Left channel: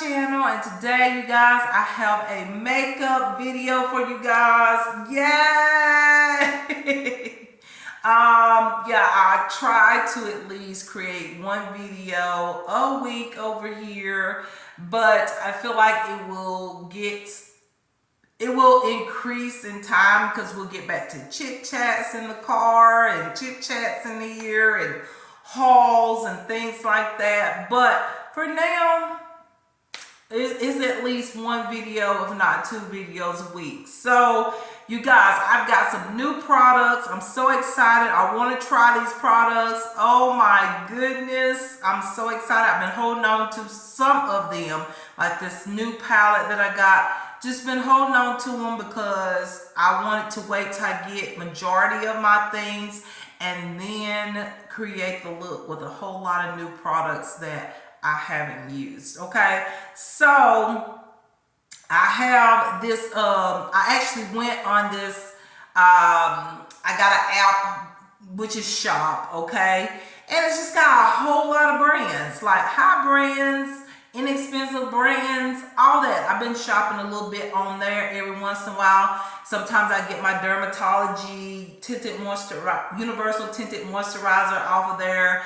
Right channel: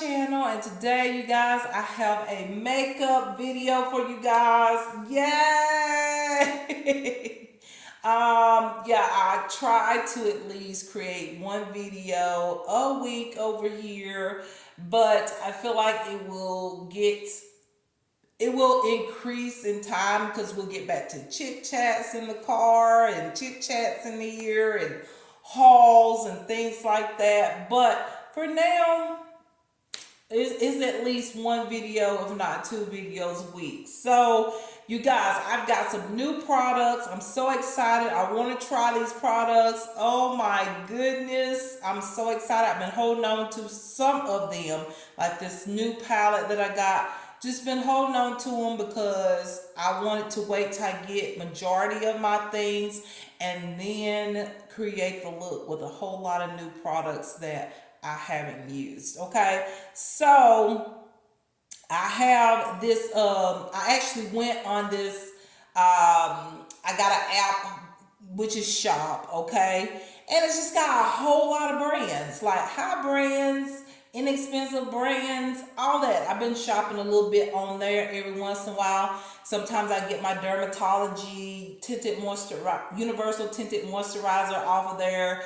channel, and today you guys I have a makeup video for you guys. Yay! Yeah, I try to at least create one video a week over here, but I feel like it will increase in time because we'll get back to chit chats in the car and chit chats in the ear and hauls and things like that. But for now, it's at least one video, if not two videos a week. So you guys, I've got some new products. I'm so excited. I want to try these products. Oh my goodness, I'm so excited. I've been holding on to some of them, like this new palette that I got. Just been holding on to them because I wanted to wait till I get majority of my things and then create the look with a whole lot of new products that I haven't used. Okay, so I have this, I actually went on this, I got an app, which is Shop, okay? And it's just got a whole lot of brands, like high brands, inexpensive brands, all that. I've been shopping a little bit on there every once in a while. Sometimes I get my Dermatology tinted universal tinted moisturizer off of there.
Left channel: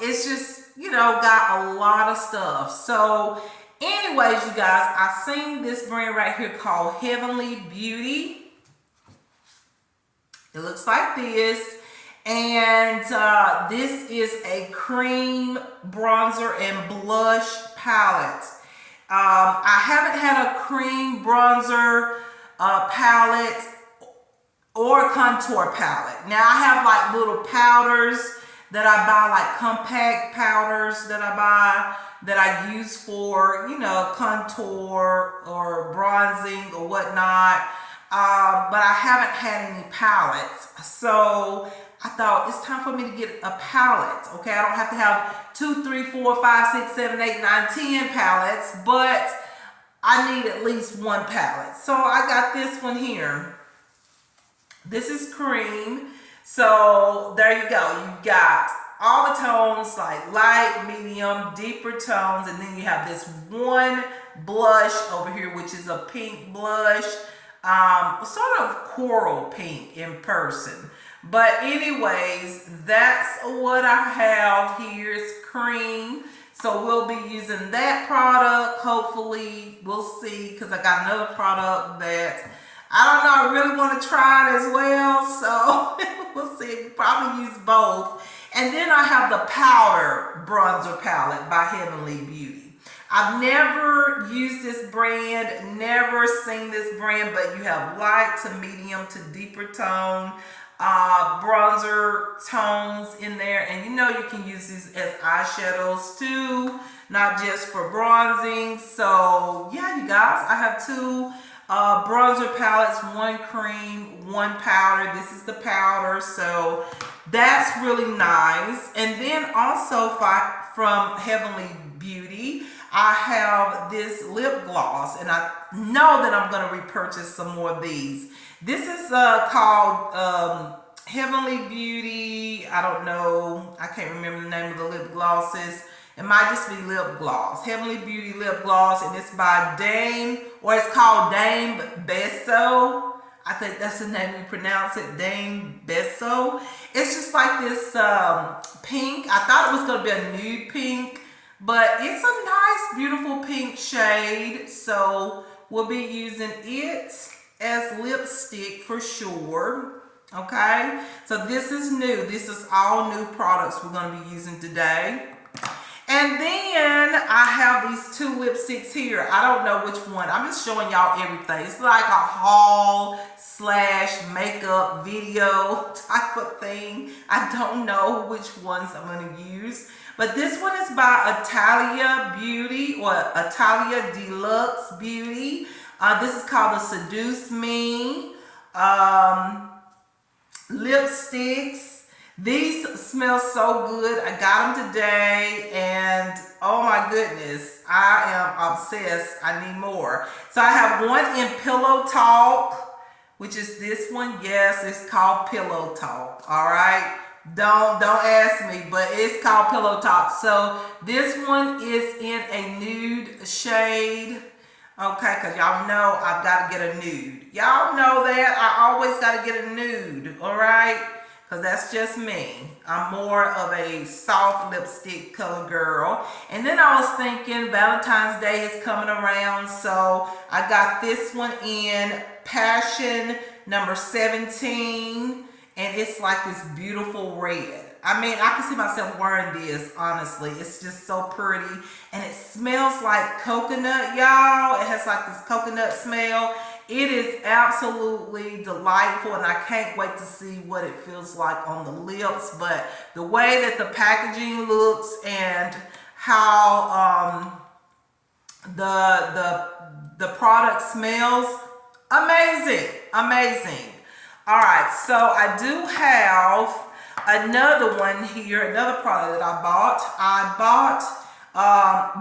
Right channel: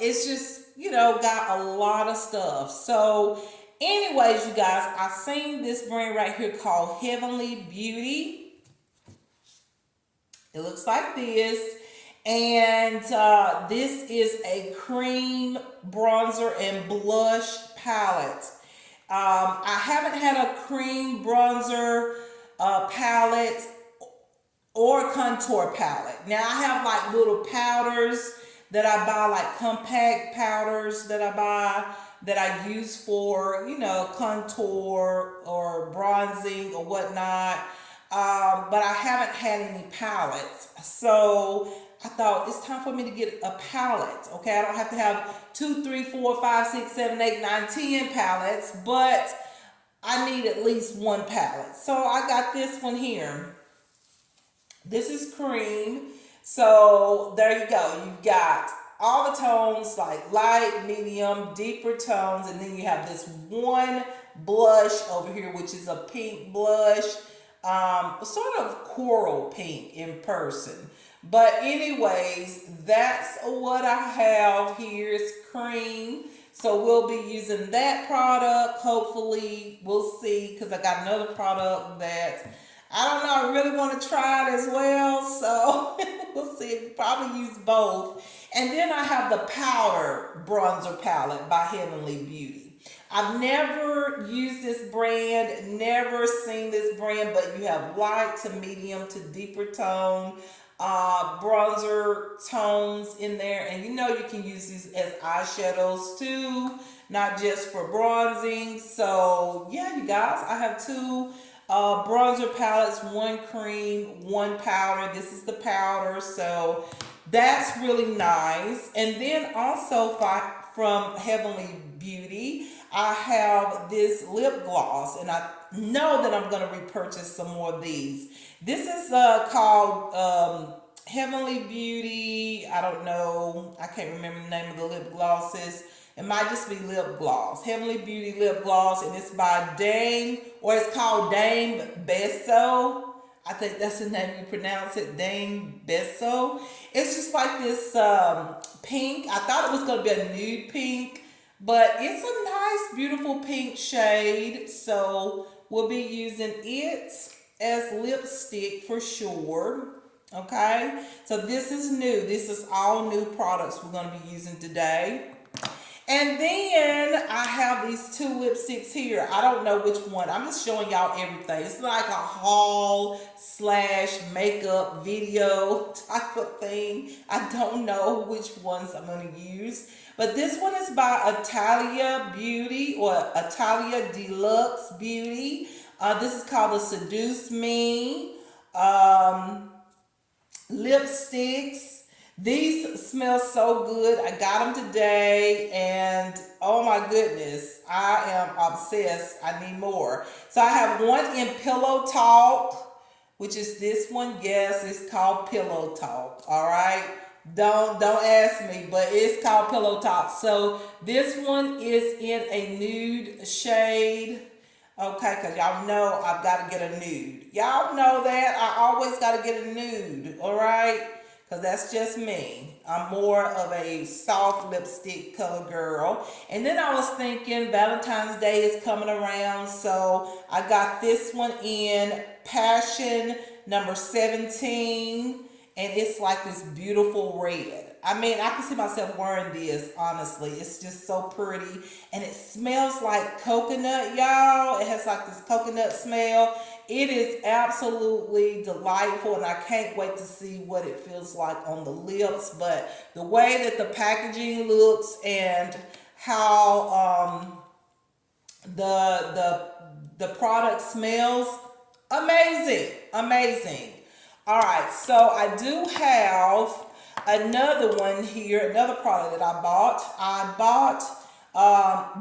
It's just, got a lot of stuff. So anyways, you guys, I seen this brand right here called Heavenly Beauty. It looks like this. And this is a cream bronzer and blush palette. I haven't had a cream bronzer palette or contour palette. Now I have like little powders that I buy, like compact powders that I buy that I use for, contour or bronzing or whatnot. But I haven't had any palettes. So I thought it's time for me to get a palette. Okay, I don't have to have 2, 3, 4, 5, 6, 7, 8, 9, 10 palettes, but I need at least one palette. So I got this one here. This is cream. So there you go. You've got all the tones, like light, medium, deeper tones, and then you have this one blush over here, which is a pink blush, sort of coral pink in person. But anyways, that's what I have here. It's cream. So we'll be using that product. Hopefully, we'll see, because I got another product that I don't know, I really want to try it as well. So we'll see. We'll probably use both. And then I have the powder bronzer palette by Heavenly Beauty. I've never used this brand, never seen this brand, but you have light to medium to deeper tone bronzer tones in there, and you can use these as eyeshadows too, not just for bronzing. So yeah, you guys, I have two bronzer palettes, one cream, one powder. This is the powder, so that's really nice. And then also from Heavenly Beauty, I have this lip gloss, and I know that I'm going to repurchase some more of these. This is called Heavenly Beauty. I don't know. I can't remember the name of the lip glosses. It might just be lip gloss. Heavenly Beauty lip gloss, and it's by Dame, or it's called Dame Beso. I think that's the name you pronounce it, Dame Beso. It's just like this pink. I thought it was going to be a nude pink, but it's a nice, beautiful pink shade. So we'll be using it as lipstick for sure. Okay, so this is new. This is all new products we're going to be using today. And then I have these two lipsticks here. I don't know which one. I'm just showing y'all everything. It's like a haul / makeup video type of thing. I don't know which ones I'm going to use. But this one is by Italia Beauty, or Italia Deluxe Beauty. This is called the Seduce Me lipsticks. These smell so good. I got them today, and oh my goodness, I am obsessed. I need more. So I have one in Pillow Talk, which is this one. Yes, it's called Pillow Talk. All right, Don't ask me, but it's called Pillow Talk. So this one is in a nude shade. Okay, because y'all know I've got to get a nude. Y'all know that I always got to get a nude, all right? Because that's just me. I'm more of a soft lipstick color girl. And then I was thinking Valentine's Day is coming around, so I got this one in Passion number 17, and it's like this beautiful red. I mean, I can see myself wearing this, honestly. It's just so pretty. And it smells like coconut, y'all. It has like this coconut smell. It is absolutely delightful, and I can't wait to see what it feels like on the lips. But the way that the packaging looks and how the product smells, amazing, amazing. All right, so I do have another one here, another product that I bought. I bought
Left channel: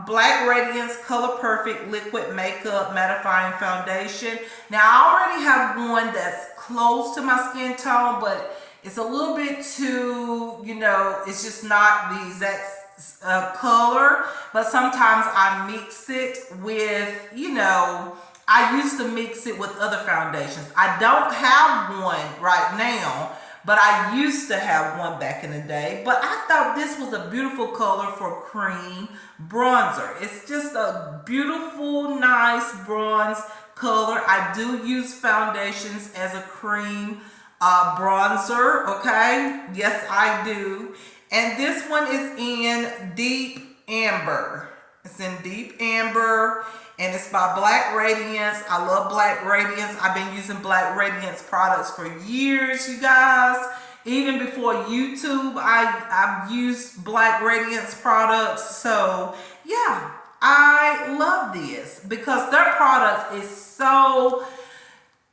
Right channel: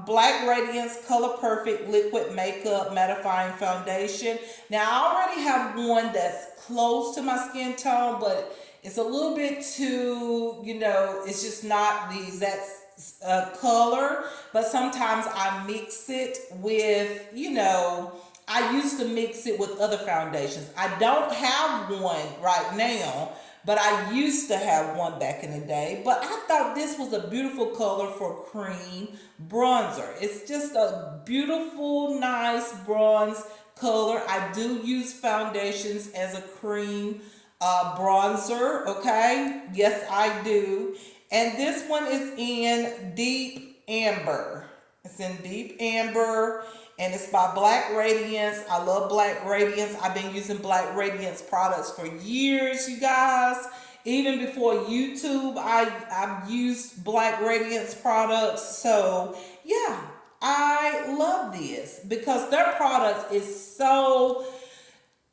Black Radiance Color Perfect Liquid Makeup Mattifying Foundation. Now, I already have one that's close to my skin tone, but it's a little bit too, you know, it's just not the exact color. But sometimes I mix it with, you know, I used to mix it with other foundations. I don't have one right now, but I used to have one back in the day. But I thought this was a beautiful color for cream bronzer. It's just a beautiful, nice bronze color. I do use foundations as a cream bronzer, okay? Yes, I do. And this one is in Deep Amber. It's in Deep Amber. And it's by Black Radiance. I love Black Radiance. I've been using Black Radiance products for years, you guys. Even before YouTube, I've used Black Radiance products. So, yeah, I love this because their product is so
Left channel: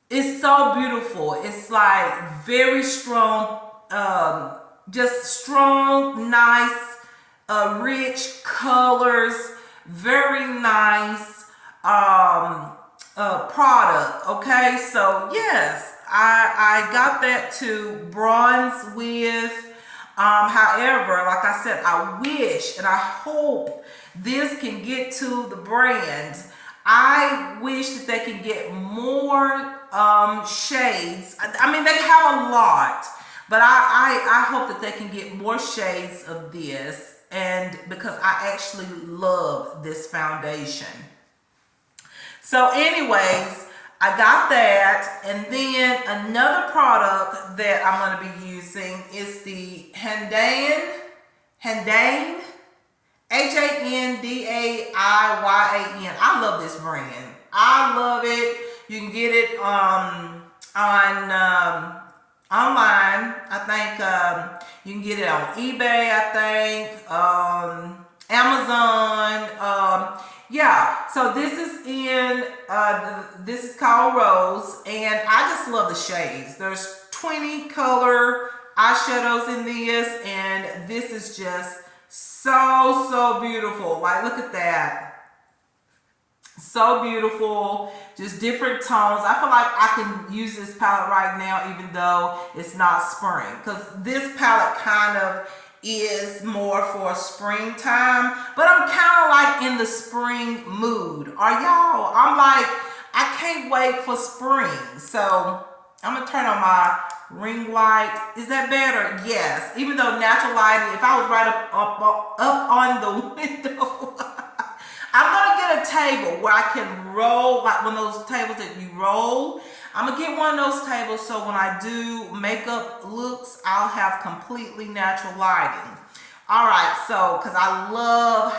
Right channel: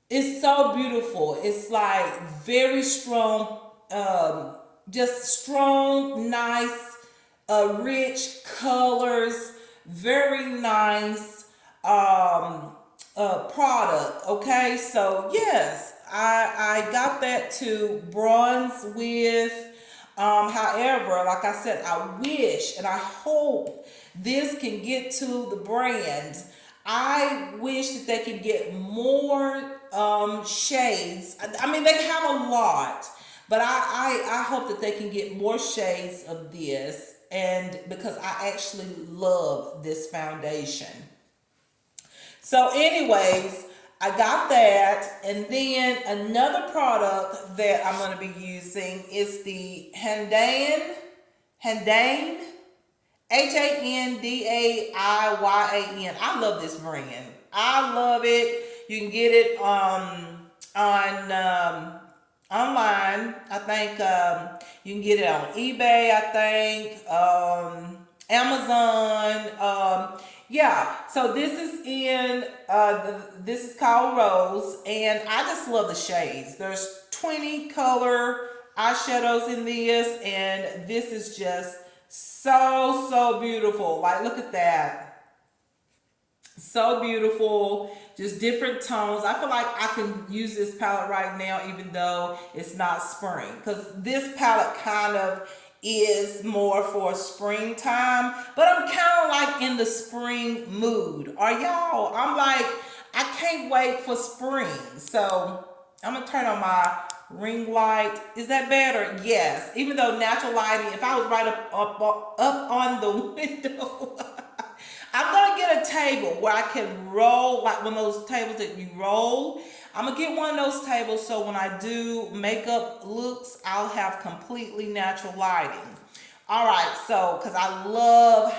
beautiful. It's like very strong, just strong, nice, rich colors, very nice product. Okay, so yes, I got that to bronze with. However, like I said, I wish and I hope this can get to the brand. I wish that they can get more shades. I mean, they have a lot, but I hope that they can get more shades of this, and because I actually love this foundation. So anyways, I got that, and then another product that I'm going to be using is the Handane, Handane, Handaiyan. I love this brand. I love it. You can get it on online. I think you can get it on eBay. I think Amazon. Yeah. So this is in this is called Rose, and I just love the shades. There's 20 color eyeshadows in this, and this is just so beautiful. Like, look at that. So beautiful. Just different tones. I feel like I can use this palette right now, even though it's not spring, because this palette kind of is more for springtime, but I'm kind of like in the spring mood. Are y'all? I'm like, I can't wait for spring. So I'm gonna turn on my ring light. Is that better? Yes. Even though natural lighting, if I was right up on the window, I'm gonna get a table where I can roll, like one of those tables that you roll. I'm gonna get one of those tables so when I do makeup looks, I'll have completely natural lighting. All right, so because I love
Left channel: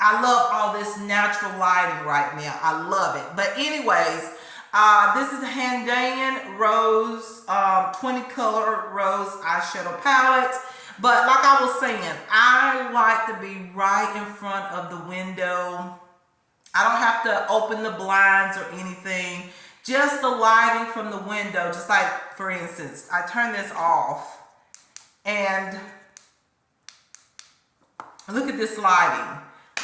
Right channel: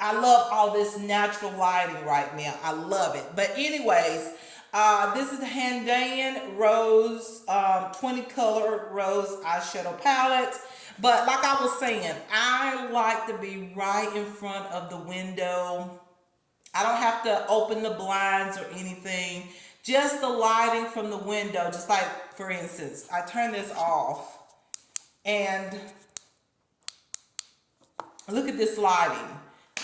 all this natural lighting right now. I love it. But anyways, this is the Handaiyan Rose 20 color rose eyeshadow palette. But like I was saying, I like to be right in front of the window. I don't have to open the blinds or anything. Just the lighting from the window. Just like, for instance, I turn this off and look at this lighting.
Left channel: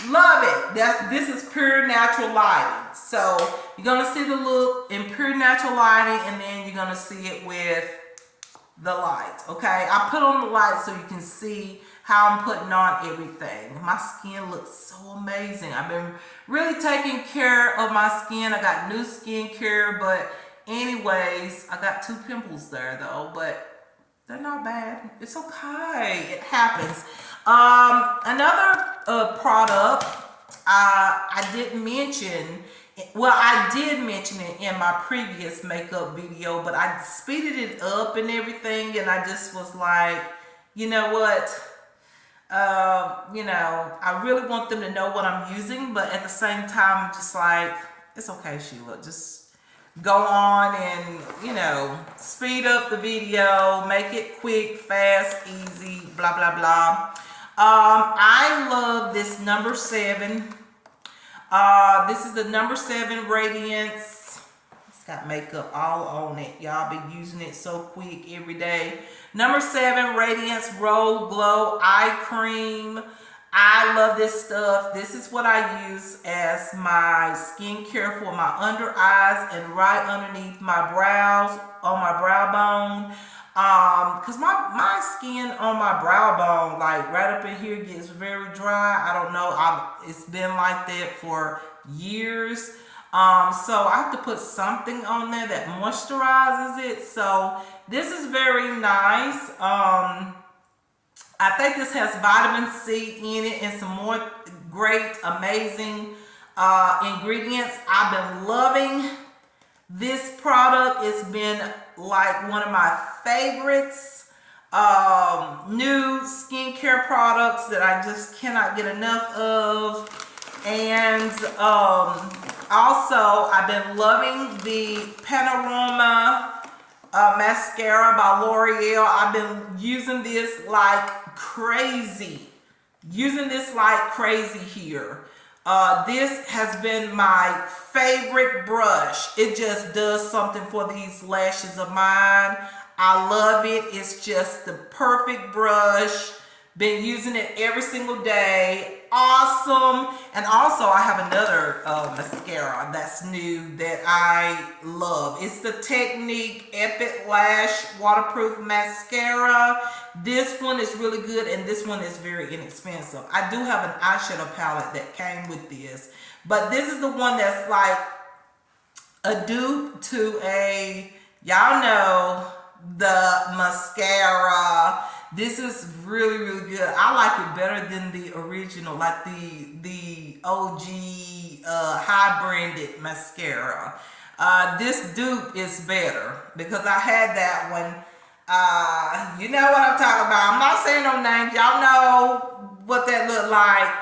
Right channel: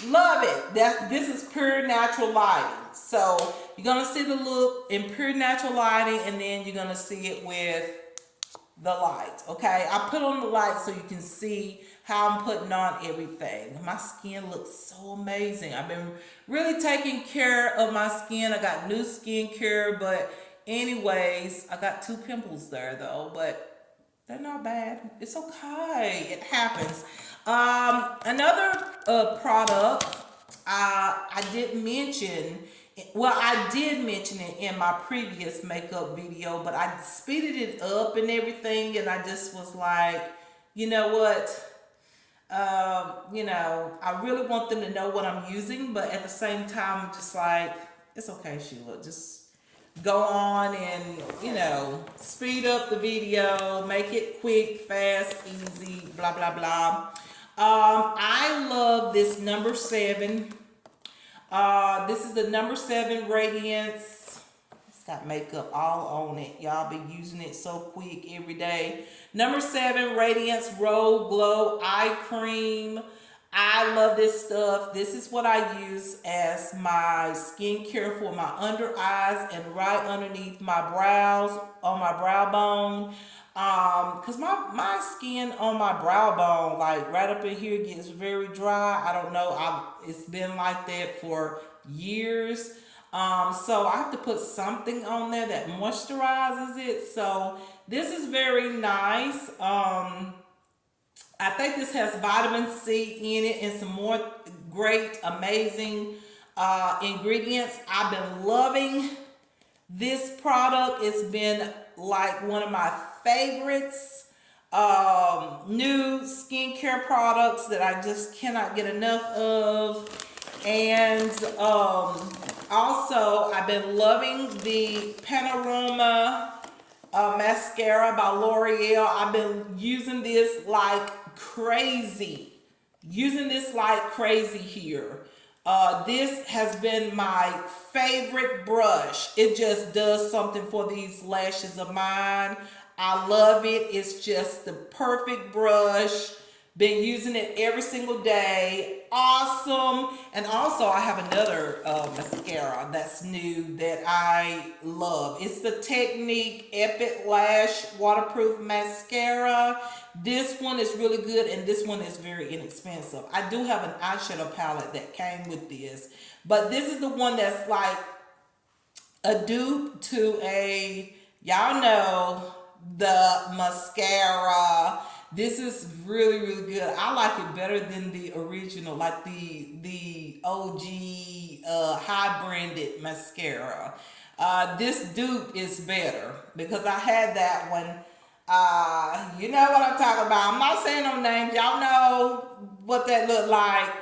Love it. This is pure natural lighting. So you're going to see the look in pure natural lighting, and then you're going to see it with the light. Okay, I put on the light so you can see how I'm putting on everything. My skin looks so amazing. I've been really taking care of my skin. I got new skincare, but anyways, I got 2 pimples there though, but they're not bad. It's okay. It happens. Another product I didn't mention. Well, I did mention it in my previous makeup video, but I speeded it up and everything, and I just was like, you know what? I really want them to know what I'm using, but at the same time, I'm just like, it's okay, Sheila. Just go on and, speed up the video, make it quick, fast, easy, blah, blah, blah. I love this number 7. This is the number 7 Radiance. It's got makeup all on it. Y'all be using it so quick every day. Number 7 Radiance Roll Glow Eye Cream. I love this stuff. This is what I use as my skincare for my under eyes and right underneath my brows, on my brow bone. Cause my skin on my brow bone, like right up in here, gets very dry. I don't know. It's been like that for years. So I have to put something on there that moisturizes it. So this is very nice. I think this has vitamin C in it and some more great, amazing ingredients. I've been loving this product. It's been like one of my favorites new skincare products that I just cannot get enough of. And also I've been loving the Panorama mascara by L'Oreal. I've been using this like crazy. Here. This has been my favorite brush. It just does something for these lashes of mine. I love it. It's just the perfect brush. Been using it every single day. Awesome. And also I have another mascara that's new that I love. It's the Technique Epic Lash Waterproof Mascara. This one is really good, and this one is very inexpensive. I do have an eyeshadow palette that came with this, but this is the one that's like a dupe to y'all know, the mascara. This is really, really good. I like it better than the original, like the OG high branded mascara. This dupe is better because I had that one. You know what I'm talking about. I'm not saying no names. Y'all know what that looked like.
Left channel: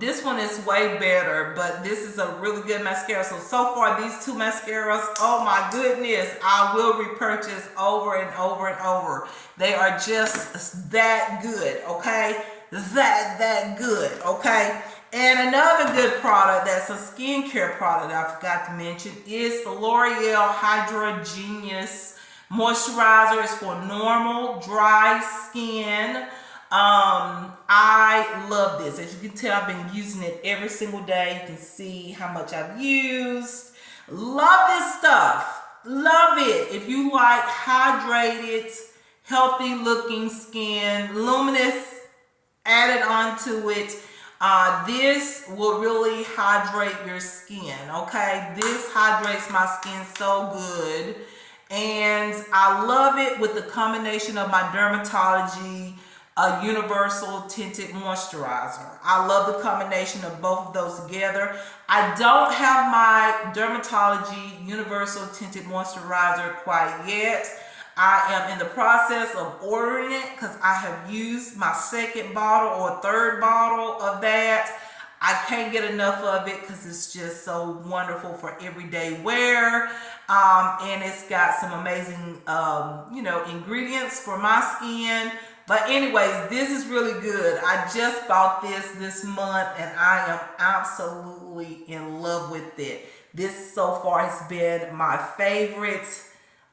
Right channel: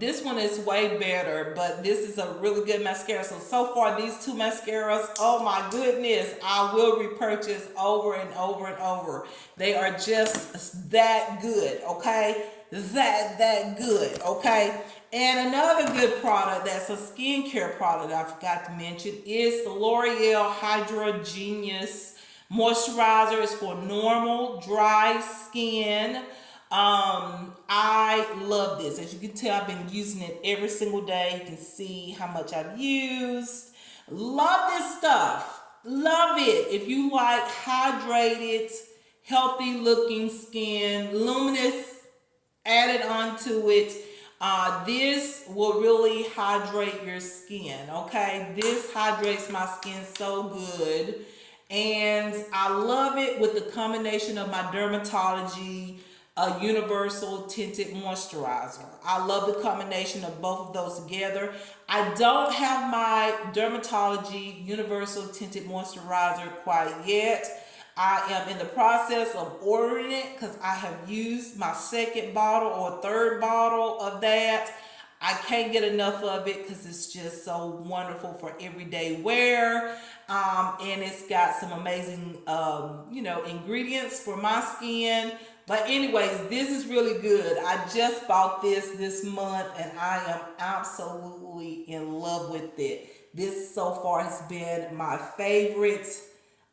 This one is way better, but this is a really good mascara. So far, these 2 mascaras, oh my goodness, I will repurchase over and over and over. They are just that good, okay? That good, okay? And another good product that's a skincare product I forgot to mention is the L'Oreal Hydra Genius Moisturizer. Is for normal, dry skin. I love this. As you can tell, I've been using it every single day. You can see how much I've used. Love this stuff. Love it. If you like hydrated, healthy looking skin, luminous added onto it, this will really hydrate your skin. Okay, this hydrates my skin so good, and I love it with the combination of my Dermatology Universal Tinted Moisturizer. I love the combination of both of those together. I don't have my Dermatology Universal Tinted Moisturizer quite yet. I am in the process of ordering it because I have used my 2nd bottle or 3rd bottle of that. I can't get enough of it because it's just so wonderful for everyday wear. And it's got some amazing, ingredients for my skin. But anyways, this is really good. I just bought this month, and I am absolutely in love with it. This so far has been my favorite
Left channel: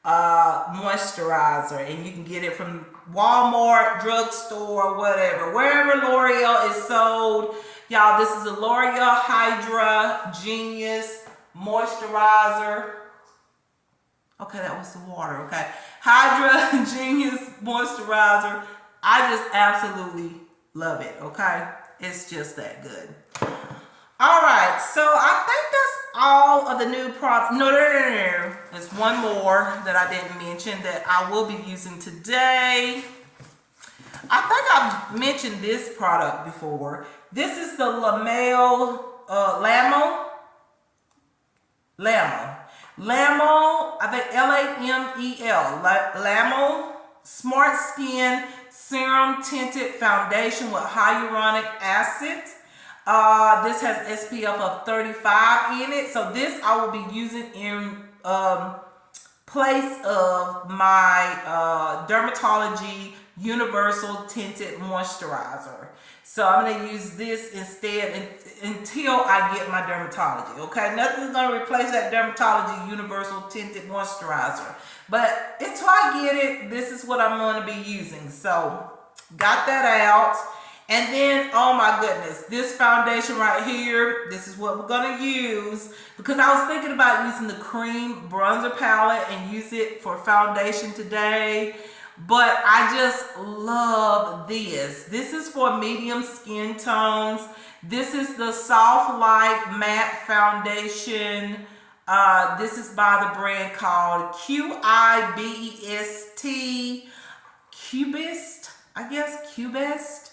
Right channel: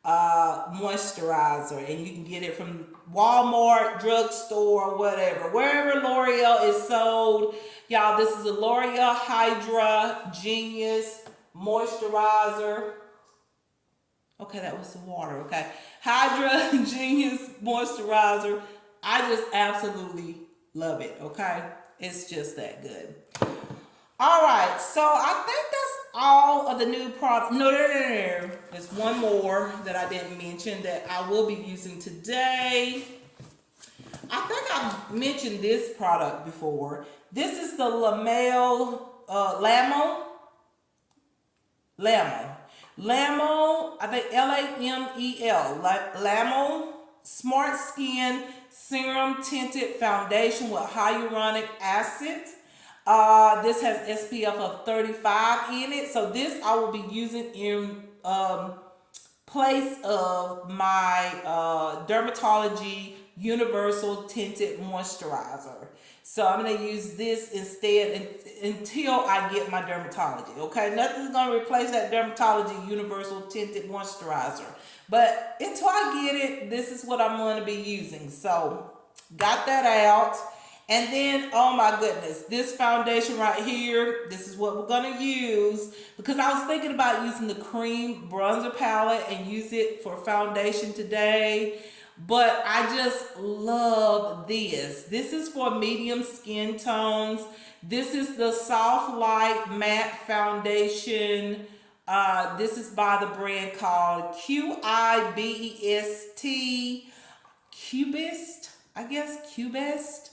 moisturizer, and you can get it from Walmart, drugstore, whatever. Wherever L'Oreal is sold. Y'all, this is a L'Oreal Hydra Genius Moisturizer. Okay, that was the water, okay. Hydra Genius Moisturizer. I just absolutely love it, okay? It's just that good. All right, so I think that's all of the new product. No. There's one more that I didn't mention that I will be using today. I think I've mentioned this product before. This is the Lamo, I think Lamel, Lamo Smart Skin Serum Tinted Foundation with hyaluronic acid. This has SPF of 35 in it. So this I will be using in place of my Dermatology Universal Tinted Moisturizer. So I'm going to use this instead until I get my Dermatology. Okay, nothing's going to replace that Dermatology Universal Tinted Moisturizer. But until I get it, this is what I'm going to be using. So got that out. And then, oh my goodness, this foundation right here, this is what we're going to use. Because I was thinking about using the cream bronzer palette and use it for foundation today. But I just love this. This is for medium skin tones. This is the Soft Light Matte Foundation. This is by the brand called Qibest. Cubist, I guess, Cubest.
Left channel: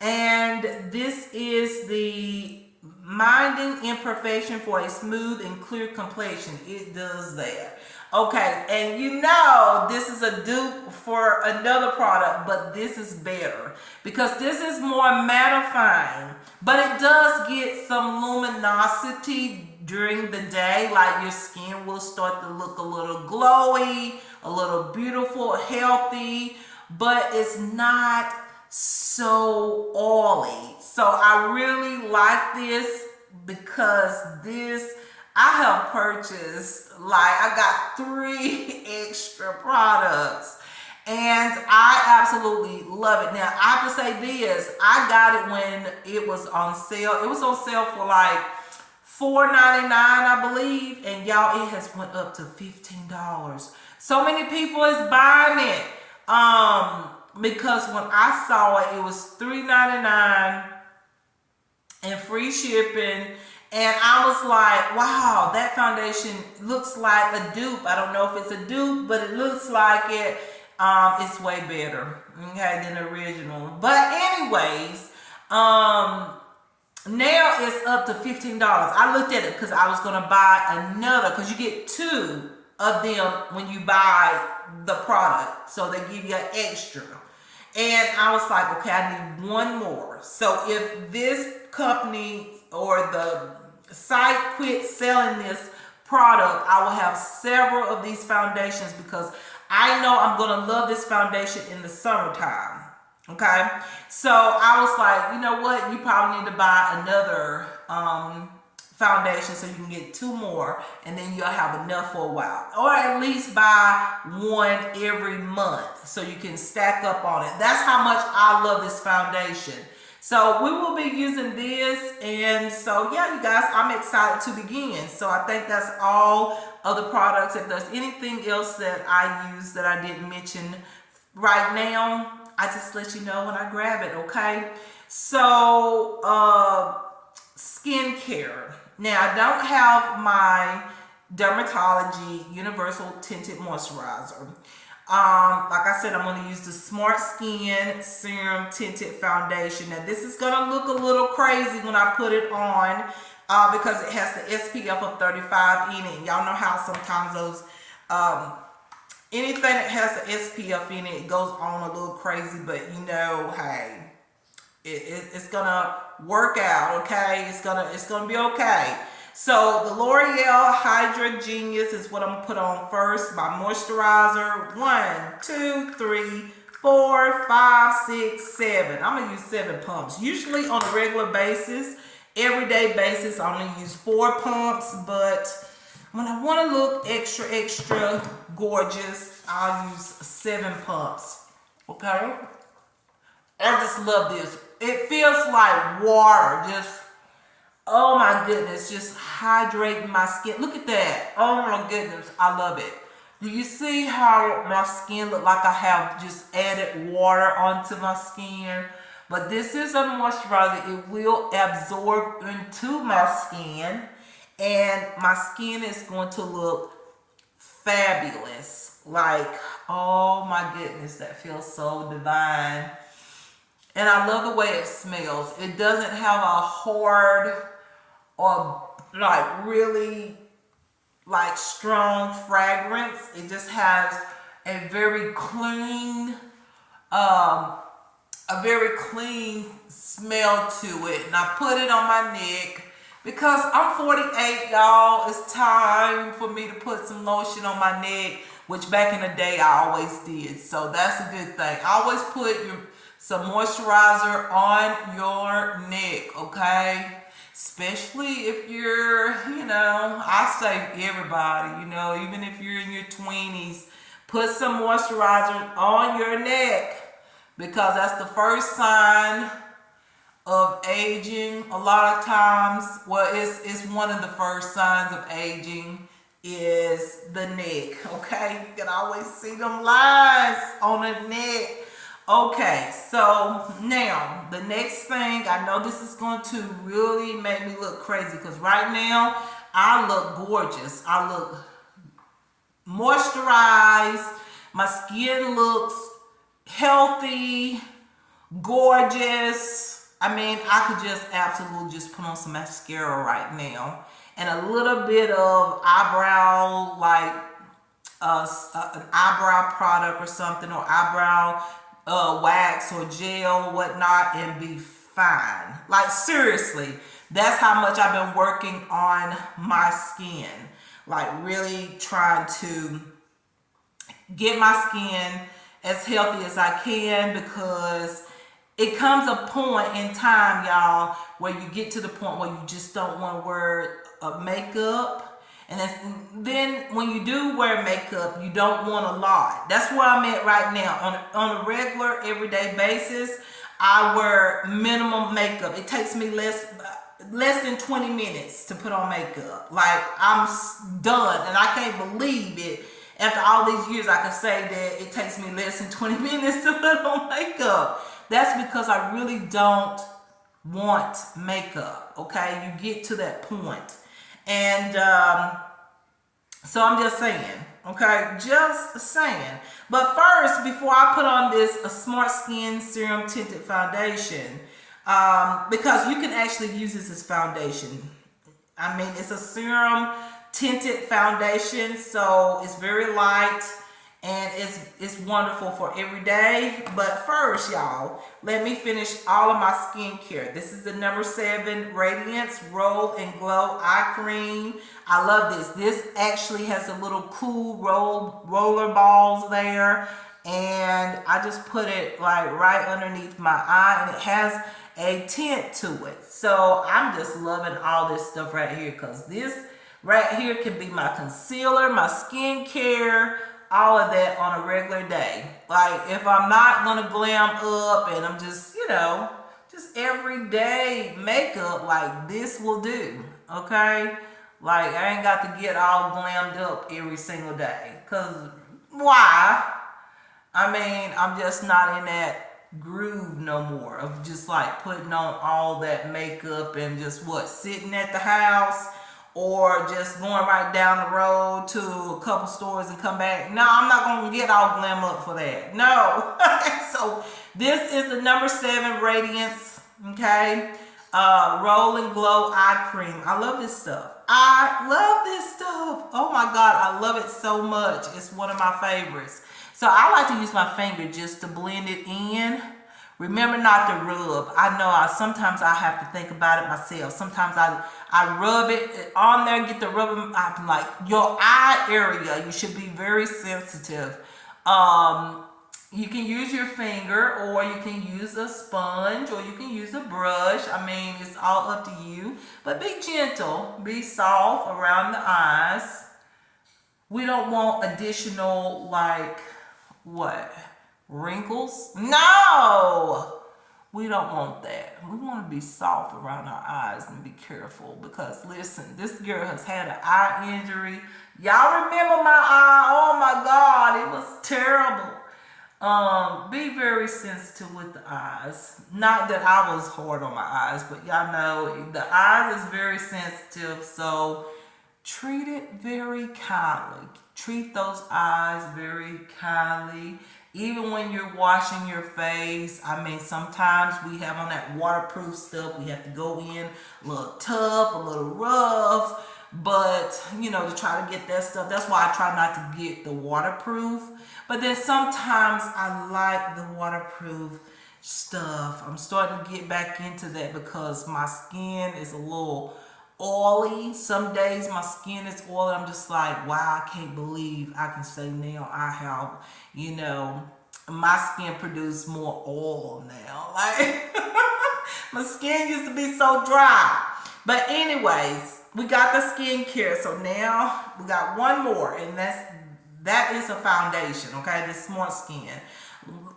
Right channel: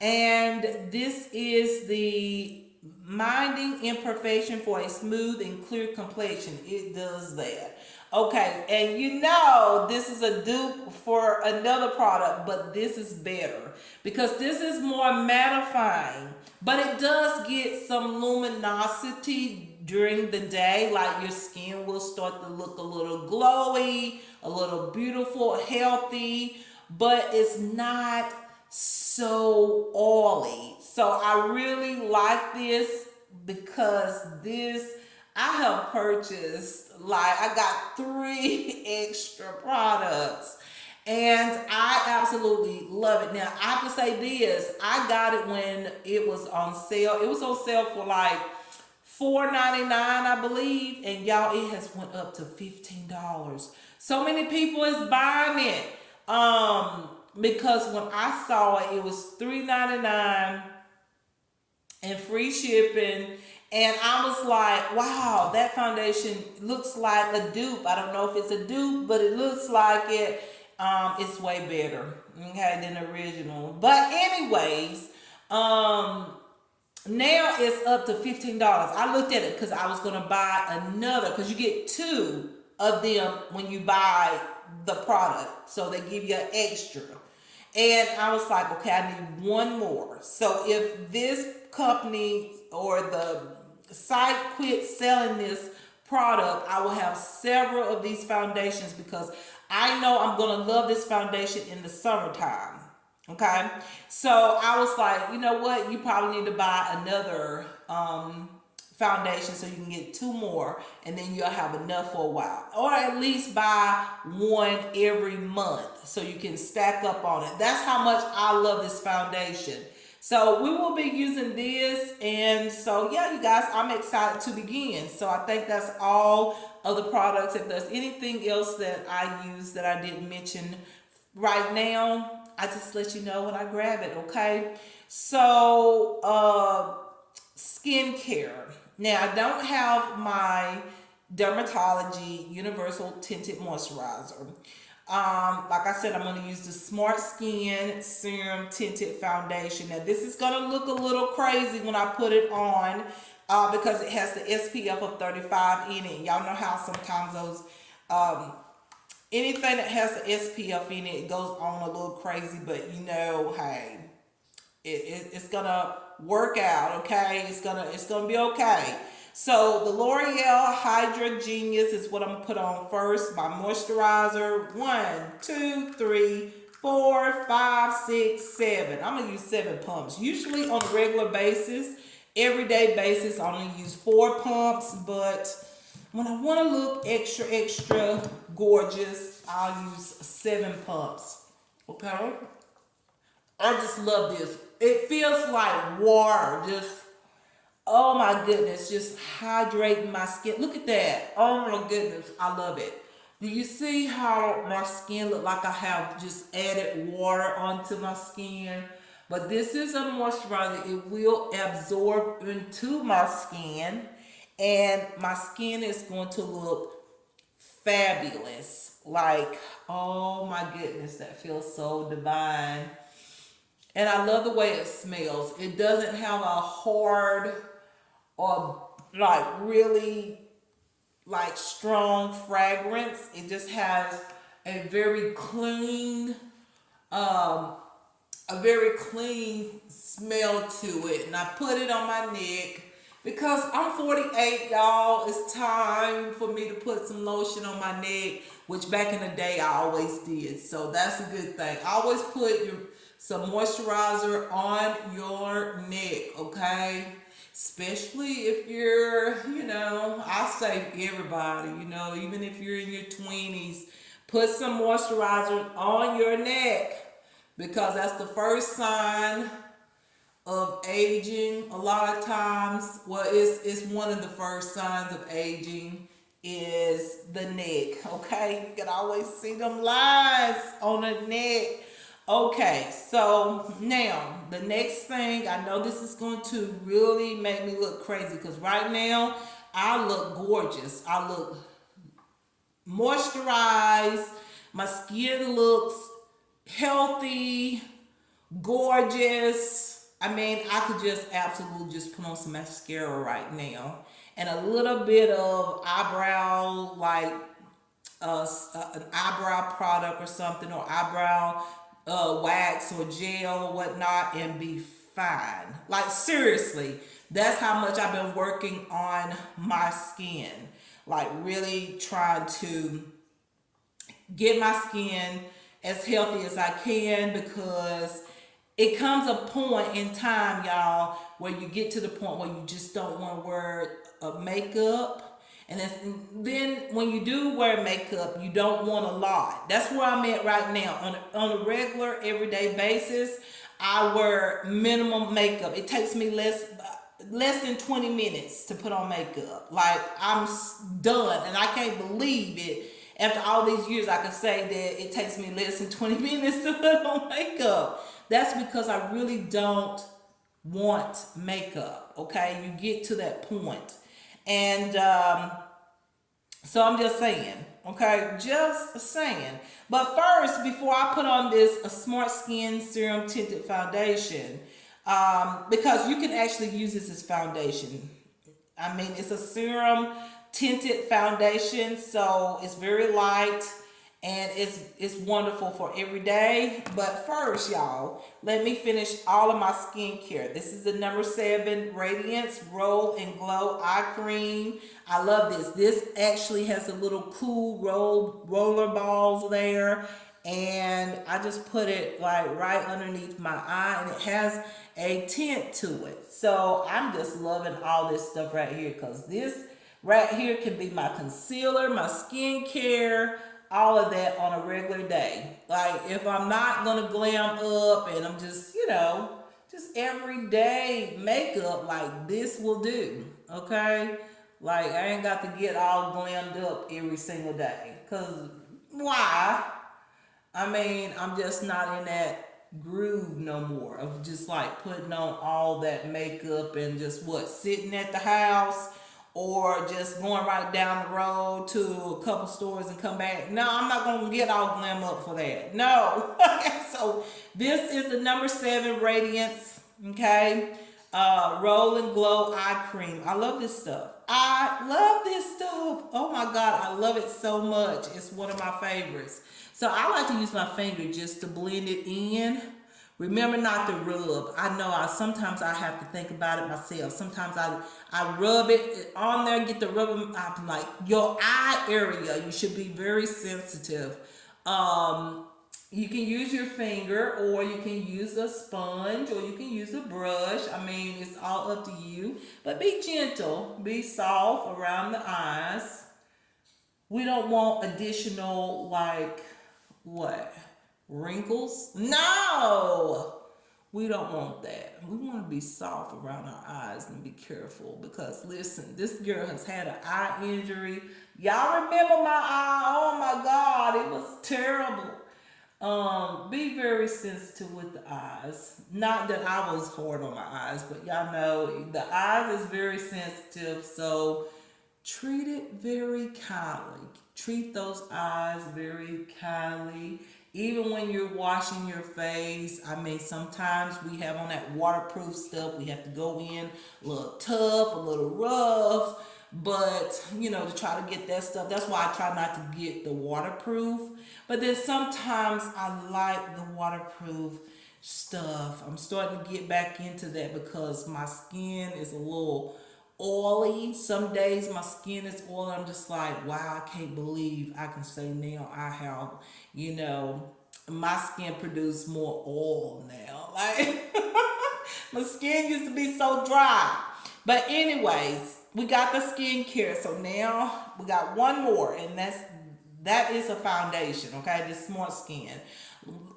And this is the Minding Imperfection for a Smooth and Clear Complexion. It does that. Okay, and you know this is a dupe for another product, but this is better because this is more mattifying, but it does get some luminosity during the day, like your skin will start to look a little glowy, a little beautiful, healthy, but it's not so oily. So I really like this because this, I have purchased, like, I got 3 extra products and I absolutely love it. Now, I have to say this, I got it when it was on sale. It was on sale for like $4.99, I believe, and y'all, it has went up to $15. So many people is buying it. Because when I saw it, it was $3.99 and free shipping. And I was like, wow, that foundation looks like a dupe. I don't know if it's a dupe, but it looks like it. It's way better, okay, than the original. But anyways, now it's up to $15. I looked at it because I was going to buy another, because you get 2 of them when you buy the product. So they give you an extra. And I was like, okay, I need 1 more. So if this company or the site quits selling this product, I will have several of these foundations because I know I'm going to love this foundation in the summertime. Okay? So I was like, you know what? You probably need to buy another foundation so you can get 2 more, and then you'll have enough for a while, or at least buy 1 every month so you can stack up on it. That's how much I love this foundation. So we will be using this, and so yeah, you guys, I'm excited to begin. So I think that's all of the products. If there's anything else that I use that I didn't mention right now, I just let you know when I grab it, okay? So skincare. Now, I don't have my Dermatology Universal Tinted Moisturizer. Like I said, I'm going to use the Smart Skin Serum Tinted Foundation. Now, this is going to look a little crazy when I put it on because it has the SPF of 35 in it. Y'all know how sometimes those, anything that has the SPF in it, it goes on a little crazy, but you know, hey, it's gonna work out, okay? It's gonna be okay. So the L'Oreal Hydra Genius is what I'm gonna put on first. My moisturizer. 1, 2, 3, 4, 5, 6, 7. I'm gonna use 7 pumps. Usually on a regular basis, everyday basis, I only use 4 pumps. But when I want to look extra gorgeous, I'll use 7 pumps. Okay? I just love this. It feels like water. Just, oh my goodness, just hydrating my skin. Look at that. Oh my goodness, I love it. Do you see how my skin look like I have just added water onto my skin? But this is a moisturizer. It will absorb into my skin, and my skin is going to look fabulous. Like, oh my goodness, that feels so divine. And I love the way it smells. It doesn't have a hard or like really like strong fragrance. It just has a very clean, um, smell to it. And I put it on my neck because I'm 48, y'all. It's time for me to put some lotion on my neck, which back in the day I always did. So that's a good thing. I always put some moisturizer on your neck, okay? Especially if you're, I say everybody, even if you're in your 20s, put some moisturizer on your neck because that's the first sign of aging. A lot of times, well, it's one of the first signs of aging is the neck, okay? You can always see them lines on the neck. Okay, so now the next thing, I know this is going to really make me look crazy because right now I look gorgeous. I look moisturized. My skin looks healthy, gorgeous. I mean, I could just absolutely just put on some mascara right now and a little bit of eyebrow, like an eyebrow product or something, or eyebrow wax or gel or whatnot, and be fine. Like, seriously, that's how much I've been working on my skin. Like, really trying to get my skin as healthy as I can, because it comes a point in time, y'all, where you get to the point where you just don't want to wear makeup. And then when you do wear makeup, you don't want a lot. That's where I'm at right now. On a regular, everyday basis, I wear minimum makeup. It takes me less than 20 minutes to put on makeup. Like, I'm done, and I can't believe it. After all these years, I can say that it takes me less than 20 minutes to put on makeup. That's because I really don't want makeup, okay? You get to that point. And so I'm just saying, okay? Just saying. But first, before I put on this a Smart Skin Serum Tinted Foundation, because you can actually use this as foundation. I mean, it's a serum tinted foundation, so it's very light and it's wonderful for every day. But first, y'all, let me finish all of my skincare. This is the number 7 Radiance Roll and Glow Eye Cream. I love this. This actually has a little cool roller balls there, and I just put it like right underneath my eye, and it has a tint to it. So I'm just loving all this stuff right here, because this right here can be my concealer, my skincare, all of that on a regular day. Like, if I'm not gonna glam up and I'm just, just everyday makeup, like this will do, okay? Like, I ain't got to get all glammed up every single day, because why? I mean, I'm just not in that groove no more of just like putting on all that makeup and just sitting at the house, or just going right down the road to a couple stores and come back. No, I'm not going to get all glam up for that. No. So this is the number 7 Radiance, okay? Roll and Glow Eye Cream. I love this stuff. I love this stuff. Oh my God, I love it so much. It's one of my favorites. So I like to use my finger just to blend it in. Remember not to rub. I know sometimes I have to think about it myself. Sometimes I rub it on there, get the rubbing. I'm like, your eye area, you should be very sensitive. You can use your finger, or you can use a sponge, or you can use a brush. I mean, it's all up to you. But be gentle, be soft around the eyes. We don't want additional, like, wrinkles? No! We don't want that. We want to be soft around our eyes and be careful because listen, this girl has had an eye injury. Y'all remember my eye? Oh my God, it was terrible. Be very sensitive with the eyes. Not that I was hard on my eyes, but y'all know the eyes is very sensitive, so treat it very kindly. Treat those eyes very kindly. Even when you're washing your face, I mean, sometimes we have on that waterproof stuff. We have to go in a little tough, a little rough, but you know, to try to get that stuff. That's why I try not to get the waterproof. But then sometimes I like the waterproof stuff. I'm starting to get back into that because my skin is a little oily. Some days my skin is oily. I'm just like, wow, I can't believe I can say now I have, you know, my skin produce more oil now. Like my skin used to be so dry. But anyways, we got the skincare. So now we got one more, and that is a foundation, okay? The Smart Skin.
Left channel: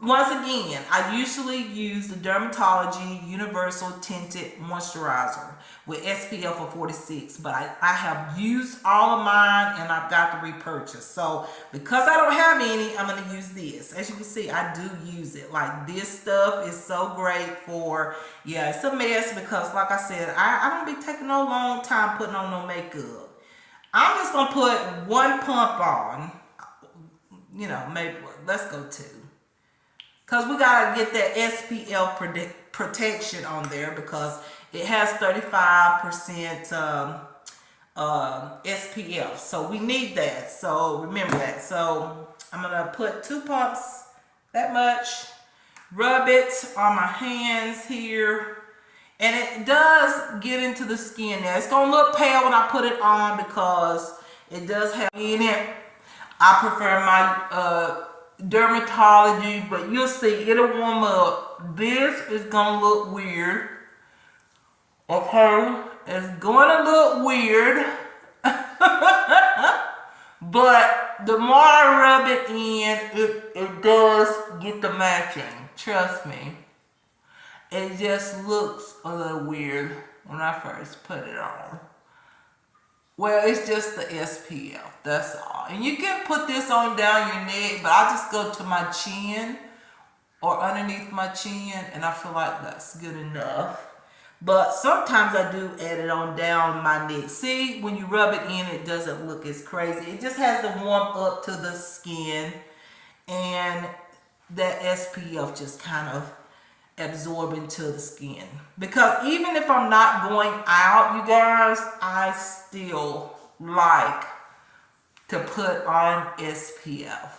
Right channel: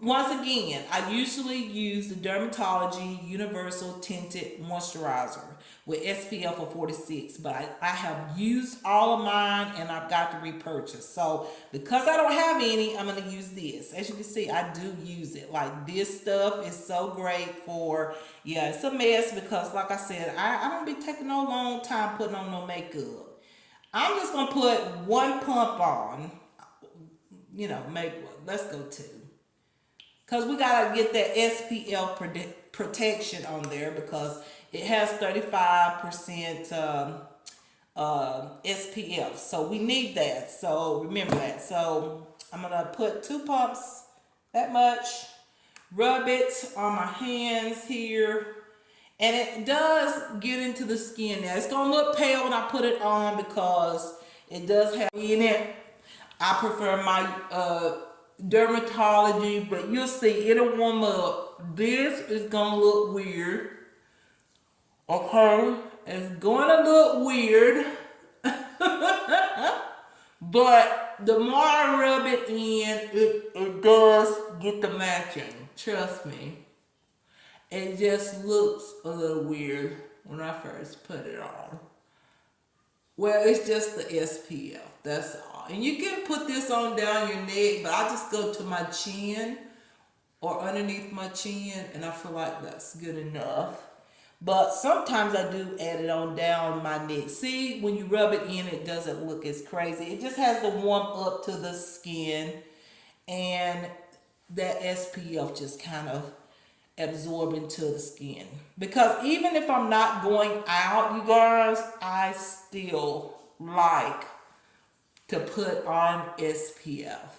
Once again, I usually use the Dermatology Universal Tinted Moisturizer with SPF of 46, but I have used all of mine and I've got to repurchase. So because I don't have any, I'm going to use this. As you can see, I do use it. Like this stuff is so great for, yeah, it's a mess because like I said, I don't be taking no long time putting on no makeup. I'm just going to put one pump on, you know, maybe, let's go two. Because we got to get that SPF protection on there because it has 35% SPF. So we need that. So remember that. So I'm going to put 2 pumps, that much. Rub it on my hands here. And it does get into the skin now. It's going to look pale when I put it on because it does have in it. I prefer my Dermatology, but you'll see it'll warm up. This is gonna look weird. Okay, it's gonna look weird. But the more I rub it in, it does get the matching. Trust me. It just looks a little weird when I first put it on. Well, it's just the SPF, that's all. And you can put this on down your neck, but I just go to my chin or underneath my chin, and I feel like that's good enough. But sometimes I do add it on down my neck. See, when you rub it in, it doesn't look as crazy. It just has to warm up to the skin, and that SPF just kind of absorb into the skin. Because even if I'm not going out, you guys, I still like to put on SPF.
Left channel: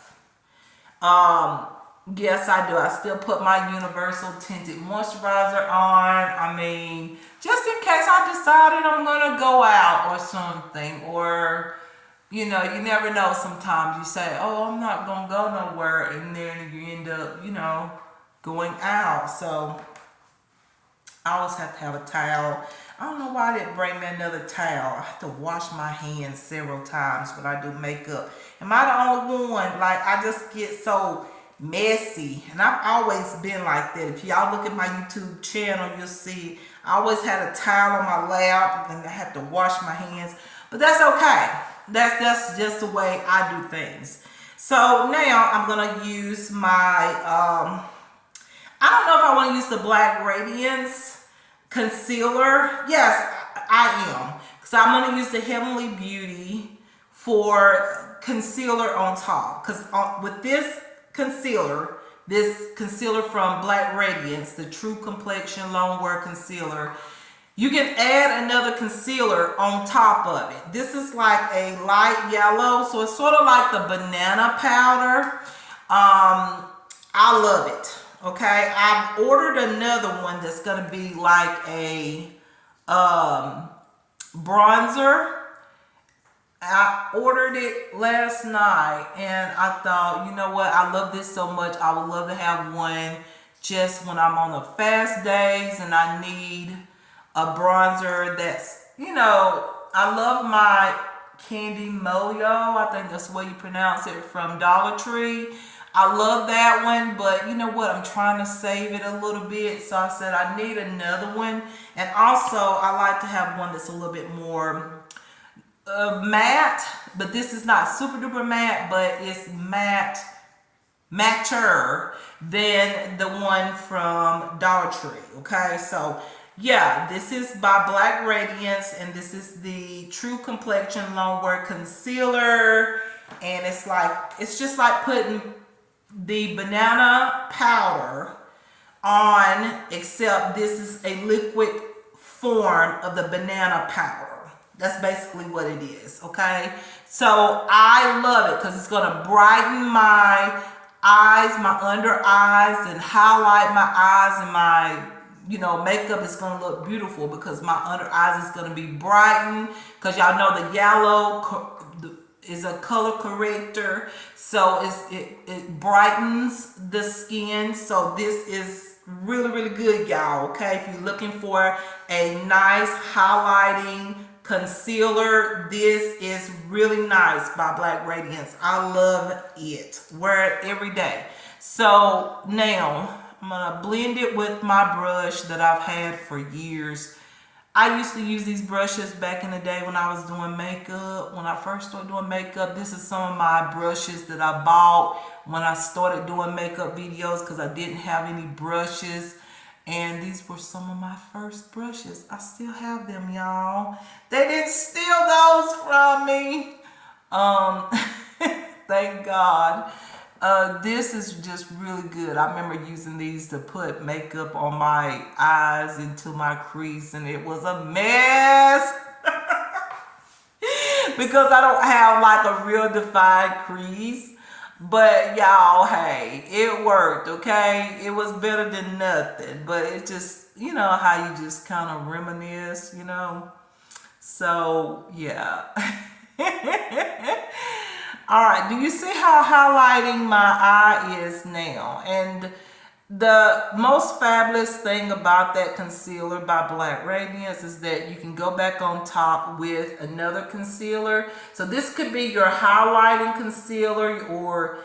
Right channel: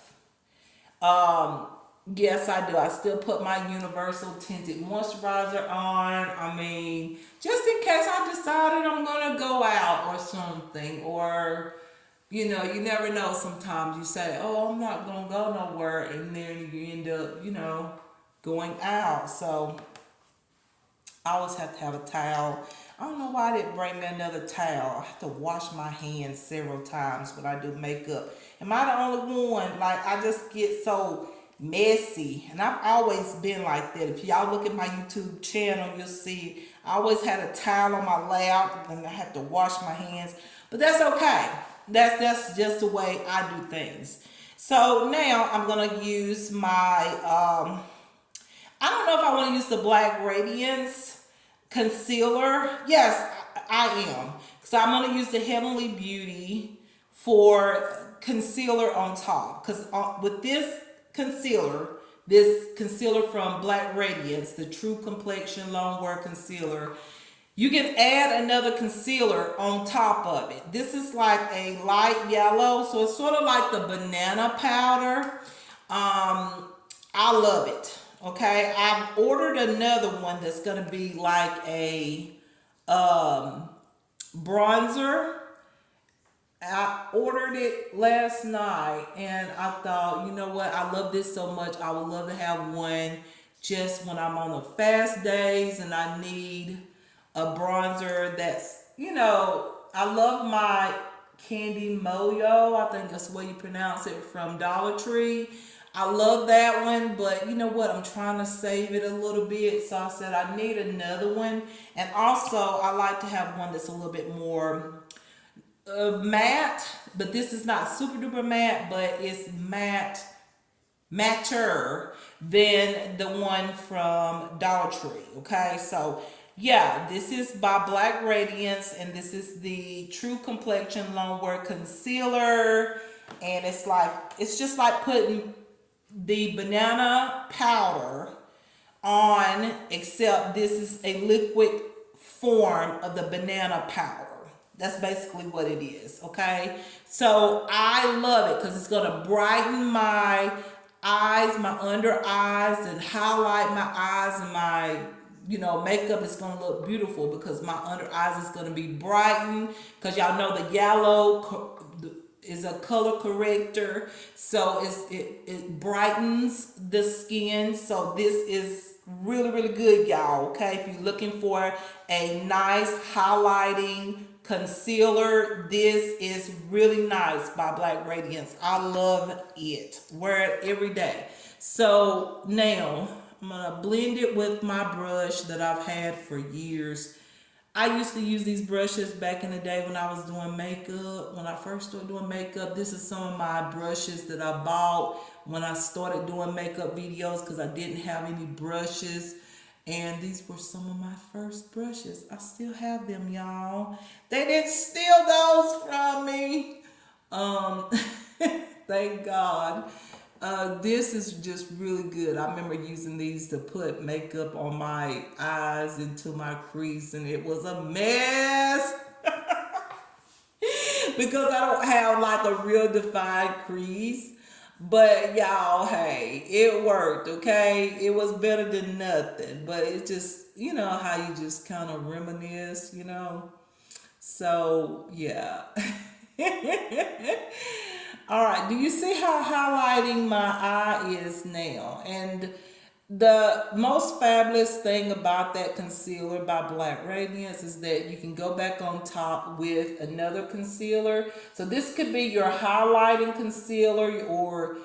Yes, I do. I still put my Universal Tinted Moisturizer on. I mean, just in case I decided I'm going to go out or something. Or, you know, you never know. Sometimes you say, oh, I'm not going to go nowhere. And then you end up, you know, going out. So I always have to have a towel. I don't know why I didn't bring me another towel. I have to wash my hands several times when I do makeup. Am I the only one? Like, I just get so messy. And I've always been like that. If y'all look at my YouTube channel, you'll see I always had a towel on my lap and I have to wash my hands. But that's okay. That's just the way I do things. So now I'm going to use my, I don't know if I want to use the Black Radiance concealer. Yes, I am. So I'm going to use the Heavenly Beauty for concealer on top. Because with this concealer from Black Radiance, the True Complexion Long Wear Concealer, you can add another concealer on top of it. This is like a light yellow, so it's sort of like the banana powder. I love it. Okay, I've ordered another one that's gonna be like a bronzer. I ordered it last night and I thought, you know what, I love this so much. I would love to have one just when I'm on the fast days and I need a bronzer that's, you know, I love my Candy Moyo. I think that's the way you pronounce it, from Dollar Tree. I love that one, but you know what? I'm trying to save it a little bit. So I said I need another one. And also, I like to have one that's a little bit more matte, but this is not super duper matte, but it's matter than the one from Dollar Tree. Okay, so yeah, this is by Black Radiance, and this is the True Complexion Longwear Concealer, and it's just like putting the banana powder on, except this is a liquid form of the banana powder. That's basically what it is, okay? So I love it because it's going to brighten my eyes, my under eyes, and highlight my eyes, and my makeup is going to look beautiful because my under eyes is going to be brightened, because y'all know the yellow is a color corrector, so it brightens the skin. So this is really good, y'all, okay? If you're looking for a nice highlighting concealer, this is really nice by Black Radiance. I love it. Wear it every day. So now I'm gonna blend it with my brush that I've had for years. I used to use these brushes back in the day when I was doing makeup. When I first started doing makeup, this is some of my brushes that I bought when I started doing makeup videos, because I didn't have any brushes. And these were some of my first brushes. I still have them, y'all. They didn't steal those from me. Thank God. This is just really good. I remember using these to put makeup on my eyes, into my crease, and it was a mess. Because I don't have like a real defined crease. But y'all, hey, it worked, okay? It was better than nothing. But it just, how you just kind of reminisce, So, yeah. All right, do you see how highlighting my eye is now? And the most fabulous thing about that concealer by Black Radiance is that you can go back on top with another concealer. So this could be your highlighting concealer, or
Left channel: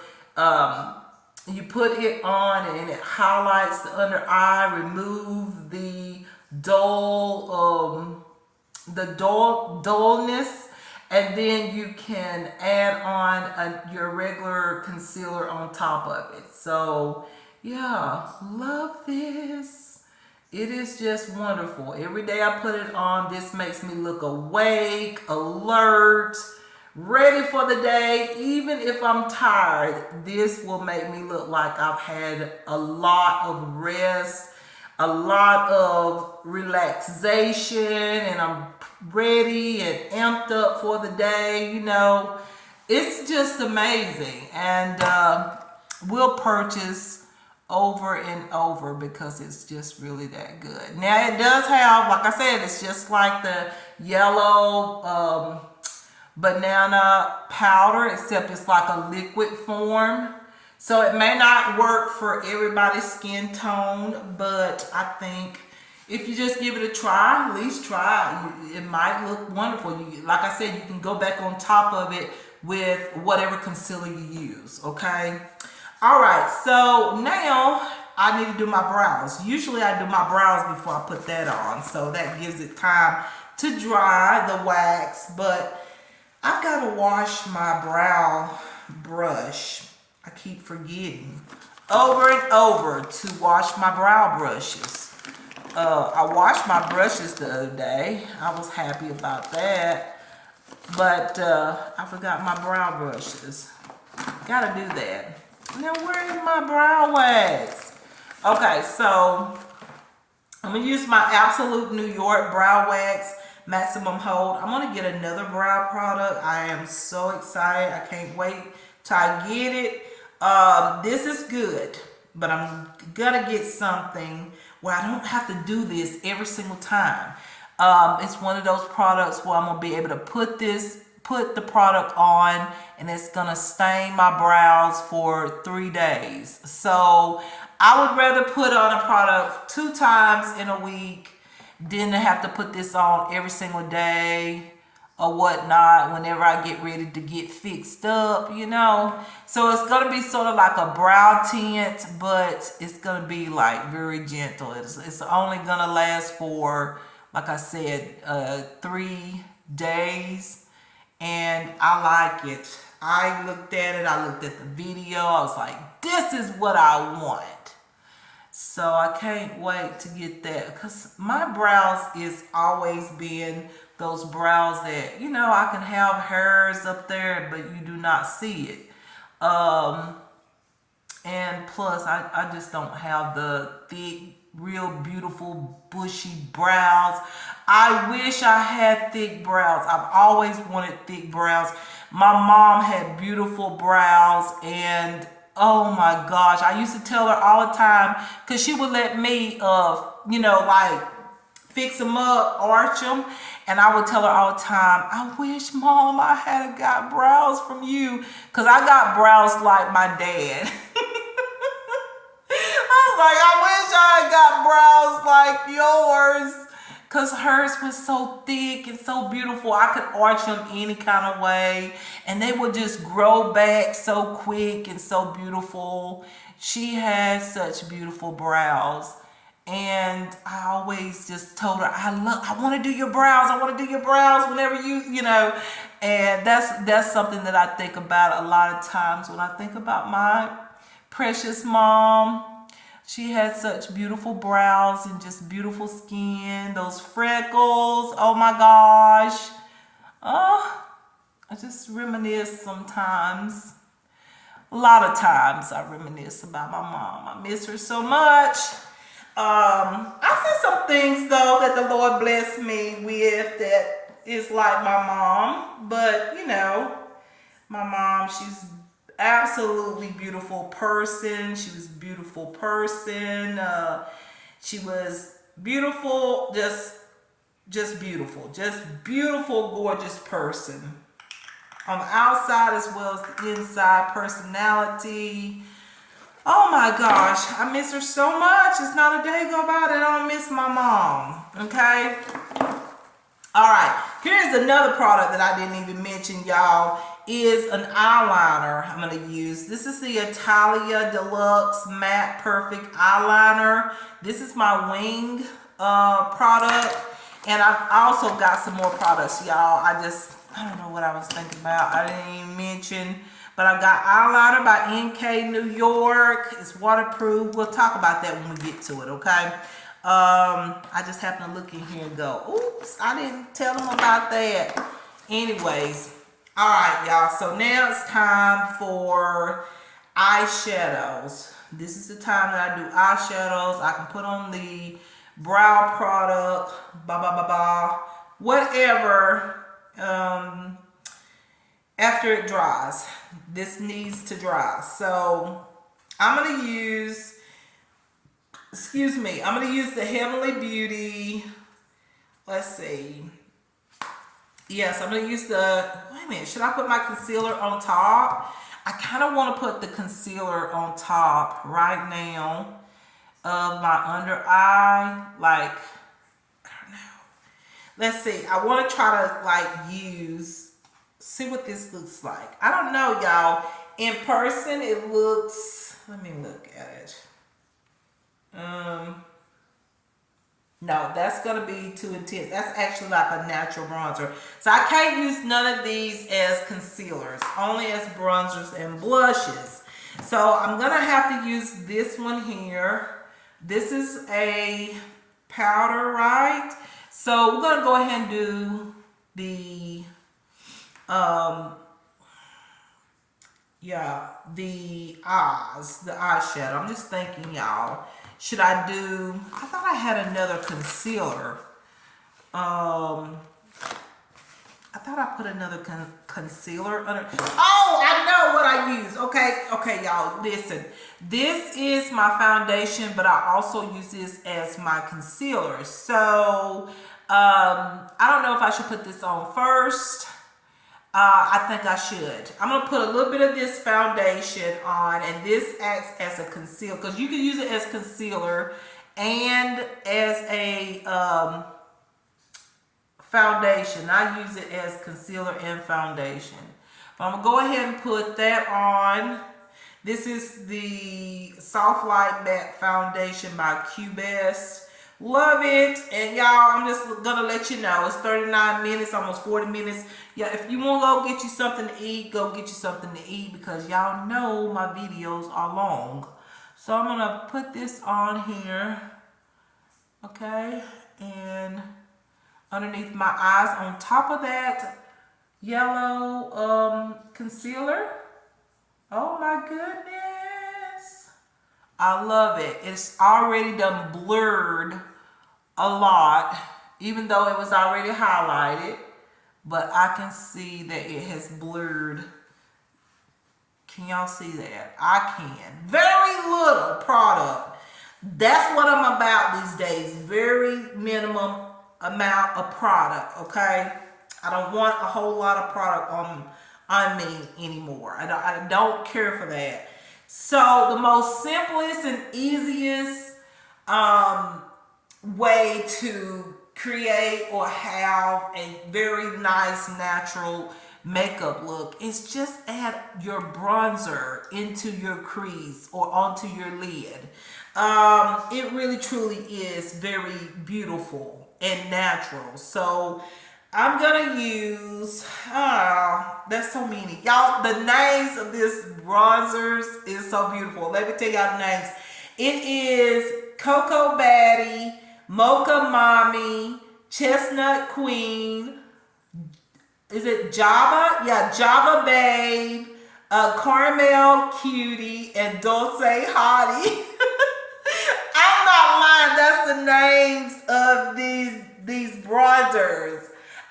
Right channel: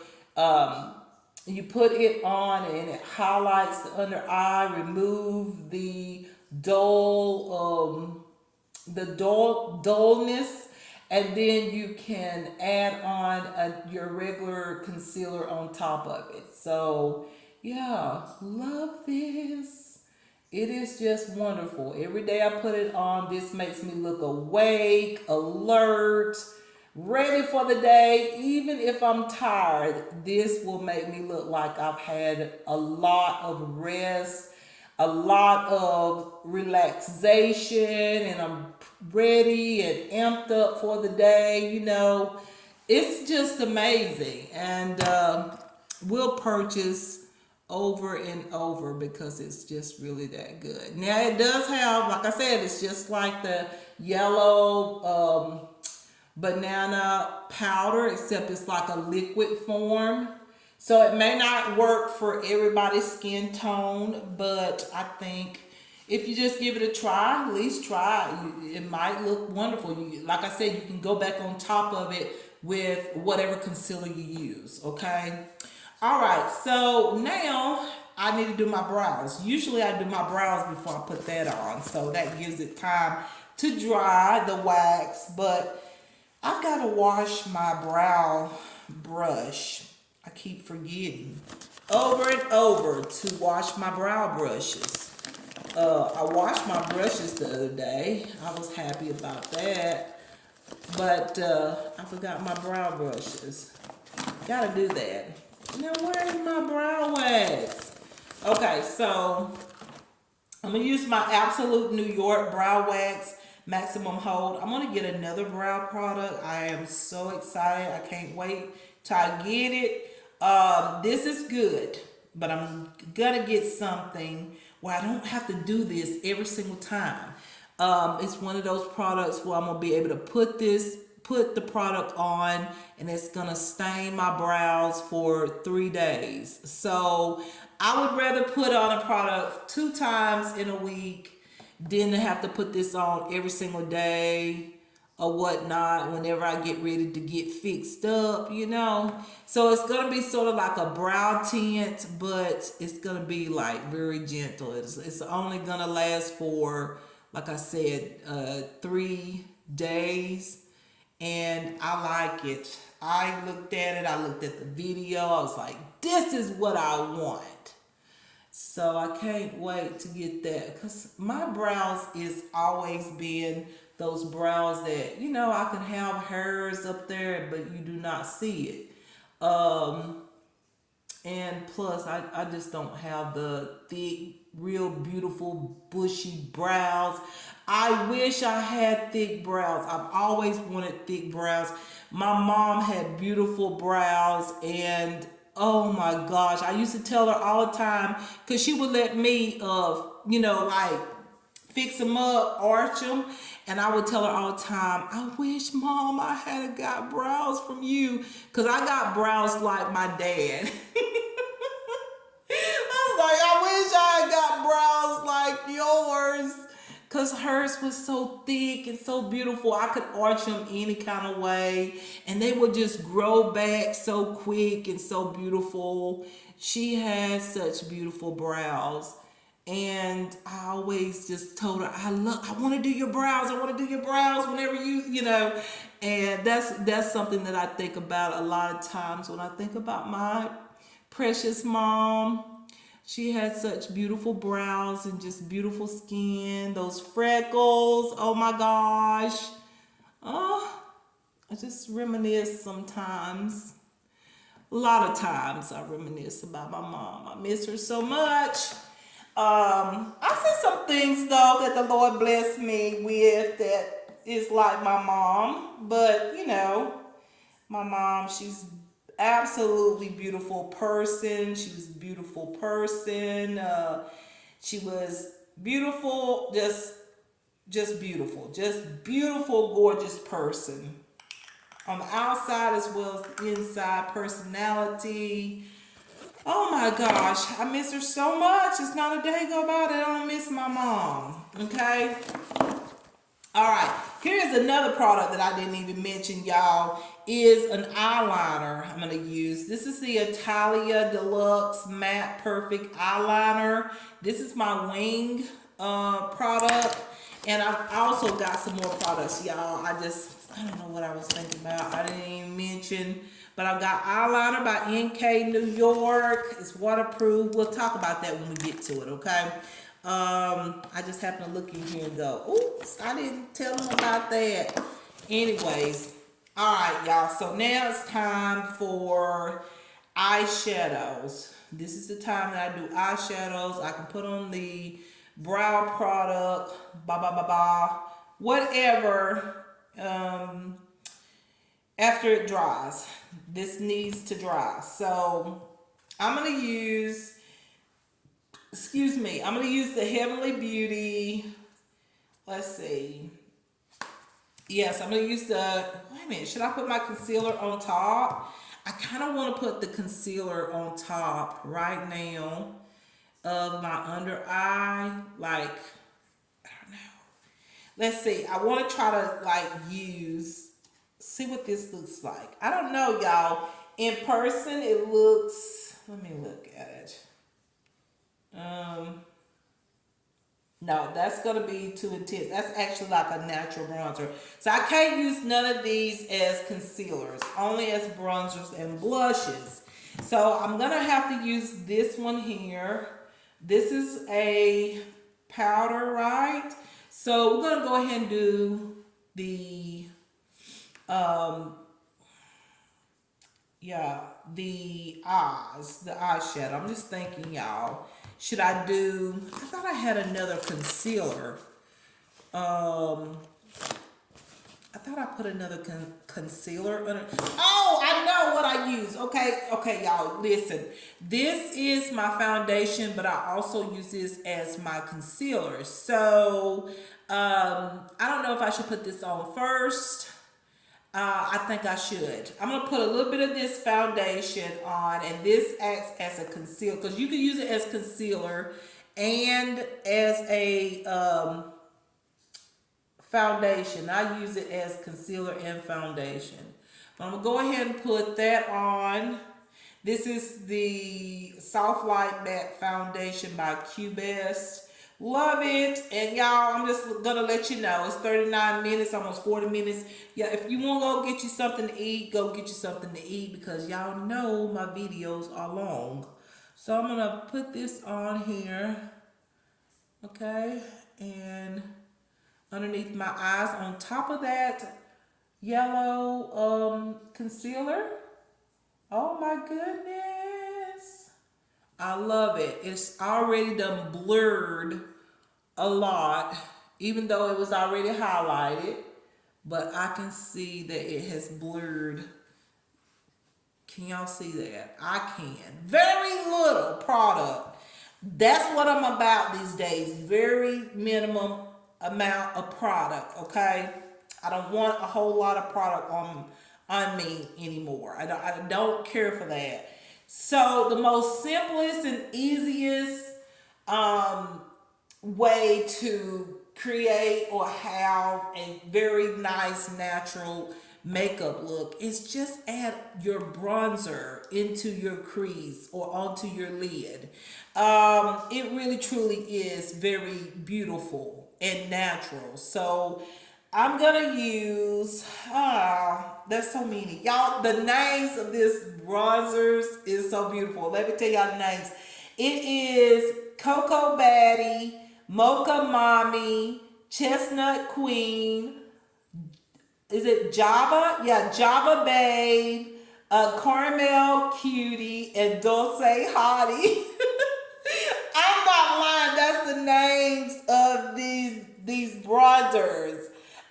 you put it on and it highlights the under eye, remove the dullness, and then you can add on your regular concealer on top of it. So yeah, love this. It is just wonderful. Every day I put it on, this makes me look awake, alert, ready for the day. Even if I'm tired, this will make me look like I've had a lot of rest, a lot of relaxation, and I'm ready and amped up for the day. It's just amazing. And we'll purchase over and over because it's just really that good. Now it does have, like I said, it's just like the yellow banana powder, except it's like a liquid form. So it may not work for everybody's skin tone, but I think if you just give it a try, at least try, it might look wonderful. Like I said, you can go back on top of it with whatever concealer you use, okay? All right, so now I need to do my brows. Usually I do my brows before I put that on, so that gives it time to dry the wax, but I've got to wash my brow brush. I keep forgetting over and over to wash my brow brushes. I washed my brushes the other day. I was happy about that, but I forgot my brow brushes. Gotta do that. Now, where is my brow wax? Okay, so I'm going to use my Absolute New York Brow Wax Maximum Hold. I'm going to get another brow product. I am so excited. I can't wait till I get it. This is good, but I'm going to get something where I don't have to do this every single time. It's one of those products where I'm going to be able to put the product on, and it's gonna stain my brows for 3 days. So I would rather put on a product 2 times in a week than to have to put this on every single day. or whatnot whenever I get ready to get fixed up, you know. So it's gonna be sort of like a brow tint, but it's gonna be like very gentle. It's only gonna last for, like I said, 3 days, and I like it. I looked at it, I looked at the video, I was like, this is what I want. So I can't wait to get that, because my brows is always been those brows that, you know, I can have hairs up there, but you do not see it. And plus, I just don't have the thick, real beautiful, bushy brows. I wish I had thick brows. I've always wanted thick brows. My mom had beautiful brows, and oh my gosh, I used to tell her all the time, because she would let me, you know, like fix them up, arch them, and I would tell her all the time, I wish, Mom, I had got brows from you, because I got brows like my dad. I was like, I wish I had got brows like yours, because hers was so thick and so beautiful. I could arch them any kind of way, and they would just grow back so quick and so beautiful. She had such beautiful brows. And I always just told her, I want to do your brows. I want to do your brows whenever you know. And that's something that I think about a lot of times when I think about my precious mom. She had such beautiful brows and just beautiful skin. Those freckles, oh my gosh. Oh, I just reminisce sometimes. A lot of times I reminisce about my mom. I miss her so much. I see some things though that the Lord blessed me with that is like my mom, but you know, my mom, she's absolutely beautiful person. She was a beautiful person. She was beautiful, just beautiful, gorgeous person. On the outside as well as the inside, personality. Oh my gosh, I miss her so much. It's not a day go by that I don't miss my mom. Okay? All right, here's another product that I didn't even mention, y'all, is an eyeliner I'm going to use. This is the Italia Deluxe Matte Perfect Eyeliner. This is my wing product, and I've also got some more products, y'all. I don't know what I was thinking about. I didn't even mention. But I've got eyeliner by NK New York. It's waterproof. We'll talk about that when we get to it, okay? I just happened to look in here and go, oops, I didn't tell them about that. Anyways, all right, y'all. So now it's time for eyeshadows. This is the time that I do eyeshadows. I can put on the brow product, whatever, after it dries. This needs to dry. So I'm going to use, the Heavenly Beauty. Let's see. Yes, I'm going to use the, wait a minute, should I put my concealer on top? I kind of want to put the concealer on top right now of my under eye. Like, I don't know. Let's see. I want to try to see what this looks like. I don't know, y'all. In person, it looks, let me look at it. No, that's going to be too intense. That's actually like a natural bronzer. So I can't use none of these as concealers, only as bronzers and blushes. So I'm going to have to use this one here. This is a powder, right? So we're going to go ahead and do the the eyes, the eyeshadow. I'm just thinking, y'all, should I do, I thought I had another concealer. I thought I put another concealer under. Oh, I know what I use. Okay, y'all, listen. This is my foundation, but I also use this as my concealer. So, I don't know if I should put this on first. I think I should. I'm going to put a little bit of this foundation on, and this acts as a concealer, because you can use it as concealer and as a foundation. I use it as concealer and foundation. But I'm going to go ahead and put that on. This is the Soft Light Matte Foundation by Q-Best. Love it. And y'all, I'm just gonna let you know, it's 39 minutes, almost 40 minutes. Yeah, if you want to go get you something to eat, go get you something to eat, because y'all know my videos are long. So I'm gonna put this on here, okay, and underneath my eyes. On top of that yellow concealer. Oh my goodness, I love it. It's already done blurred a lot, even though it was already highlighted, but I can see that it has blurred. Can y'all see that? I can. Very little product. That's what I'm about these days. Very minimum amount of product, okay? I don't want a whole lot of product on me anymore. I don't care for that. So the most simplest and easiest way to create or have a very nice natural makeup look is just add your bronzer into your crease or onto your lid. It really truly is very beautiful and natural. So I'm gonna use, there's so many. Y'all, the names of this bronzers is so beautiful. Let me tell y'all the names. It is Cocoa Baddie, Mocha Mommy, Chestnut Queen, is it Java? Yeah, Java Babe, Caramel Cutie, and Dulce Hottie. I'm not lying, that's the names of these bronzers.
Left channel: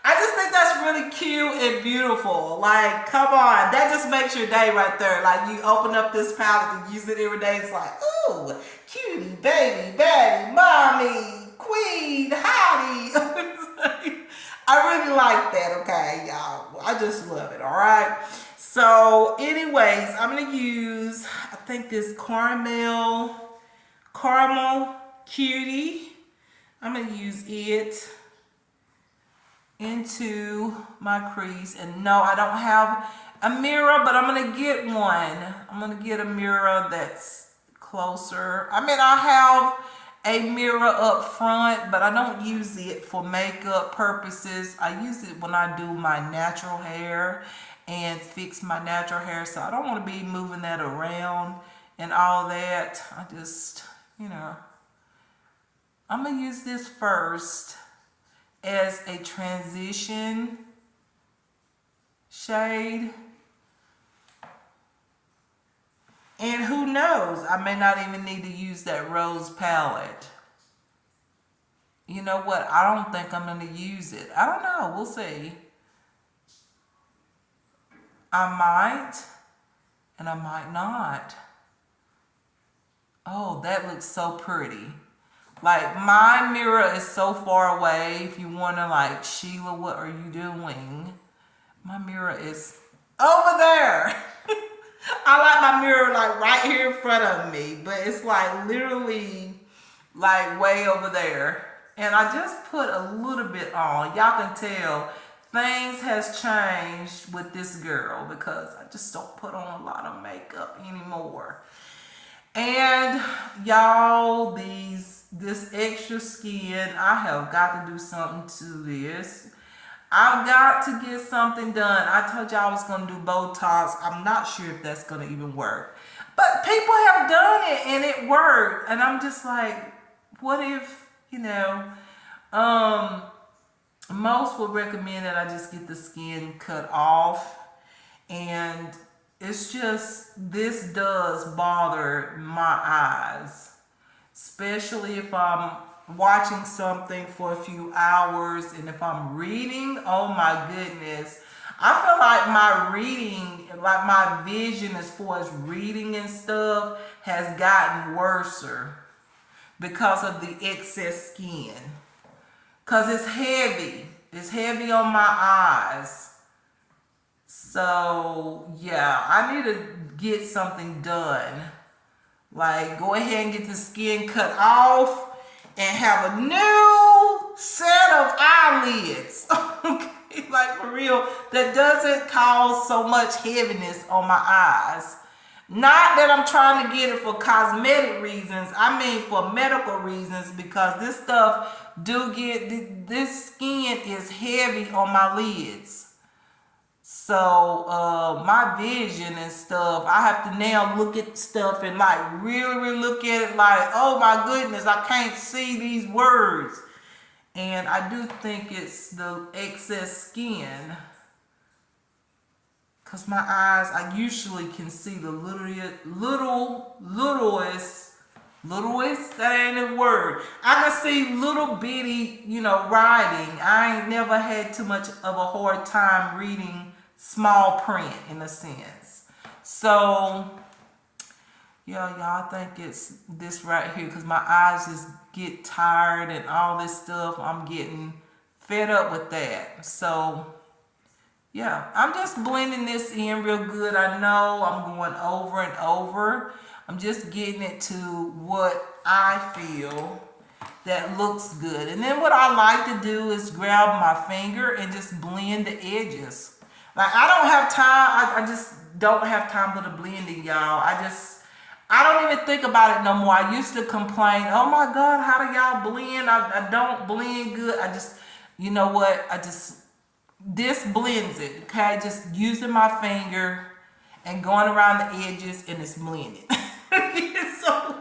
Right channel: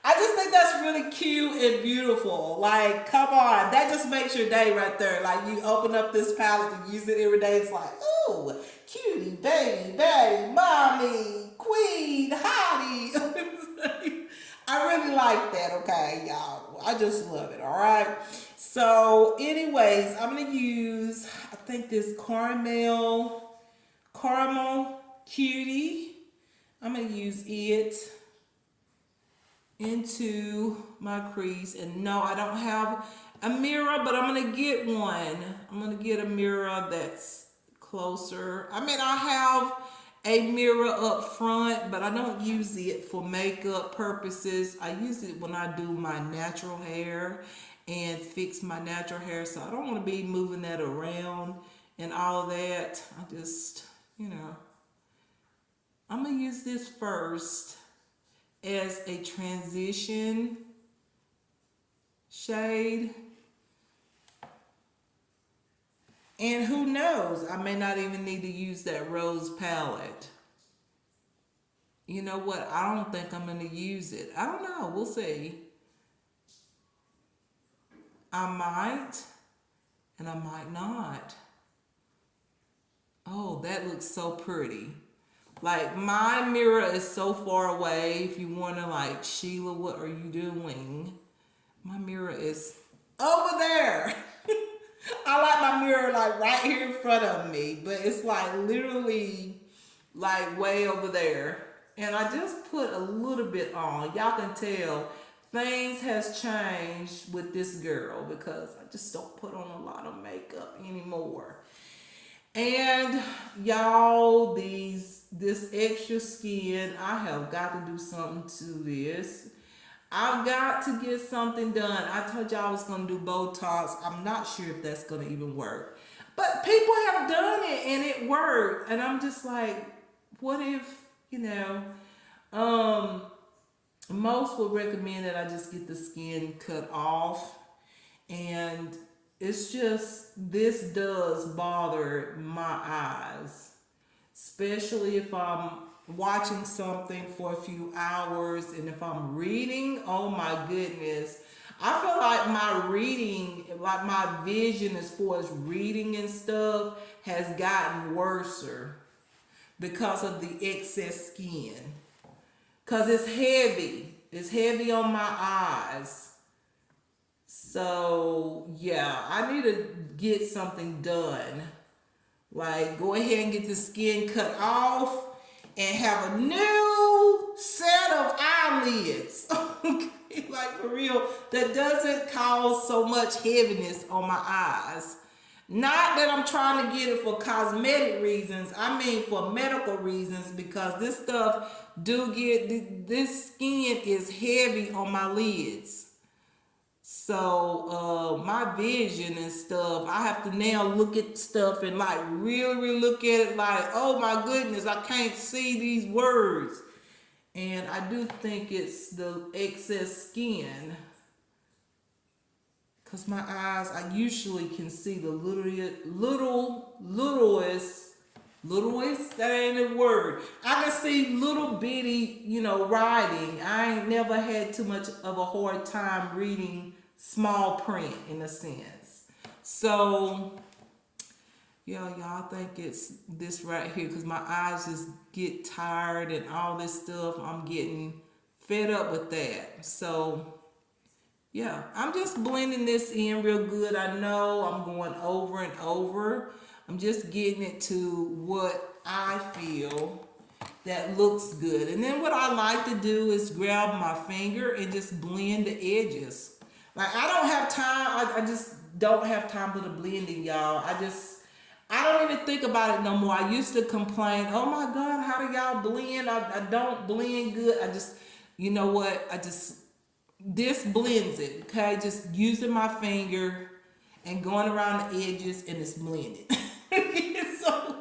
I just think that's really cute and beautiful. Like, come on, that just makes your day right there. Like, you open up this palette and use it every day. It's like, ooh, cutie, baby, baby, mommy, queen, hottie. I really like that, okay, y'all. I just love it, all right? So, anyways, I'm going to use, I think this caramel cutie. I'm going to use it into my crease. And no, I don't have a mirror, but I'm going to get one. I'm going to get a mirror that's closer. I mean, I have a mirror up front, but I don't use it for makeup purposes. I use it when I do my natural hair and fix my natural hair, so I don't want to be moving that around and all that. I just, you know, I'm gonna use this first as a transition shade. And who knows, I may not even need to use that rose palette. You know what? I don't think I'm going to use it. I don't know. We'll see. I might, and I might not. Oh, that looks so pretty. Like, my mirror is so far away. If you want to, like, Sheila, what are you doing? My mirror is over there. I like my mirror like right here in front of me, but it's like literally like way over there. And I just put a little bit on. Y'all can tell things has changed with this girl because I just don't put on a lot of makeup anymore. And y'all, this extra skin, I have got to do something to this. I've got to get something done. I told y'all I was going to do Botox. I'm not sure if that's going to even work. But people have done it and it worked. And I'm just like, what if, you know, most would recommend that I just get the skin cut off. And it's just, this does bother my eyes. Especially if I'm watching something for a few hours, and if I'm reading, oh my goodness, I feel like my reading, like my vision as far as reading and stuff has gotten worse because of the excess skin, because it's heavy on my eyes. So yeah, I need to get something done, like go ahead and get the skin cut off and have a new set of eyelids. real, that doesn't cause so much heaviness on my eyes. Not that I'm trying to get it for cosmetic reasons. I mean for medical reasons, because this stuff this skin is heavy on my lids. So my vision and stuff, I have to now look at stuff and like really look at it like, oh my goodness, I can't see these words. And I do think it's the excess skin. Because my eyes, I usually can see the littlest, that ain't a word. I can see little bitty, writing. I ain't never had too much of a hard time reading small print in a sense. So, yeah, y'all think it's this right here, because my eyes just get tired and all this stuff. I'm getting fed up with that. So, yeah, I'm just blending this in real good. I know I'm going over and over. I'm just getting it to what I feel that looks good. And then what I like to do is grab my finger and just blend the edges. Like, I don't have time. I just don't have time for the blending, y'all. I don't even think about it no more. I used to complain, oh my God, how do y'all blend? I don't blend good. You know what? This blends it, okay? Just using my finger and going around the edges, and it's blended. So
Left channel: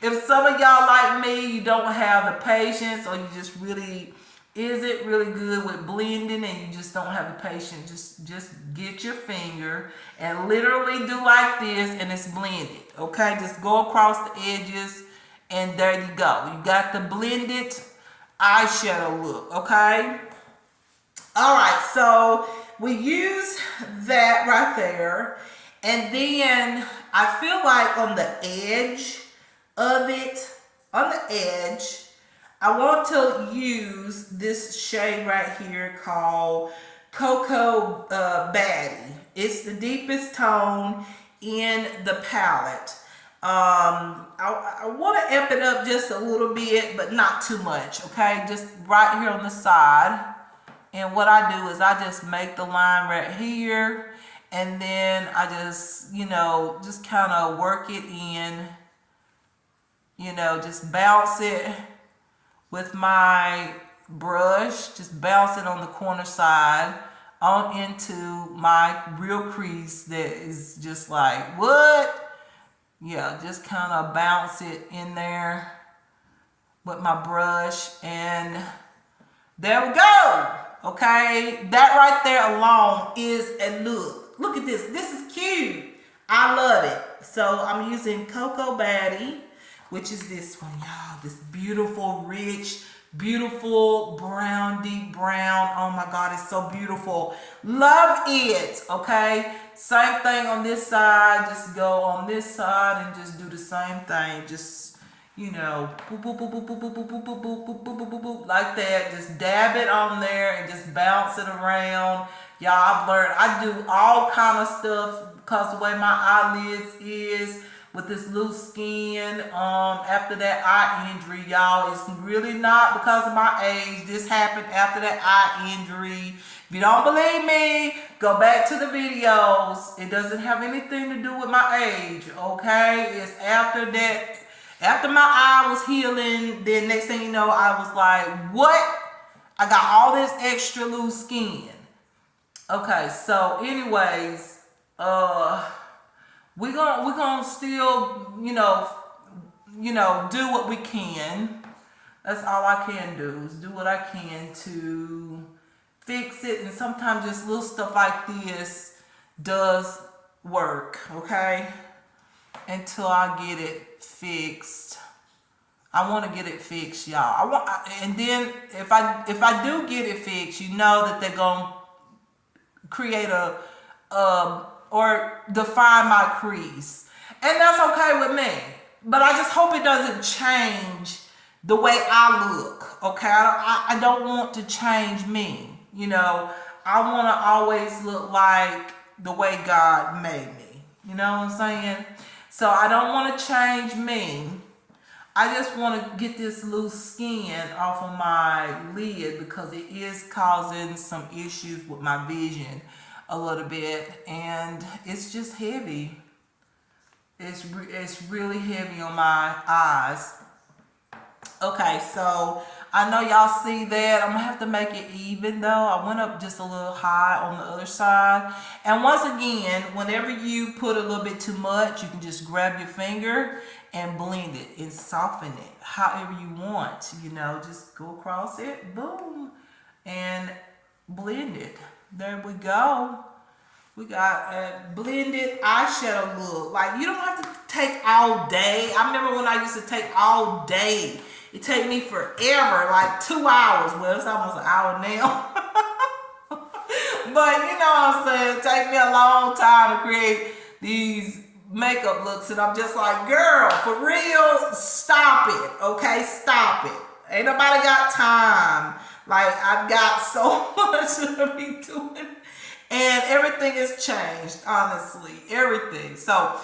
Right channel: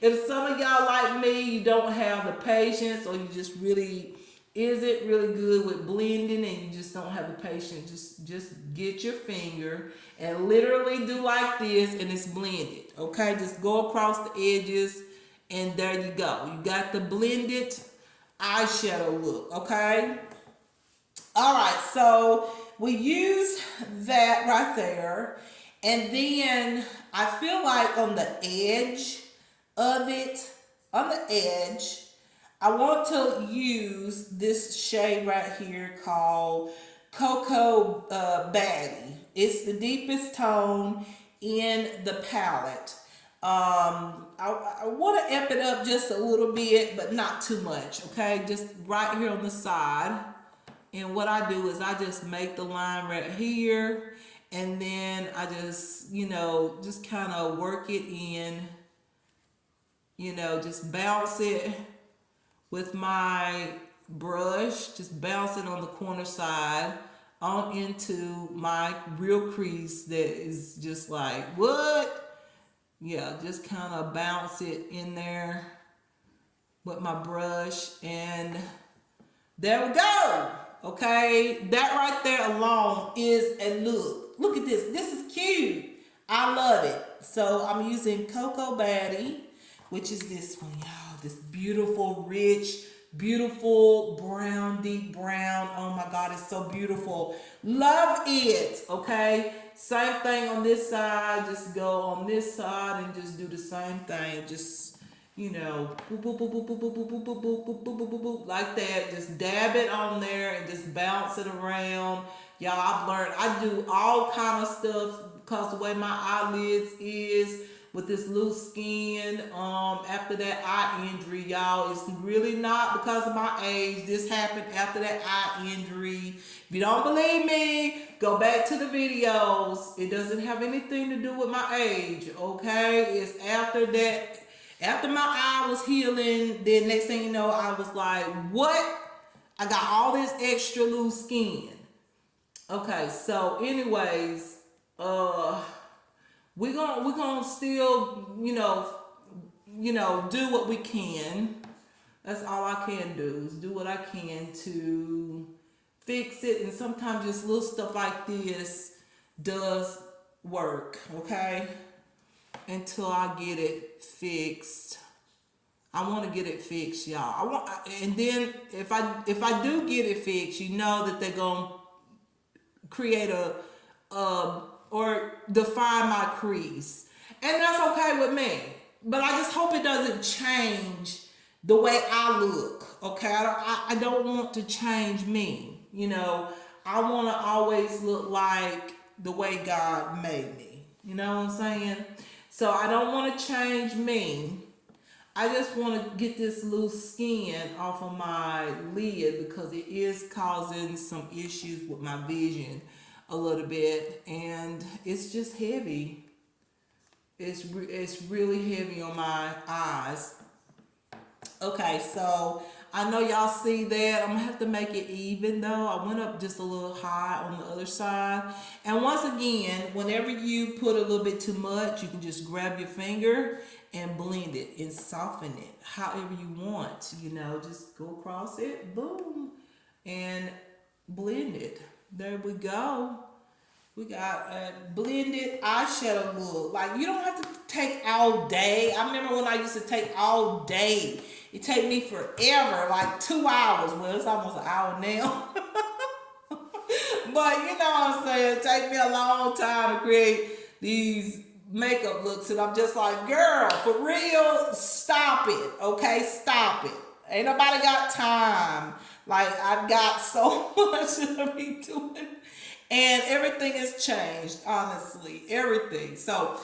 if some of y'all like me, you don't have the patience, or you just really isn't really good with blending and you just don't have the patience, just get your finger and literally do like this, and it's blended, okay? Just go across the edges, and there you go. You got the blended eyeshadow look, okay? All right, so we use that right there, and then I feel like on the edge of it, I want to use this shade right here called Cocoa Baddie. It's the deepest tone in the palette. I want to amp it up just a little bit, but not too much, okay? Just right here on the side. And what I do is I just make the line right here, and then I just, just kind of work it in, just bounce it with my brush, just bounce it on the corner side on into my real crease that is just like, what? Yeah, just kind of bounce it in there with my brush, and there we go. Okay, that right there alone is a look. Look at this. This is cute. I love it. So I'm using Cocoa Baddie, which is this one, y'all. This beautiful, rich, beautiful brown, deep brown. Oh my God, it's so beautiful. Love it. Okay, same thing on this side. Just go on this side and just do the same thing. Just boop, boop, boop, boop, boop, boop, boop, boop, boop, boop, boop, boop, boop, boop, like that. Just dab it on there and just bounce it around. Y'all, I've learned I do all kind of stuff because the way my eyelids is with this loose skin. After that eye injury, y'all, it's really not because of my age. This happened after that eye injury. If you don't believe me, go back to the videos. It doesn't have anything to do with my age, okay? It's after that. After my eye was healing, then next thing you know, I was like, what? I got all this extra loose skin. Okay, so anyways, we're gonna still, do what we can. That's all I can do, is do what I can to fix it. And sometimes just little stuff like this does work, okay? Until I get it fixed. I want to get it fixed, y'all. And then if I do get it fixed, you know that they're gonna create or define my crease, and that's okay with me. But I just hope it doesn't change the way I look. Okay, I don't want to change me. I want to always look like the way God made me. You know what I'm saying? So I don't want to change me. I just want to get this loose skin off of my lid because it is causing some issues with my vision a little bit, and it's just heavy. It's really heavy on my eyes. Okay, so I know y'all see that. I'm gonna have to make it even though. I went up just a little high on the other side. And once again, whenever you put a little bit too much, you can just grab your finger and blend it and soften it however you want. You know, just go across it, boom, and blend it. There we go. We got a blended eyeshadow look. Like, you don't have to take all day. I remember when I used to take all day. It take me forever, like 2 hours. Well, it's almost an hour now. But you know what I'm saying? It take me a long time to create these makeup looks. And I'm just like, girl, for real, stop it. Okay, stop it. Ain't nobody got time. Like, I've got so much to be doing. And everything has changed, honestly. Everything. So,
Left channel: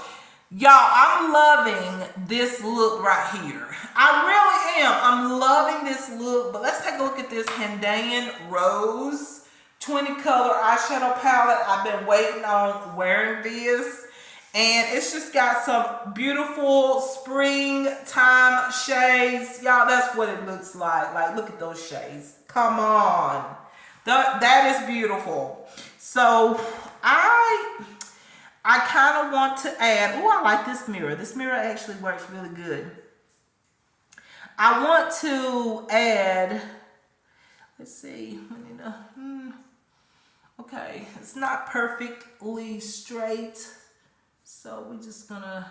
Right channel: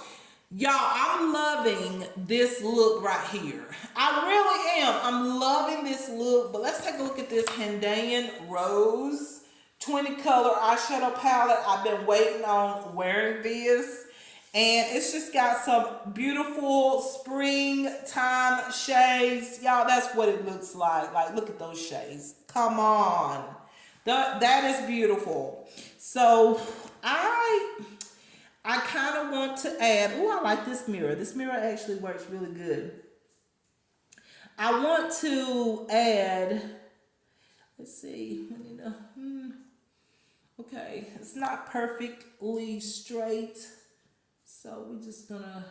y'all, I'm loving this look right here. I really am. I'm loving this look. But let's take a look at this Himalayan Rose 20 color eyeshadow palette. I've been waiting on wearing this. And it's just got some beautiful springtime shades. Y'all, that's what it looks like. Like, look at those shades. Come on. That is beautiful. So I kind of want to add, oh, I like this mirror. This mirror actually works really good. I want to add, let's see, okay, it's not perfectly straight, so we're just gonna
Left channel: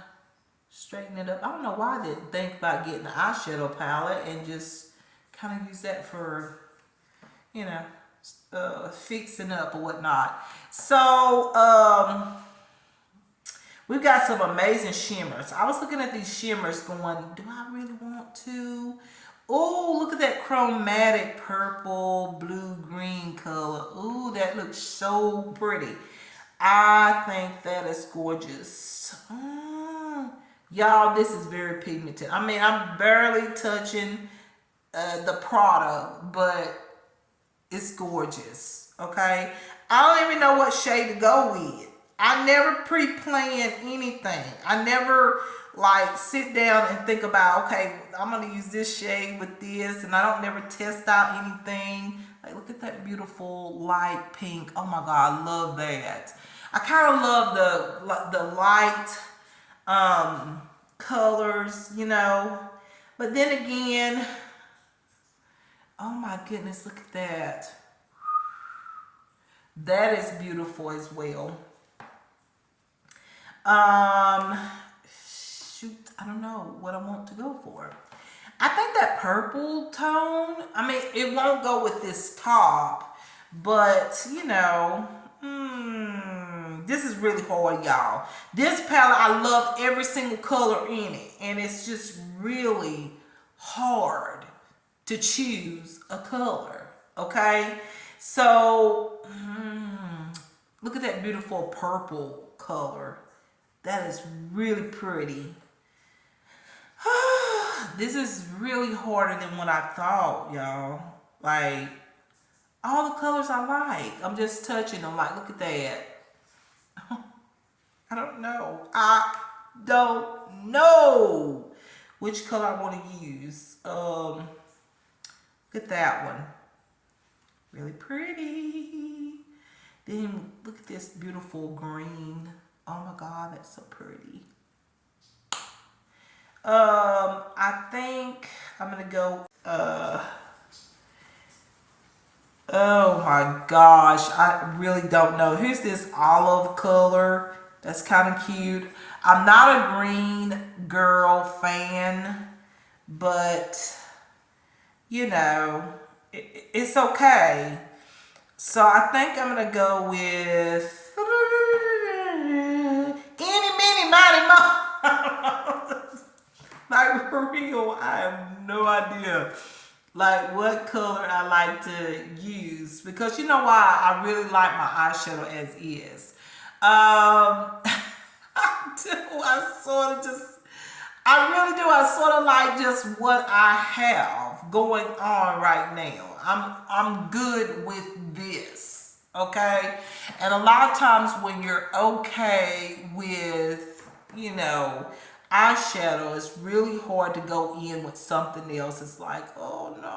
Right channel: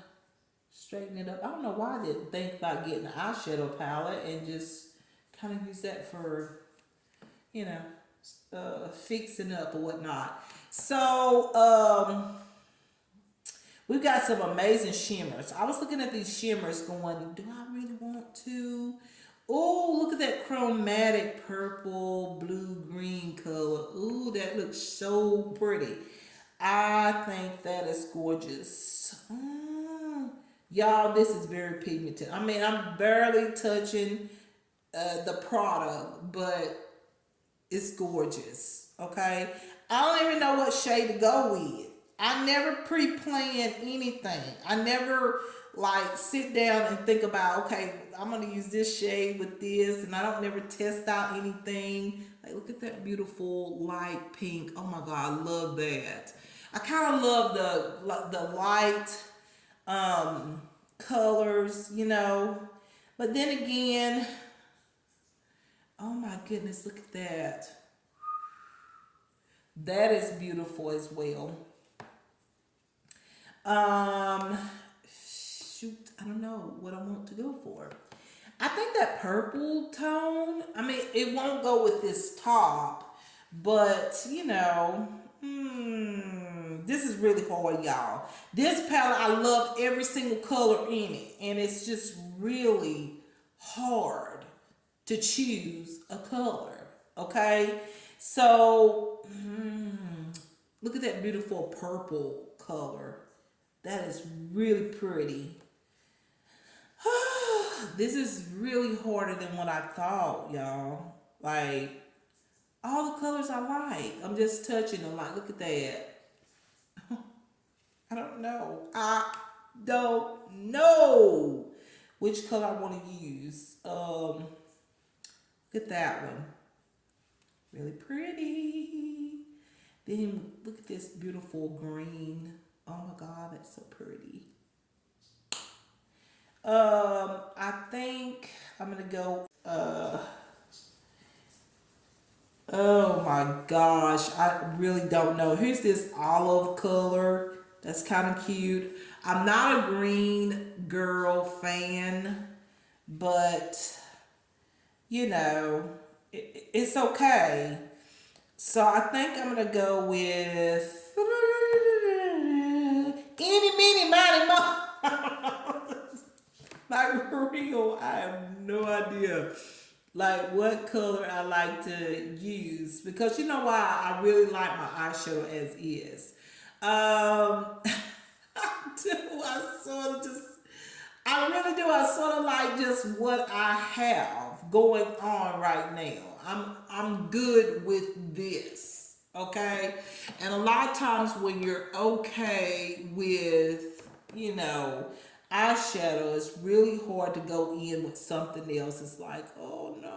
straighten it up. I don't know why I didn't think about getting an eyeshadow palette and just kind of use that for, you know, fixing up or whatnot. So we've got some amazing shimmers. I was looking at these shimmers going, do I really want to? Oh, look at that chromatic purple, blue, green color. Ooh, that looks so pretty. I think that is gorgeous. Y'all, this is very pigmented. I mean, I'm barely touching the product, but it's gorgeous, okay? I don't even know what shade to go with. I never pre-plan anything. I never like sit down and think about, okay, I'm gonna use this shade with this, and I don't never test out anything. Like, look at that beautiful light pink. Oh my God, I love that. I kind of love the light colors, you know. But then again, oh my goodness, look at that. That is beautiful as well. Shoot, I don't know what I want to go for. I think that purple tone, I mean, it won't go with this top, but you know, this is really hard, y'all. This palette, I love every single color in it, and it's just really hard to choose a color, okay? So, look at that beautiful purple color. That is really pretty. This is really harder than what I thought, y'all. Like, all the colors I like. I'm just touching them. Like, look at that. I don't know. I don't know which color I want to use. Look at that one. Really pretty. Then look at this beautiful green. Oh my God, that's so pretty. I think I'm gonna go, oh my gosh, I really don't know. Here's this olive color. That's kind of cute. I'm not a green girl fan, but you know, it's okay. So I think I'm gonna go with Eeny, meeny, miny, mo. Like, for real, I have no idea like what color I like to use, because you know why? I really like my eyeshadow as is. I sort of just, I really do. I sort of like just what I have going on right now. I'm good with this. Okay? And a lot of times when you're okay with, you know, eyeshadow, it's really hard to go in with something else. It's like, oh no,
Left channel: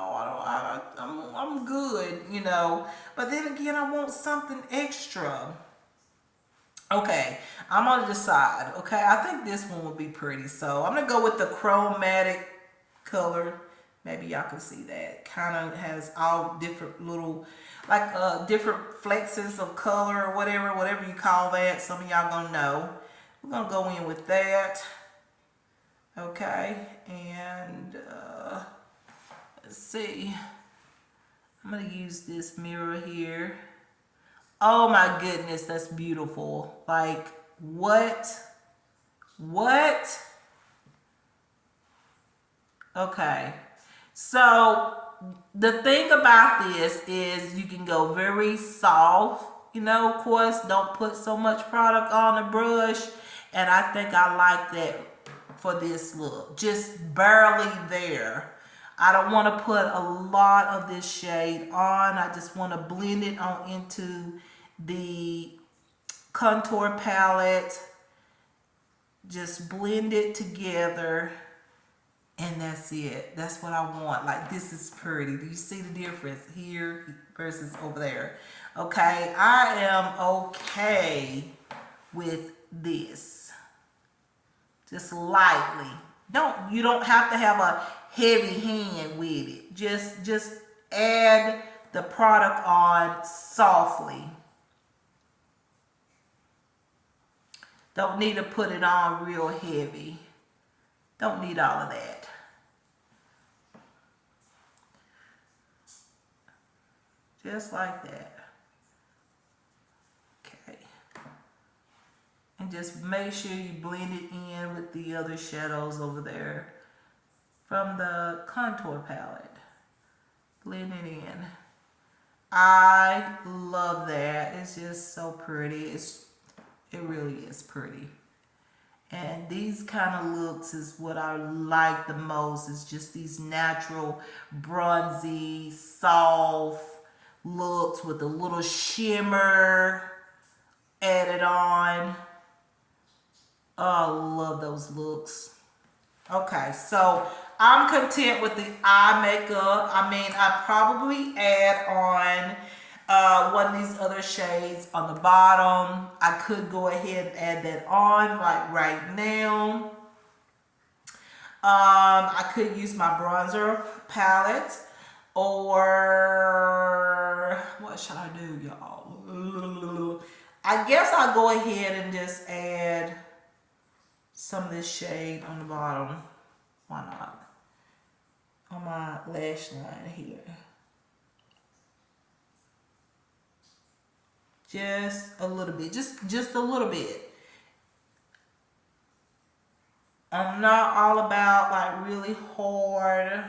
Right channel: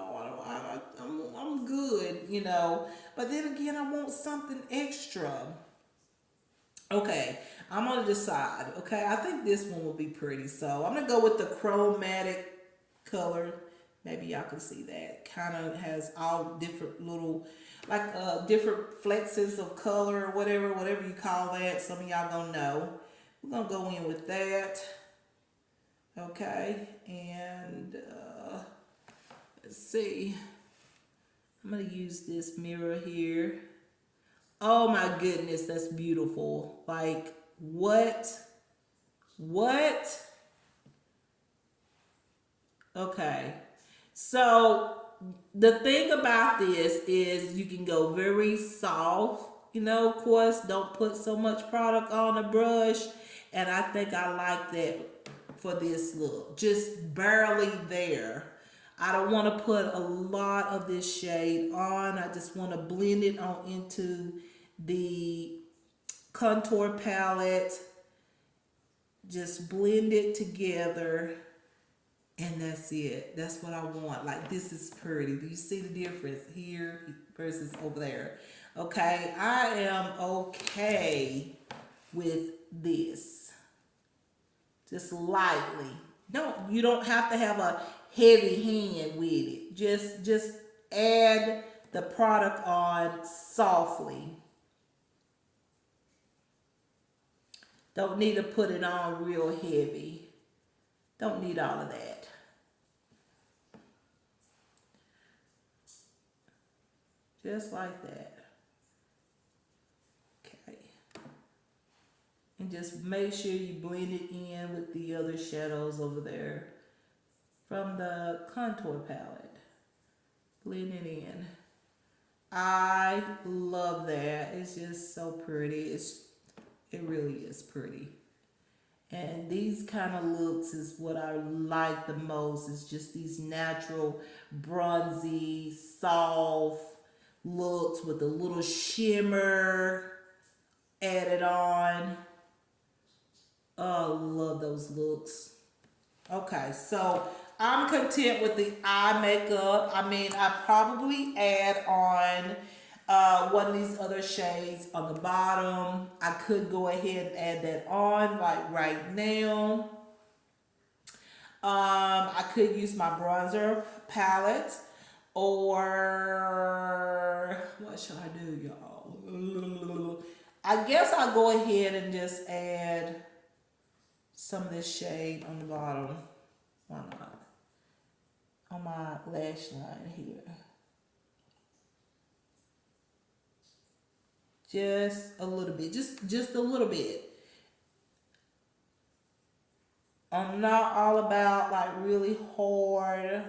I'm good, you know. But then again, I want something extra. Okay, I'm gonna decide. Okay, I think this one will be pretty. So I'm gonna go with the chromatic color. Maybe y'all can see that. Kind of has all different little, like different flexes of color or whatever you call that. Some of y'all gonna know. We're gonna go in with that. Okay, and let's see. I'm gonna use this mirror here. Oh my goodness, that's beautiful. Like, what? What? Okay. So, the thing about this is you can go very soft. You know, of course, don't put so much product on the brush. And I think I like that for this look. Just barely there. I don't want to put a lot of this shade on. I just want to blend it on into the contour palette. Just blend it together, and that's it. That's what I want. Like, this is pretty. Do you see the difference here versus over there? Okay, I am okay with this. Just lightly. You don't have to have a heavy hand with it. Just add the product on softly. Don't need to put it on real heavy. Don't need all of that. Just like that. Okay. And just make sure you blend it in with the other shadows over there from the contour palette. Blend it in. I love that. It's just so pretty. It really is pretty. And these kind of looks is what I like the most. It's just these natural, bronzy, soft looks with a little shimmer added on. Oh, I love those looks. Okay, so I'm content with the eye makeup. I mean, I probably add on one of these other shades on the bottom. I could go ahead and add that on like right now. I could use my bronzer palette, or what should I do, y'all? I guess I'll go ahead and just add some of this shade on the bottom. Why not? On my lash line here. Just a little bit. Just a little bit. I'm not all about like really hard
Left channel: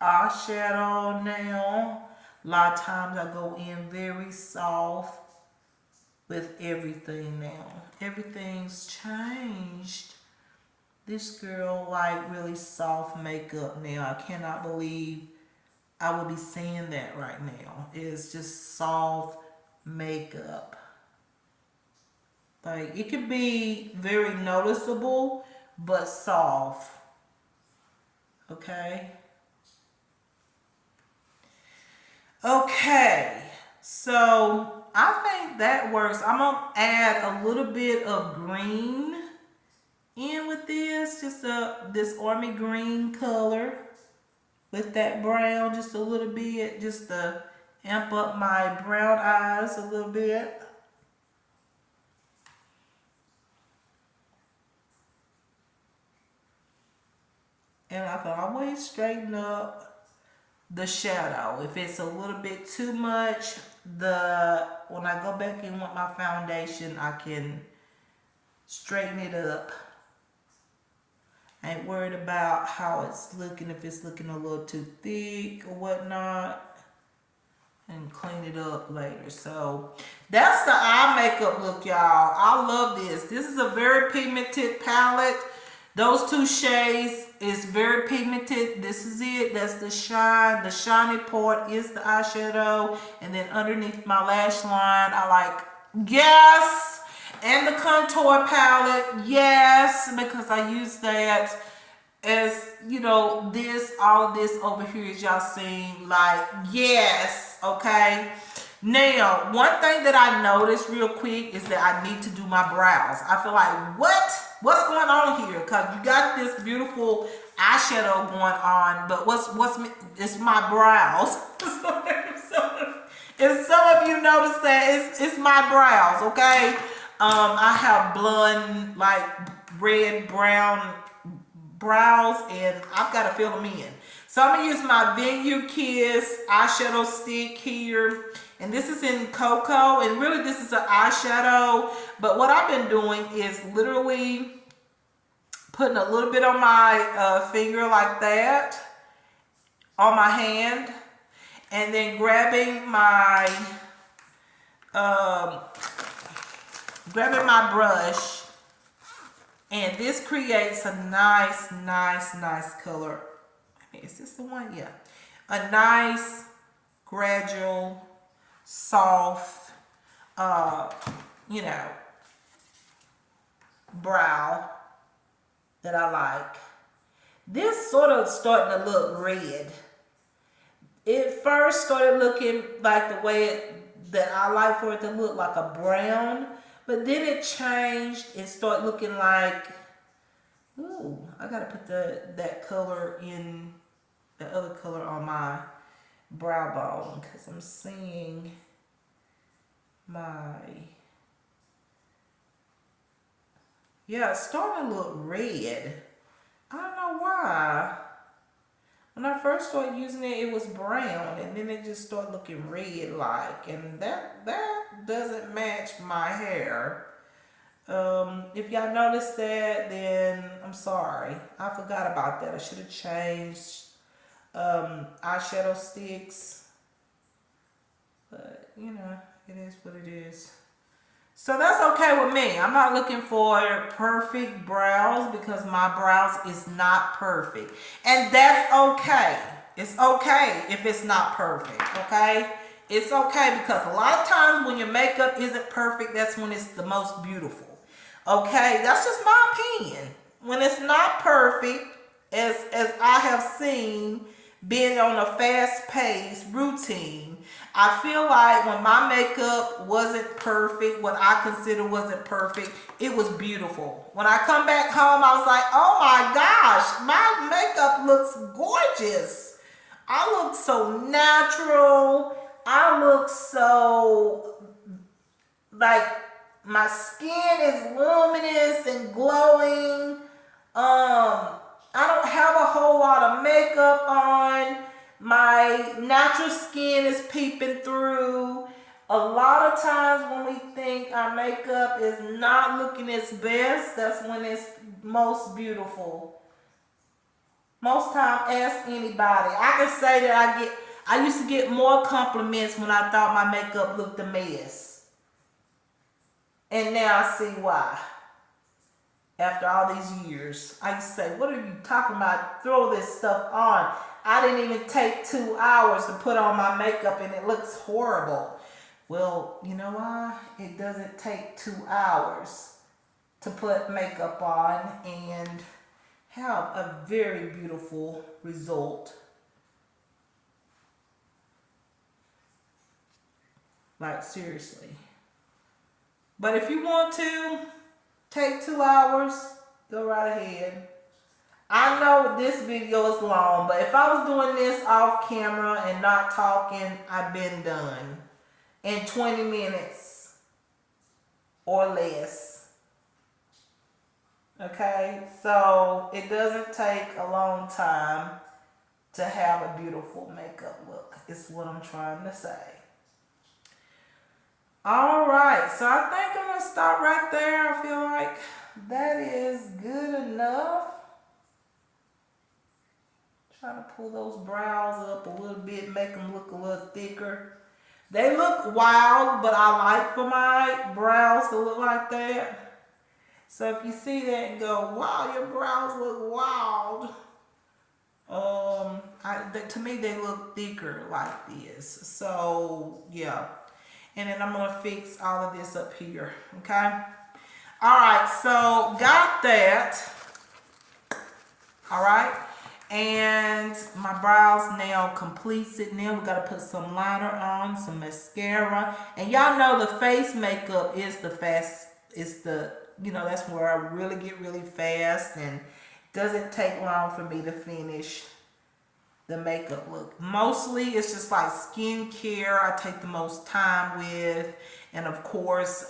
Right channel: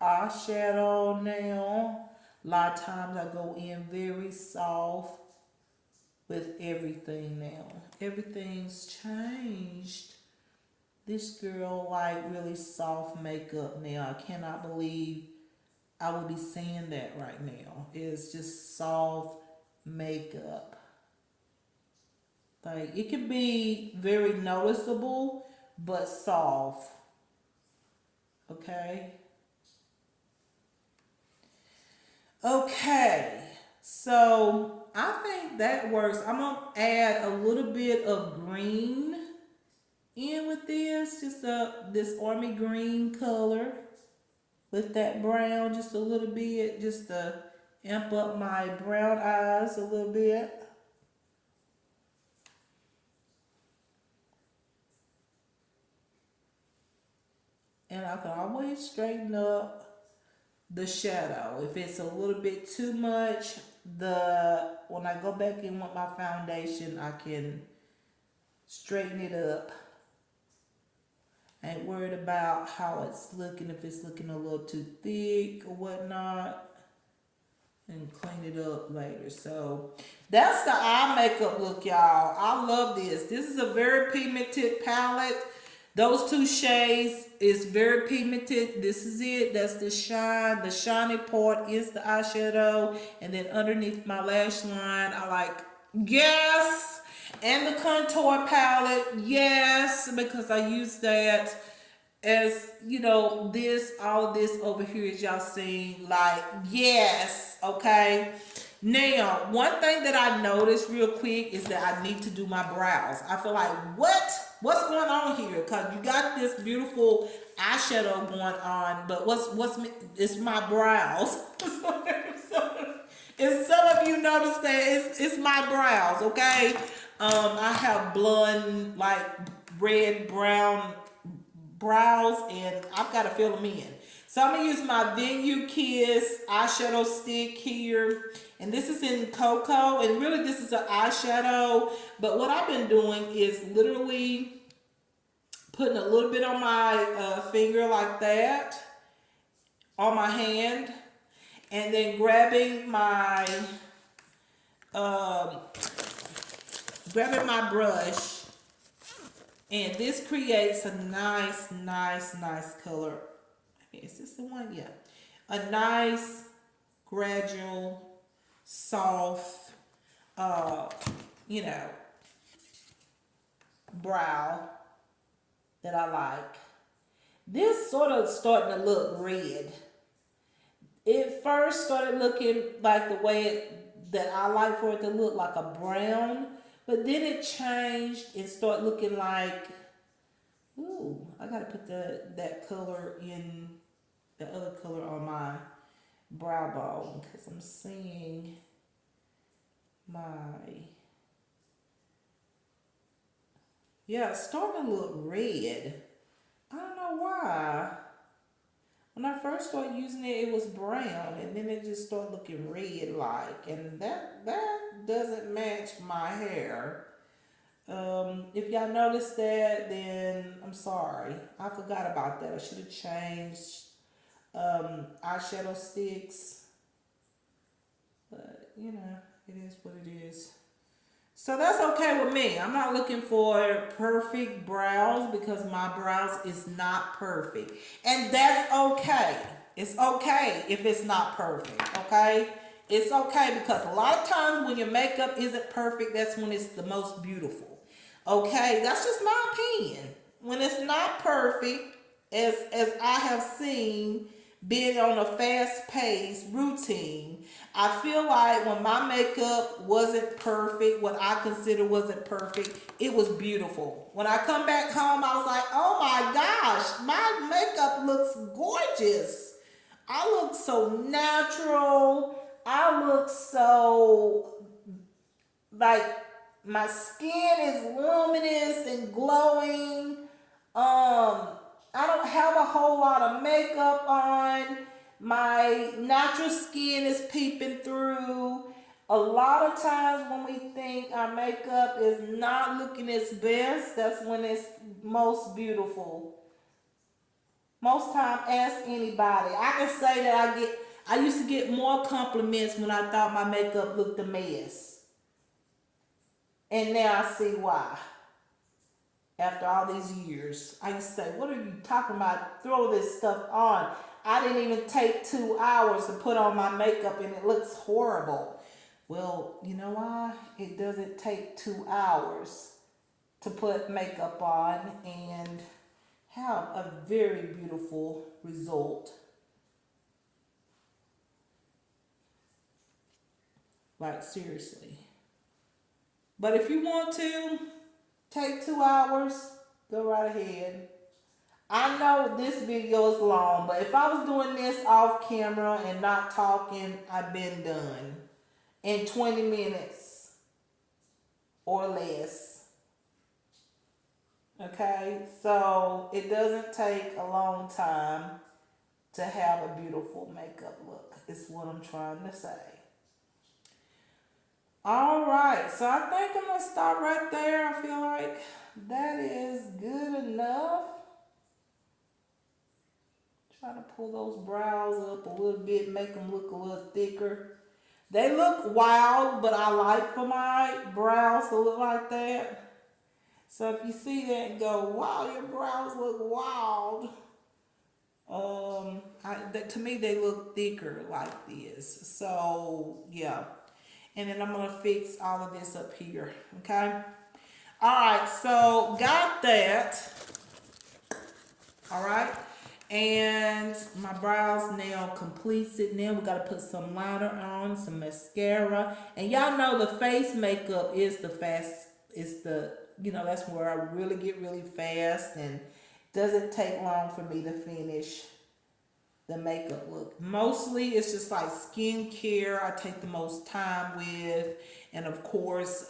eyeshadow now. A lot of times I go in very soft with everything now. Everything's changed. This girl like really soft makeup now. I cannot believe I will be seeing that right now. It's just soft makeup. Like, it could be very noticeable, but soft. Okay? Okay. So, I think that works. I'm going to add a little bit of green in with this. Just this army green color with that brown just a little bit. Just to amp up my brown eyes a little bit. And I can always straighten up the shadow. If it's a little bit too much, when I go back in with my foundation, I can straighten it up. I ain't worried about how it's looking, if it's looking a little too thick or whatnot. And clean it up later. So that's the eye makeup look, y'all. I love this. This is a very pigmented palette. Those two shades is very pigmented. This is it. That's the shine. The shiny part is the eyeshadow. And then underneath my lash line, I like, yes. And the contour palette, yes. Because I use that as, you know, this, all this over here, as y'all seen, like, yes, okay. Now, one thing that I noticed real quick is that I need to do my brows. I feel like, what's going on here? Because you got this beautiful eyeshadow going on, but it's my brows. And some of you notice that it's my brows, okay? I have blonde, like red, brown brows, and I've got to fill them in. So I'm gonna use my Vineyard Kiss eyeshadow stick here, and this is in Cocoa, and really this is an eyeshadow, but what I've been doing is literally putting a little bit on my finger like that, on my hand, and then grabbing my brush, and this creates a nice color. Is this the one? Yeah. A nice, gradual, soft, you know, brow that I like. This sort of starting to look red. It first started looking like the way that I like for it to look, like a brown, but then it changed and started looking like, ooh, I gotta put that color in, the other color on my brow bone, because I'm seeing my, yeah, it's starting to look red. I don't know why. When I first started using it, it was brown, and then it just started looking red like, and that doesn't match my hair. If y'all noticed that, then I'm sorry. I forgot about that. I should have changed eyeshadow sticks, but you know, it is what it is. So that's okay with me. I'm not looking for perfect brows, because my brows is not perfect, and that's okay. It's okay if it's not perfect, okay? It's okay, because a lot of times when your makeup isn't perfect, that's when it's the most beautiful. Okay, that's just my opinion. When it's not perfect, as I have seen, being on a fast-paced routine, I feel like when my makeup wasn't perfect, what I consider wasn't perfect, it was beautiful. When I come back home, I was like, oh my gosh, my makeup looks gorgeous. I look so natural. I look so, like, my skin is luminous and glowing. I don't have a whole lot of makeup on. My natural skin is peeping through. A lot of times when we think our makeup is not looking its best, that's when it's most beautiful. Most time, ask anybody. I can say that I used to get more compliments when I thought my makeup looked a mess. And now I see why. After all these years, I used to say, what are you talking about? Throw this stuff on. I didn't even take 2 hours to put on my makeup and it looks horrible. Well, you know why? It doesn't take 2 hours to put makeup on and have a very beautiful result. Like, seriously. But if you want to take 2 hours, go right ahead. I know this video is long, but if I was doing this off camera and not talking, I've been done in 20 minutes or less. Okay, so it doesn't take a long time to have a beautiful makeup look, is what I'm trying to say. All right, so I think I'm gonna stop right there. I feel like that is good enough. Try to pull those brows up a little bit, make them look a little thicker. They look wild, but I like for my brows to look like that. So if you see that and go, wow, your brows look wild. To me they look thicker like this. So yeah. And then I'm gonna fix all of this up here. Okay. All right. So got that. All right. And my brows now completes it. Now we gotta put some liner on, some mascara. And y'all know the face makeup is the fast, it's the, that's where I really get really fast, and doesn't take long for me to finish the makeup look. Mostly it's just like skincare I take the most time with, and of course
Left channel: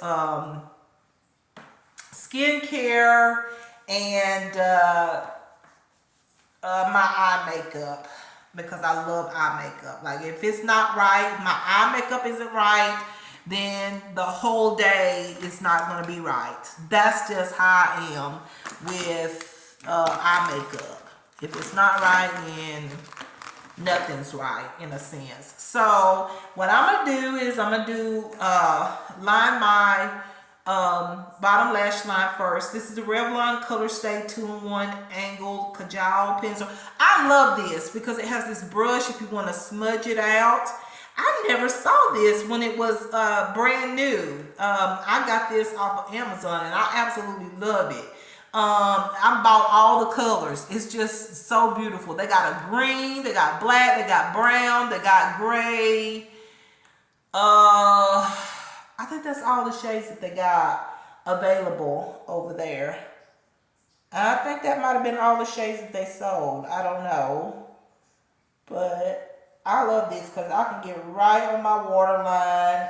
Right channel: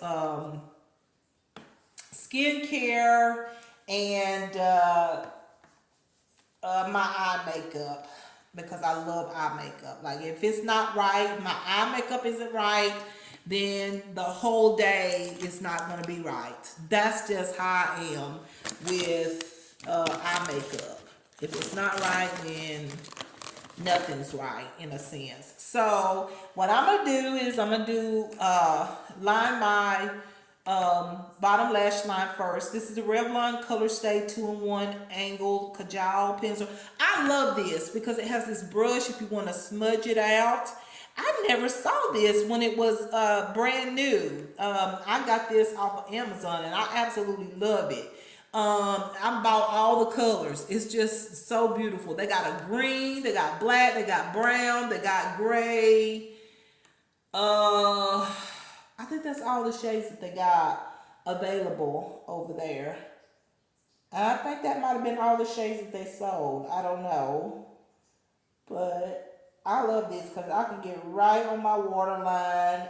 skincare and my eye makeup, because I love eye makeup. Like if it's not right, my eye makeup isn't right, then the whole day is not going to be right. That's just how I am with eye makeup. If it's not right, then nothing's right in a sense. So what I'm gonna do is I'm gonna line my bottom lash line first. This is the Revlon Color Stay 2-in-1 Angled Kajal Pencil. I love this because it has this brush if you want to smudge it out. I never saw this when it was brand new. I got this off of Amazon and I absolutely love it. I bought all the colors. It's just so beautiful. They got a green, they got black, they got brown, they got gray. I think that's all the shades that they got available over there. And I think that might have been all the shades that they sold. I don't know. But I love this because I can get right on my waterline,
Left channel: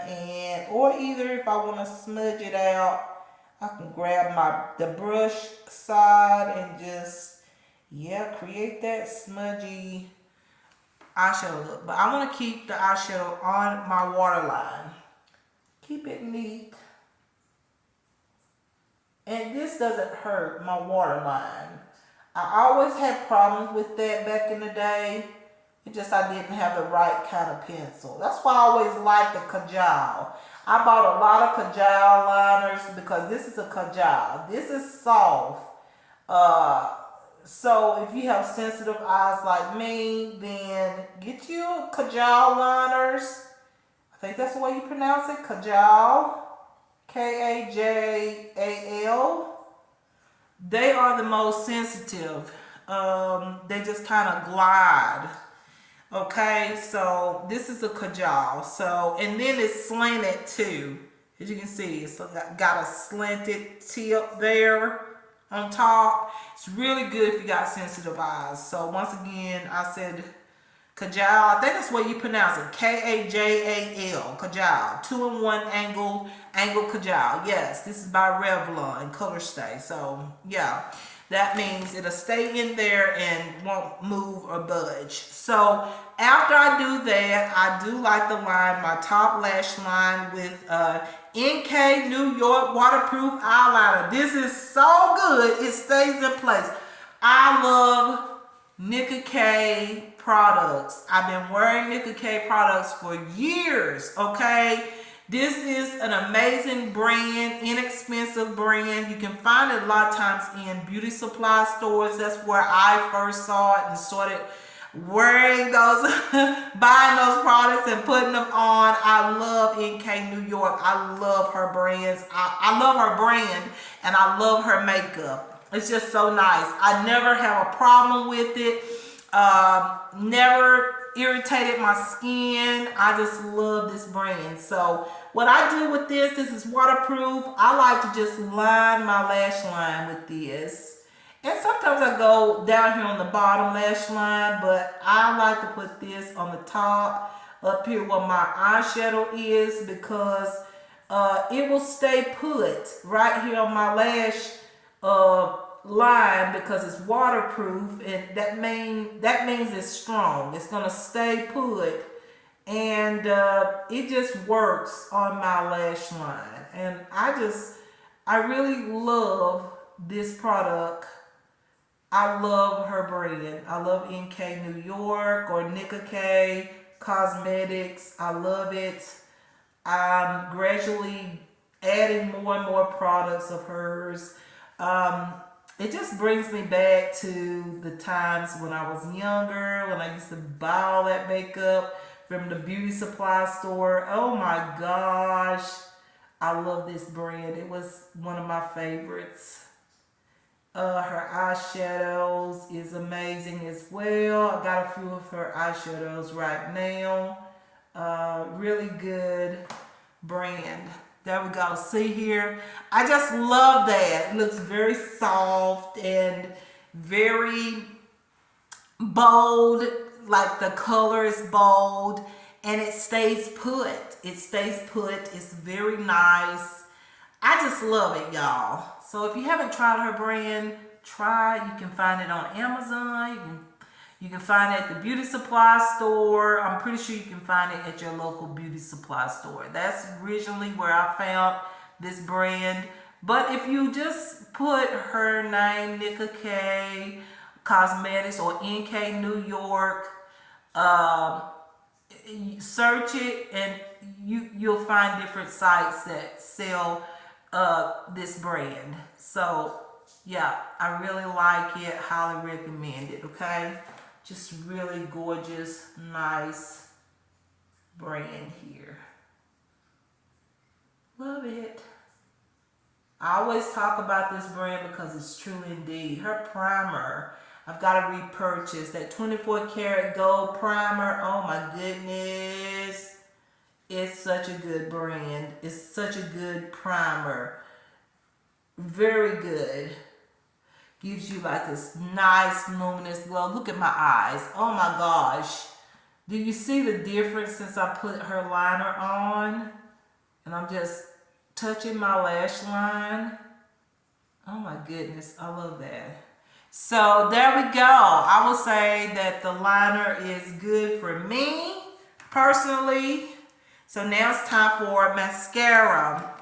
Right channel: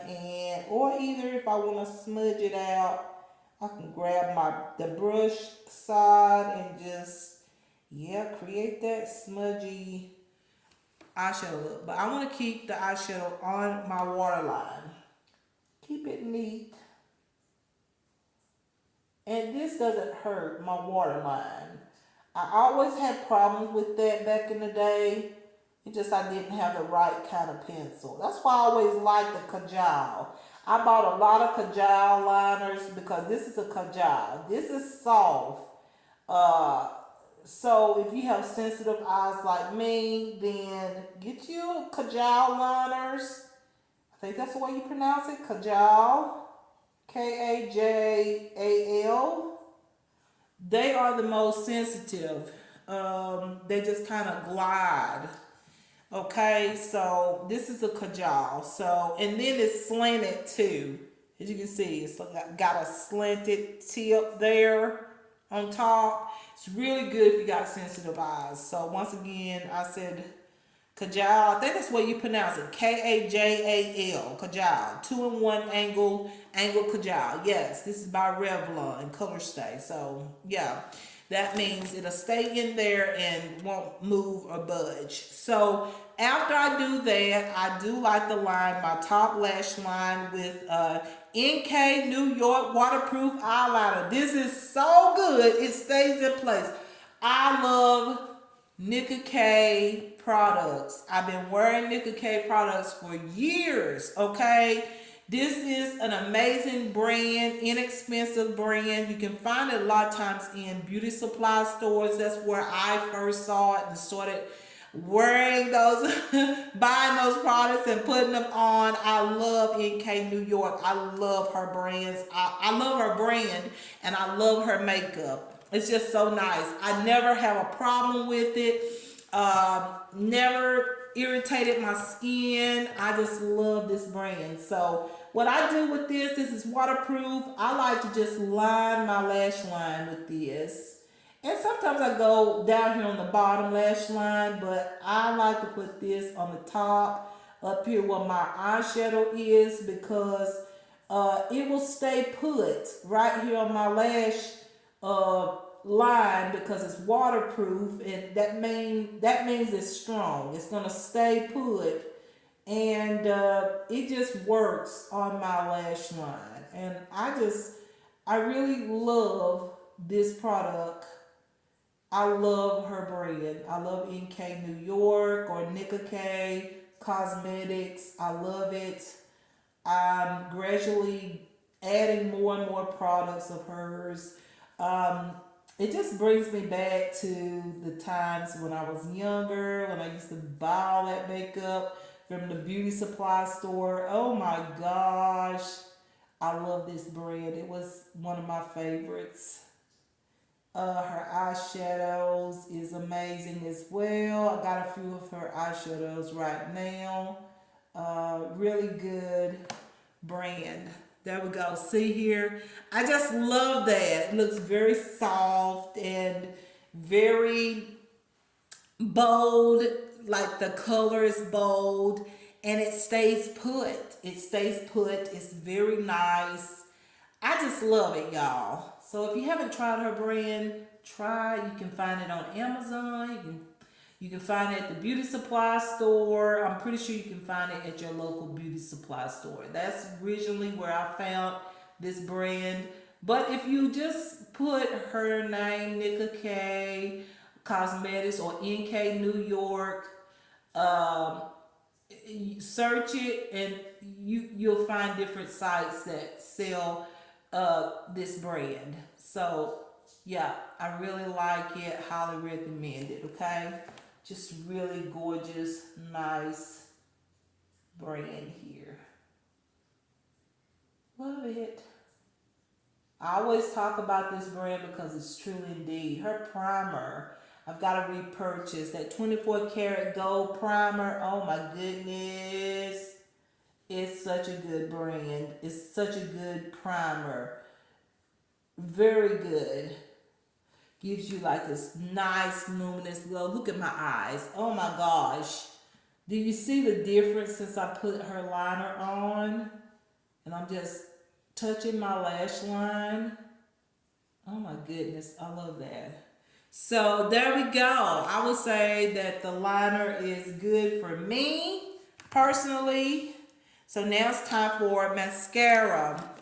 or either if I want to smudge it out, I can grab the brush side and just, create that smudgy eyeshadow look. But I'm going to keep the eyeshadow on my waterline. Keep it neat. And this doesn't hurt my waterline. I always had problems with that back in the day. It just I didn't have the right kind of pencil. That's why I always liked the Kajal. I bought a lot of Kajal liners because this is a Kajal. This is soft. So if you have sensitive eyes like me, then get you Kajal liners. I think that's the way you pronounce it, Kajal. Kajal. They are the most sensitive. They just kind of glide. Okay, so this is a Kajal. So, and then it's slanted too. As you can see, it's got a slanted tip there on top. It's really good if you got sensitive eyes. So once again, I said Kajal. I think that's what you pronounce it. Kajal. Kajal. 2-in-1 angled Kajal. Yes, this is by Revlon Color Stay. So yeah, that means it'll stay in there and won't move or budge. So after I do that, I do like to line my top lash line with NK New York waterproof eyeliner. This is so good. It stays in place. I love Nicka K products. I've been wearing Nicka K products for years, okay? This is an amazing brand, inexpensive brand. You can find it a lot of times in beauty supply stores. That's where I first saw it and started wearing those, buying those products and putting them on. I love NK New York. I love her brands. I love her brand and I love her makeup. It's just so nice. I never have a problem with it. Never irritated my skin. I just love this brand. So what I do with this is waterproof. I like to just line my lash line with this. And sometimes I go down here on the bottom lash line, but I like to put this on the top up here where my eyeshadow is, because it will stay put right here on my lash line because it's waterproof, and that means it's strong. It's gonna stay put, and it just works on my lash line. And I really love this product. I love her brand. I love NK New York or Nicka K Cosmetics. I love it. I'm gradually adding more and more products of hers. Um, it just brings me back to the times when I was younger, when I used to buy all that makeup from the beauty supply store. Oh my gosh, I love this brand. It was one of my favorites. Her eyeshadows is amazing as well. I got a few of her eyeshadows right now. Really good brand. There we go. See here? I just love that. It looks very soft and very bold. Like the color is bold and it stays put. It stays put. It's very nice. I just love it, y'all. So if you haven't tried her brand, try. You can find it on Amazon. You can find it at the beauty supply store. I'm pretty sure you can find it at your local beauty supply store. That's originally where I found this brand. But if you just put her name, Nika K Cosmetics or NK New York, search it and you'll find different sites that sell this brand. So yeah, I really like it. Highly recommend it. Okay, just really gorgeous, nice brand here. Love it. I always talk about this brand because it's true indeed. Her primer, I've got to repurchase that 24 karat gold primer. Oh my goodness. It's such a good brand. It's such a good primer. Very good. Gives you like this nice luminous glow. Look at my eyes. Oh my gosh. Do you see the difference since I put her liner on? And I'm just touching my lash line. Oh my goodness. I love that. So there we go. I will say that the liner is good for me personally. So now it's time for mascara.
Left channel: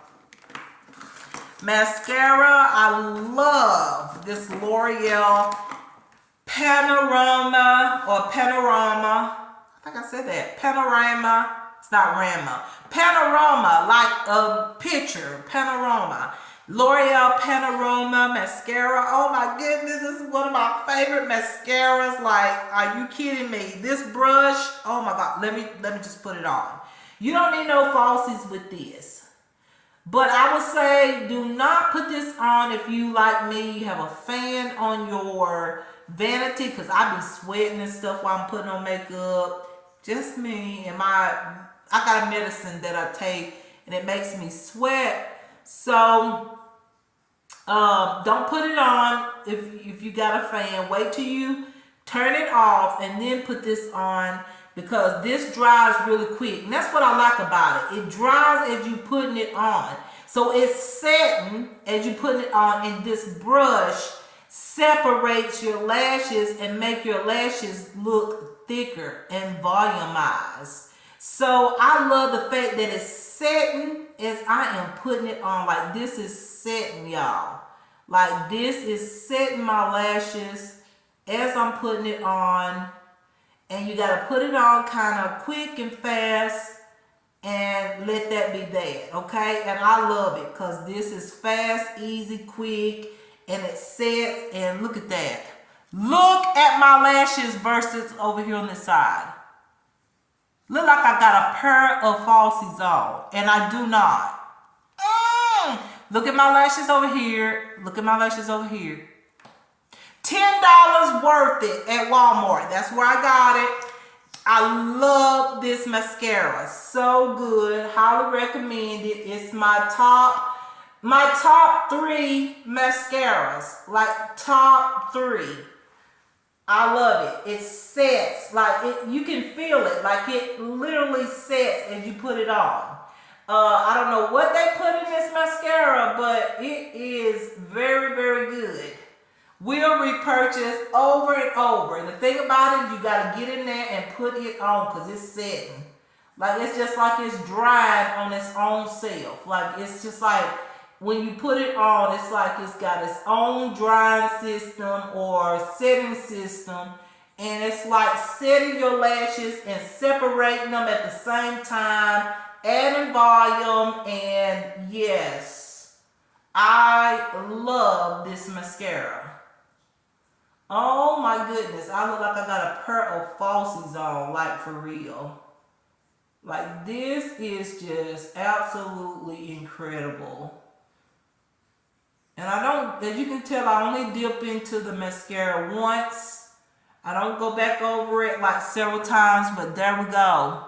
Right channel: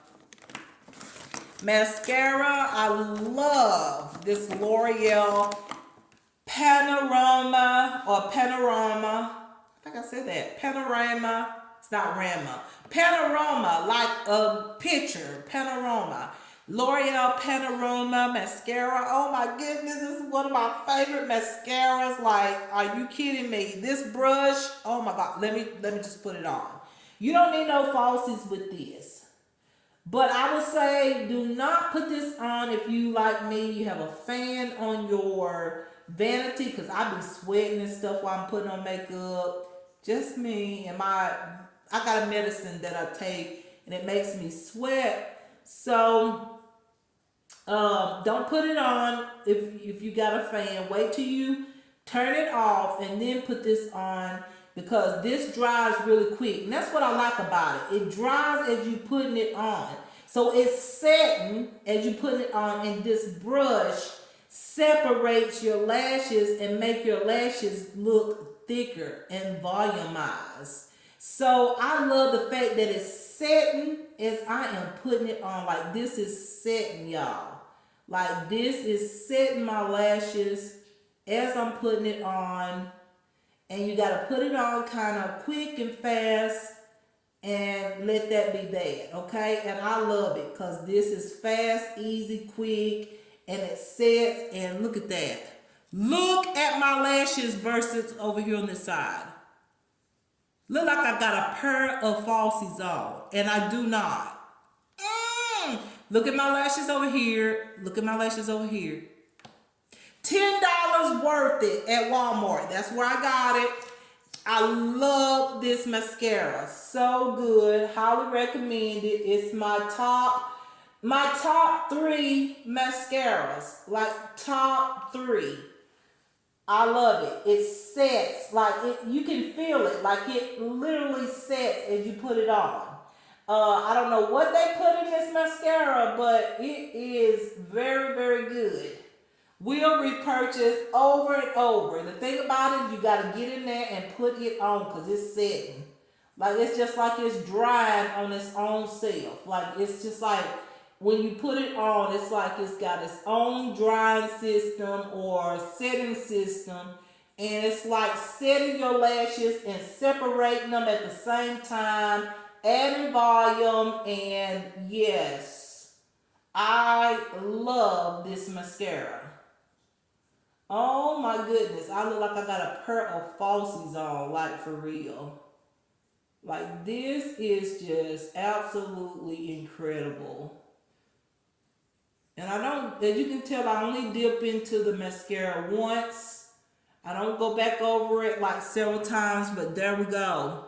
Mascara, I love this L'Oreal Panorama or Panorama. I think I said that. Panorama. It's not Rama. Panorama, like a picture. Panorama. L'Oreal Panorama mascara. Oh my goodness, this is one of my favorite mascaras. Like, are you kidding me? This brush, oh my God. Let me just put it on. You don't need no falsies with this. But I would say do not put this on if you, like me, you have a fan on your vanity, because I've been sweating and stuff while I'm putting on makeup. Just me and I got medicine that I take and it makes me sweat. So don't put it on if you got a fan. Wait till you turn it off and then put this on, because this dries really quick. And that's what I like about it. It dries as you putting it on. So it's setting as you put it on, and this brush separates your lashes and make your lashes look thicker and volumized. So I love the fact that it's setting as I am putting it on. Like, this is setting, y'all. Like, this is setting my lashes as I'm putting it on. And you got to put it on kind of quick and fast and let that be that, okay? And I love it because this is fast, easy, quick, and it sets. And look at that. Look at my lashes versus over here on this side. Look like I got a pair of falsies on, and I do not. Look at my lashes over here. Look at my lashes over here. $10 worth it at Walmart. That's where I got it. I love this mascara. So good. Highly recommend it. It's my top 3 mascaras. Like top 3. I love it. It sets. Like you can feel it. Like it literally sets as you put it on. I don't know what they put in this mascara, but it is very, very good. We'll repurchase over and over. The thing about it, you got to get in there and put it on because it's setting. Like, it's just like it's drying on its own self. Like, it's just like when you put it on, it's like it's got its own drying system or setting system. And it's like setting your lashes and separating them at the same time, adding volume, and yes. I love this mascara. Oh my goodness. I look like I got a pair of falsies on, like for real. Like this is just absolutely incredible. And I don't, as you can tell, I only dip into the mascara once. I don't go back over it like several times, but there we go.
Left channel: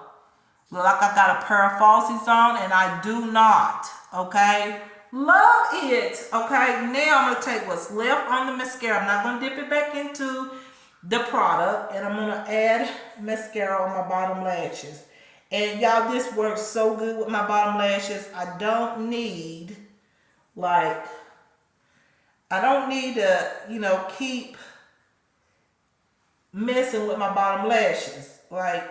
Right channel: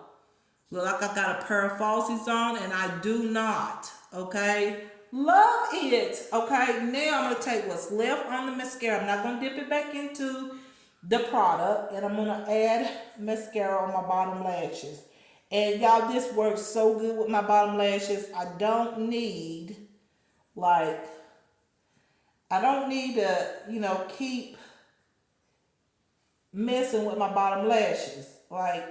Look like I got a pair of falsies on, and I do not, okay? Love it, okay? Now I'm going to take what's left on the mascara. I'm not going to dip it back into the product, and I'm going to add mascara on my bottom lashes. And y'all, this works so good with my bottom lashes. I don't need, like, I don't need to, you know, keep messing with my bottom lashes. Like,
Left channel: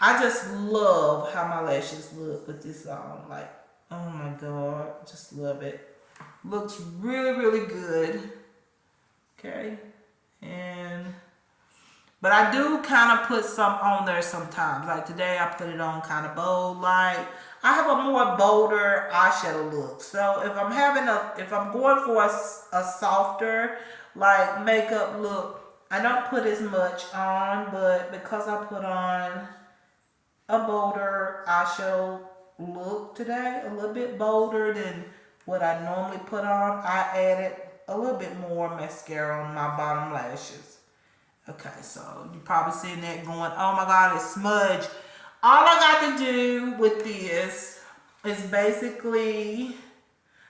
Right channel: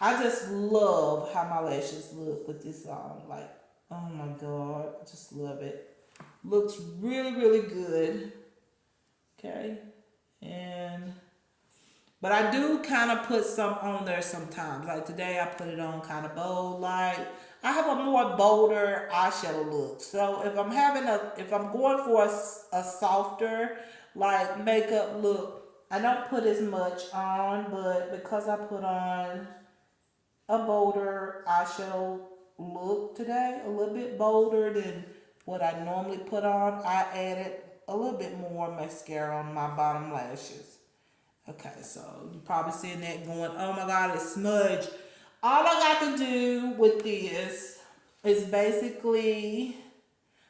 I just love how my lashes look with this on. Like, oh my God, I just love it. Looks really, really good. Okay. But I do kind of put some on there sometimes. Like today I put it on kind of bold light. I have a more bolder eyeshadow look. So if I'm going for a softer like makeup look, I don't put as much on, but because I put on a bolder eyeshadow look today, a little bit bolder than what I normally put on, I added a little bit more mascara on my bottom lashes. Okay, so you're probably seeing that going, oh my God, it's smudge. All I got to do with this is basically,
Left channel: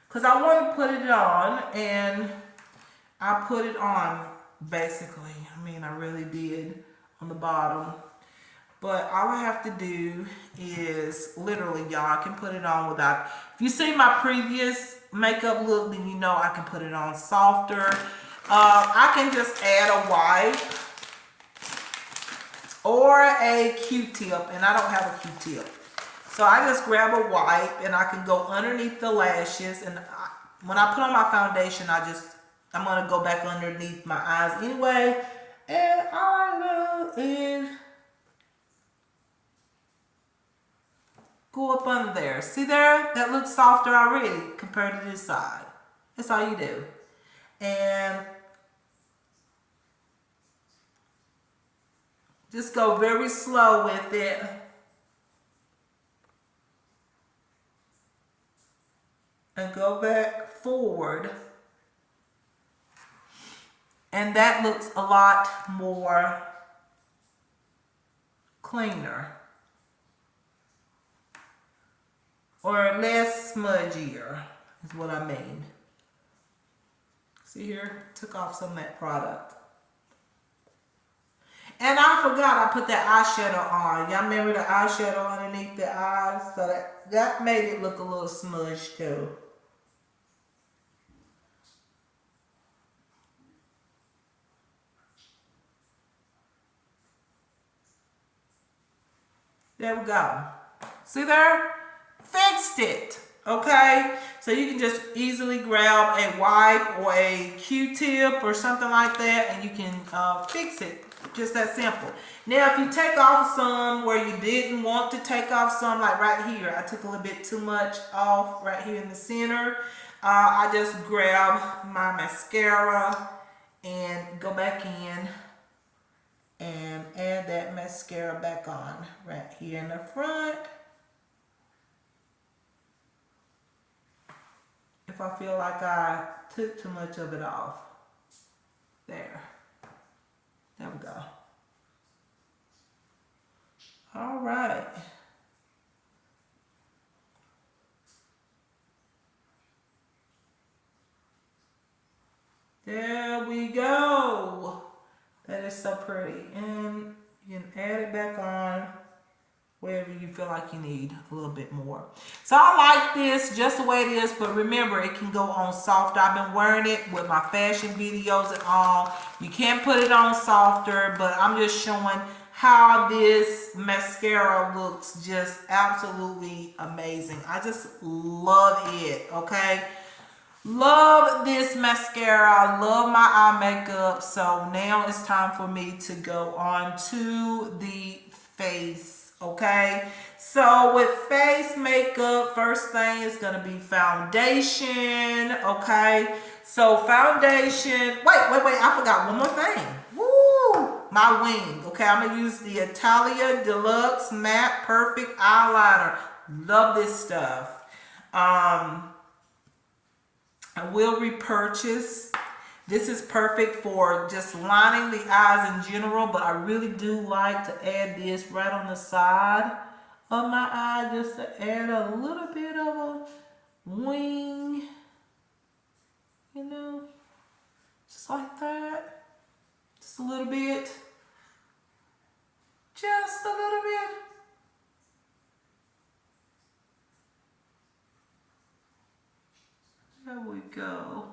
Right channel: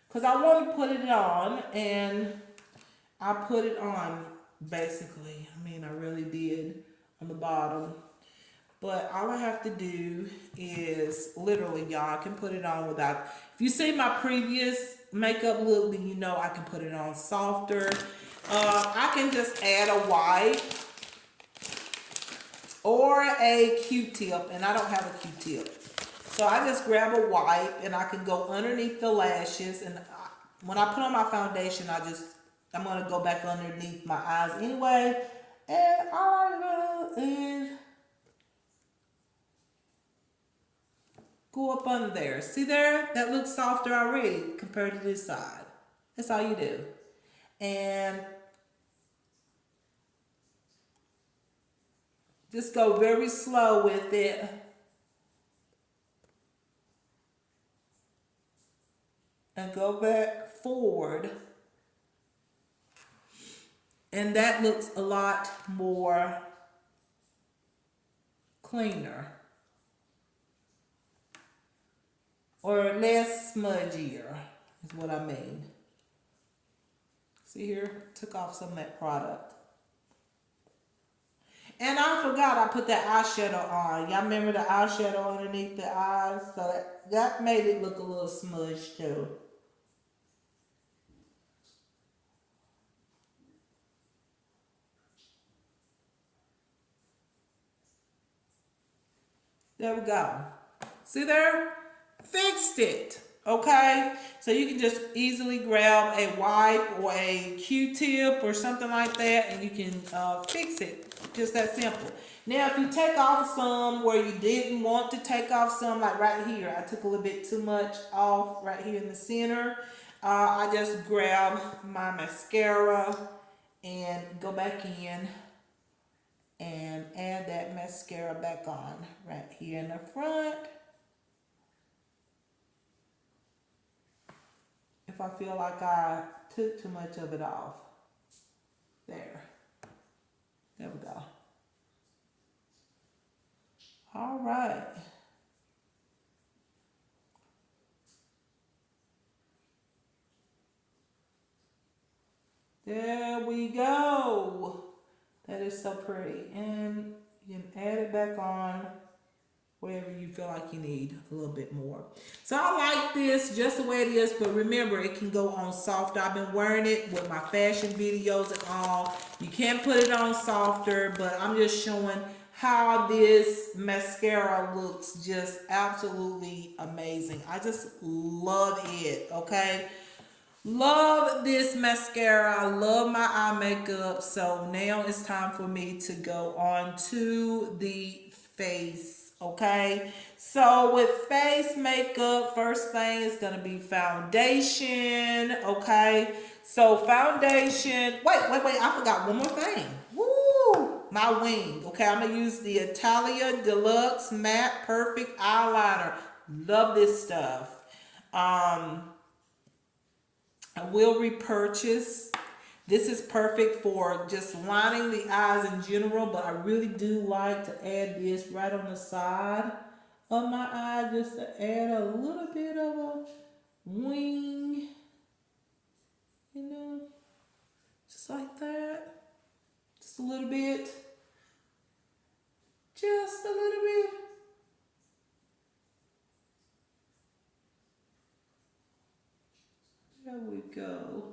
because I want to put it on, and I put it on basically. I mean, I really did on the bottom. But all I have to do is literally, y'all, I can put it on without, if you see my previous makeup look, then you know I can put it on softer. I can just add a wipe or a Q-tip, and I don't have a Q-tip. So I just grab a wipe and I can go underneath the lashes, and when I put on my foundation, I'm going to go back underneath my eyes anyway, and all I do is go up under there. See there? That looks softer already compared to this side. That's all you do. And just go very slow with it. And go back forward. And that looks a lot more cleaner. Or less smudgier is what I mean. See here? Took off some of that product. And I forgot I put that eyeshadow on. Y'all remember the eyeshadow underneath the eyes? So that made it look a little smudged too. There we go. See there? Fixed it. Okay? So you can just easily grab a wipe or a Q-tip or something like that, and you can fix it. Just that simple. Now, if you take off some where you didn't want to take off some, like right here, I took a little bit too much off right here in the center. I just grab my mascara and go back in and add that mascara back on right here in the front. If I feel like I took too much of it off. There. There we go. All right. There we go. That is so pretty. And you can add it back on wherever you feel like you need a little bit more. So I like this just the way it is, but remember, it can go on softer. I've been wearing it with my fashion videos and all. You can put it on softer, but I'm just showing how this mascara looks just absolutely amazing. I just love it, okay? Love this mascara. I love my eye makeup. So now it's time for me to go on to the face Okay, so with face makeup, first thing is gonna be foundation. Okay, so foundation. Wait! I forgot one more thing. Woo! My wing. Okay, I'm gonna use the Italia Deluxe Matte Perfect Eyeliner. Love this stuff. I will repurchase. This is perfect for just lining the eyes in general, but I really do like to add this right on the side of my eye just to add a little bit of a wing, you know, just like that. Just a little bit. Just a little bit. There we go.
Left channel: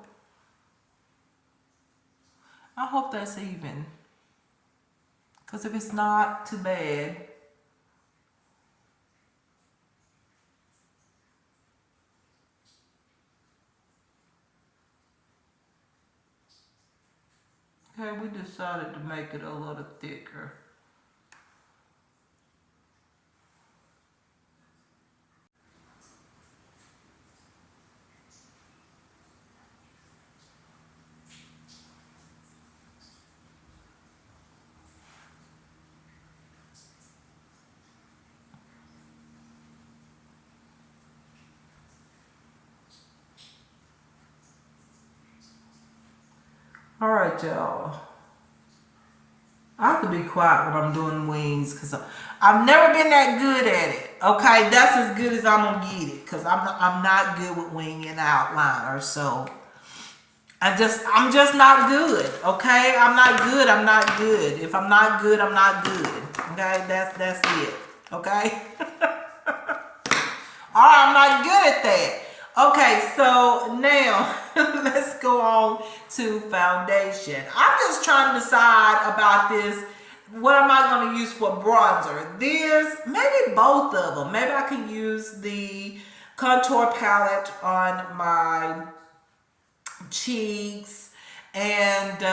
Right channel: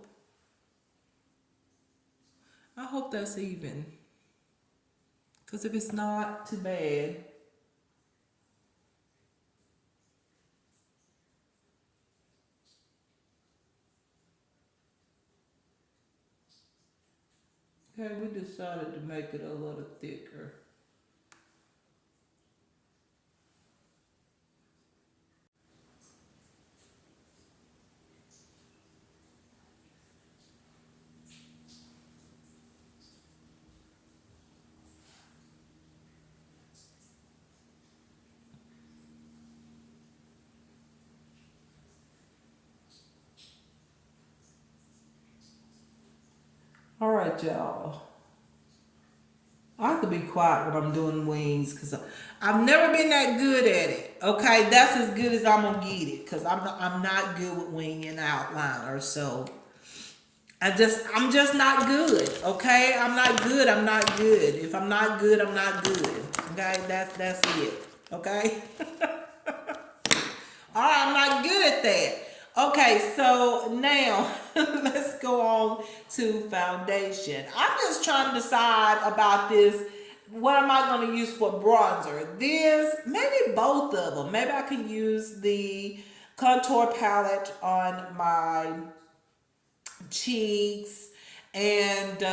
I hope that's even. Because if it's not, too bad. Okay, we decided to make it a little thicker. All right, y'all. I have to be quiet when I'm doing wings because I've never been that good at it. Okay, that's as good as I'm gonna get it because I'm not good with wing and outliner. So I'm just not good. Okay, I'm not good. I'm not good. If I'm not good, I'm not good. Okay, that's it. Okay. All right, I'm not good at that. Okay, so now let's go on to foundation. I'm just trying to decide about this. What am I going to use for bronzer? There's maybe both of them. Maybe I can use the contour palette on my cheeks and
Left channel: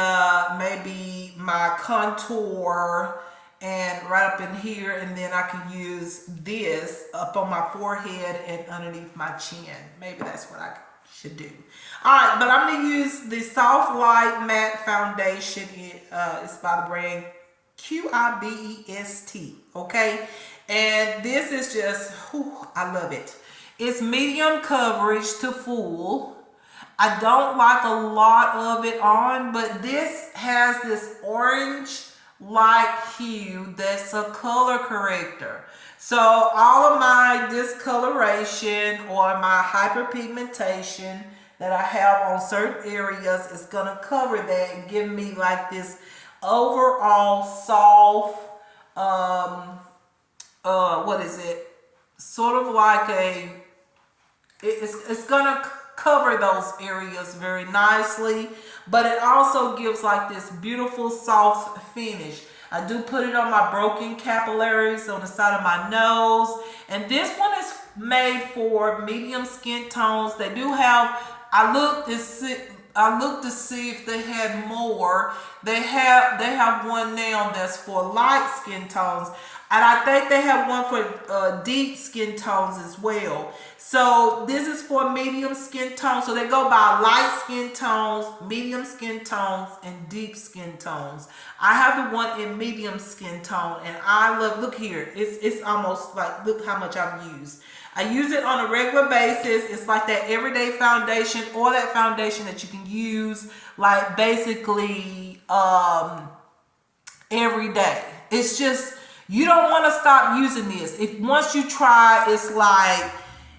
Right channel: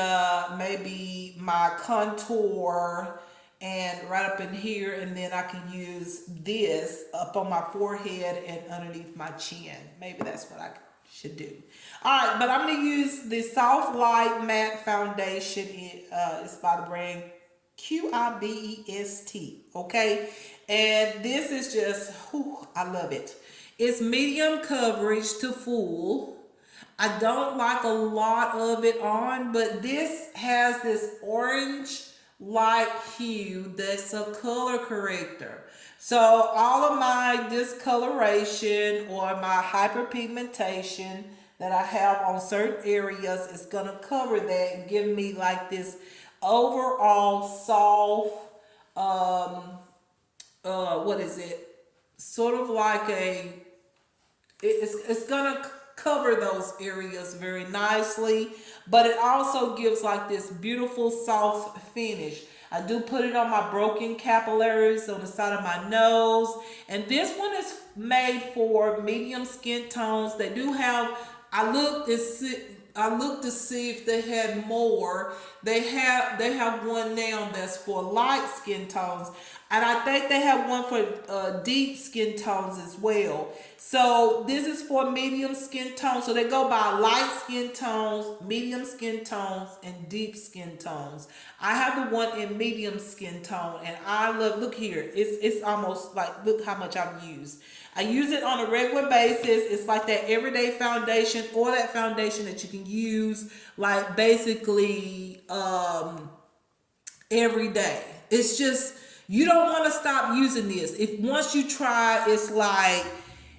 maybe my contour and right up in here, and then I can use this up on my forehead and underneath my chin. Maybe that's what I should do. All right, but I'm gonna use the Soft Light Matte Foundation. It's by the brand QIBEST, okay? And this is just, whew, I love it. It's medium coverage to full. I don't like a lot of it on, but this has this orange light hue that's a color corrector. So all of my discoloration or my hyperpigmentation that I have on certain areas is gonna cover that and give me like this overall soft, what is it? Sort of like it's gonna cover those areas very nicely, but it also gives like this beautiful soft finish. I do put it on my broken capillaries on the side of my nose, and this one is made for medium skin tones. They do have, I looked to see if they had more. They have one now that's for light skin tones, and I think they have one for deep skin tones as well. So this is for medium skin tones. So they go by light skin tones, medium skin tones, and deep skin tones. I have the one in medium skin tone, and I love, look here, it's almost like, look how much I've used. I use it on a regular basis. It's like that everyday foundation, or that foundation that you can use like basically every day. It's just, you don't want to stop using this. If once you try, it's like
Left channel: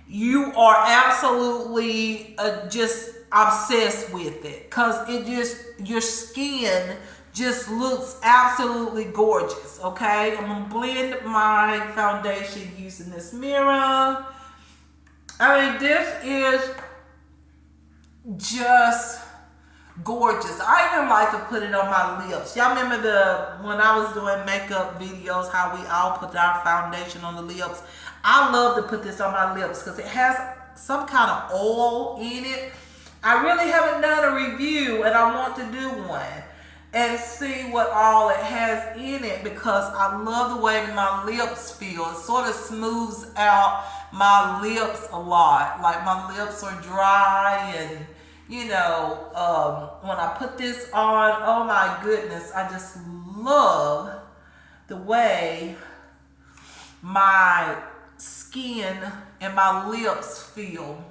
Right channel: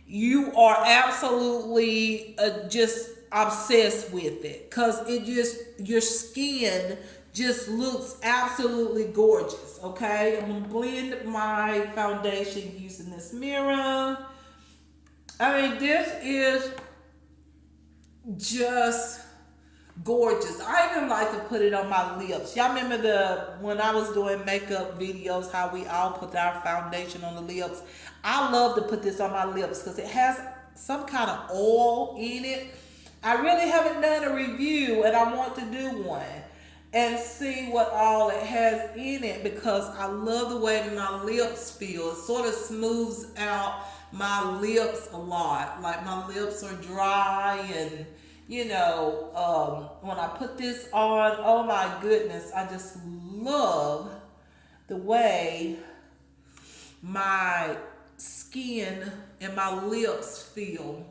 you are absolutely just obsessed with it, because it just, your skin just looks absolutely gorgeous. Okay, I'm gonna blend my foundation using this mirror. I mean, this is just gorgeous. I even like to put it on my lips. Y'all remember when I was doing makeup videos, how we all put our foundation on the lips? I love to put this on my lips because it has some kind of oil in it. I really haven't done a review, and I want to do one. and see what all it has in it, because I love the way my lips feel. It sort of smooths out my lips a lot. Like my lips are dry, and when I put this on, oh my goodness, I just love the way my skin and my lips feel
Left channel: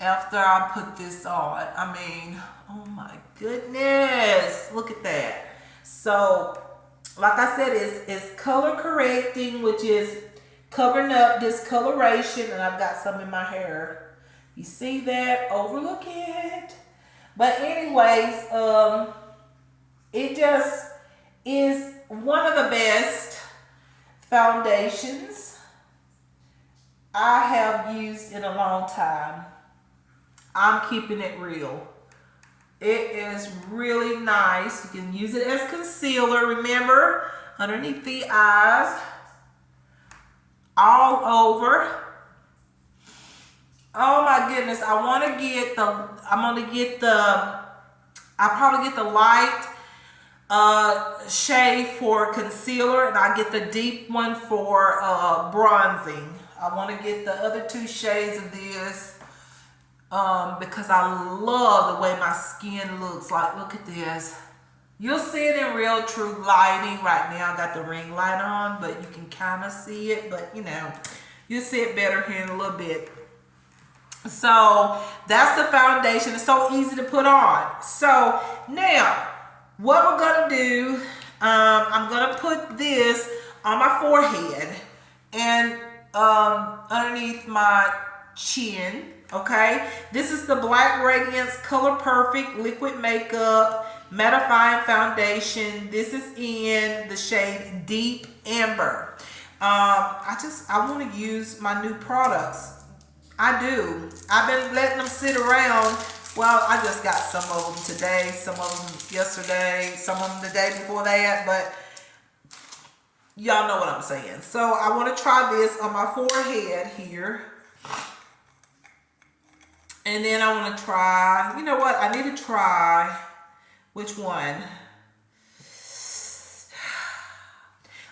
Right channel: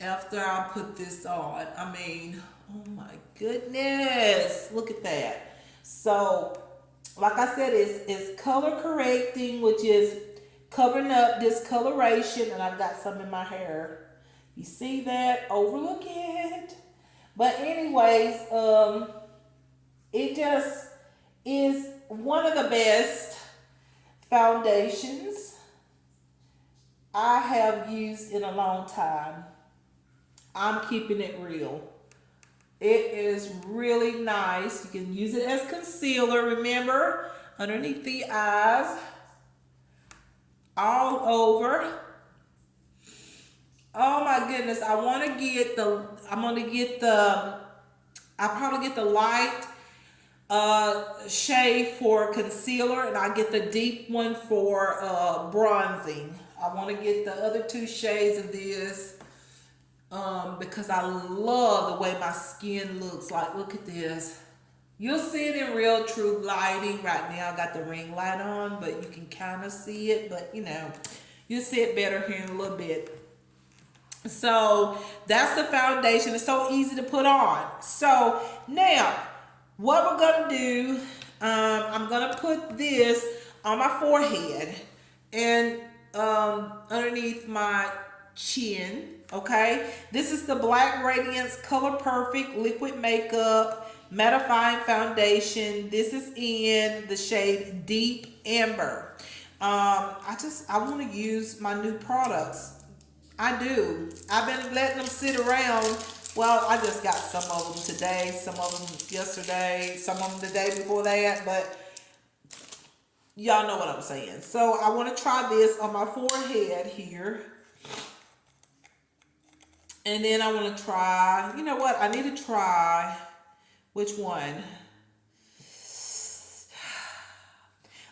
after I put this on. I mean, oh my goodness, look at that. So, like I said, it's color correcting, which is covering up discoloration, and I've got some in my hair. You see that? Overlook it. But anyways, it just is one of the best foundations I have used in a long time. I'm keeping it real. It is really nice. You can use it as concealer, remember, underneath the eyes, all over. Oh my goodness, I'll probably get the light shade for concealer, and I get the deep one for bronzing. I want to get the other two shades of this because I love the way my skin looks. Like, look at this. You'll see it in real true lighting. Right now I got the ring light on, but you can kind of see it, but you'll see it better here in a little bit. So that's the foundation. It's so easy to put on. So now what we're gonna do, I'm gonna put this on my forehead and underneath my chin. Okay, this is the Black Radiance Color Perfect Liquid Makeup Mattifying Foundation. This is in the shade Deep Amber. I want to use my new products. I do. I've been letting them sit around. Well, I just got some of them today, some of them yesterday, some of them the day before that, but y'all know what I'm saying. So I want to try this on my forehead here. And then I want to try, you know what? I need to try, which one?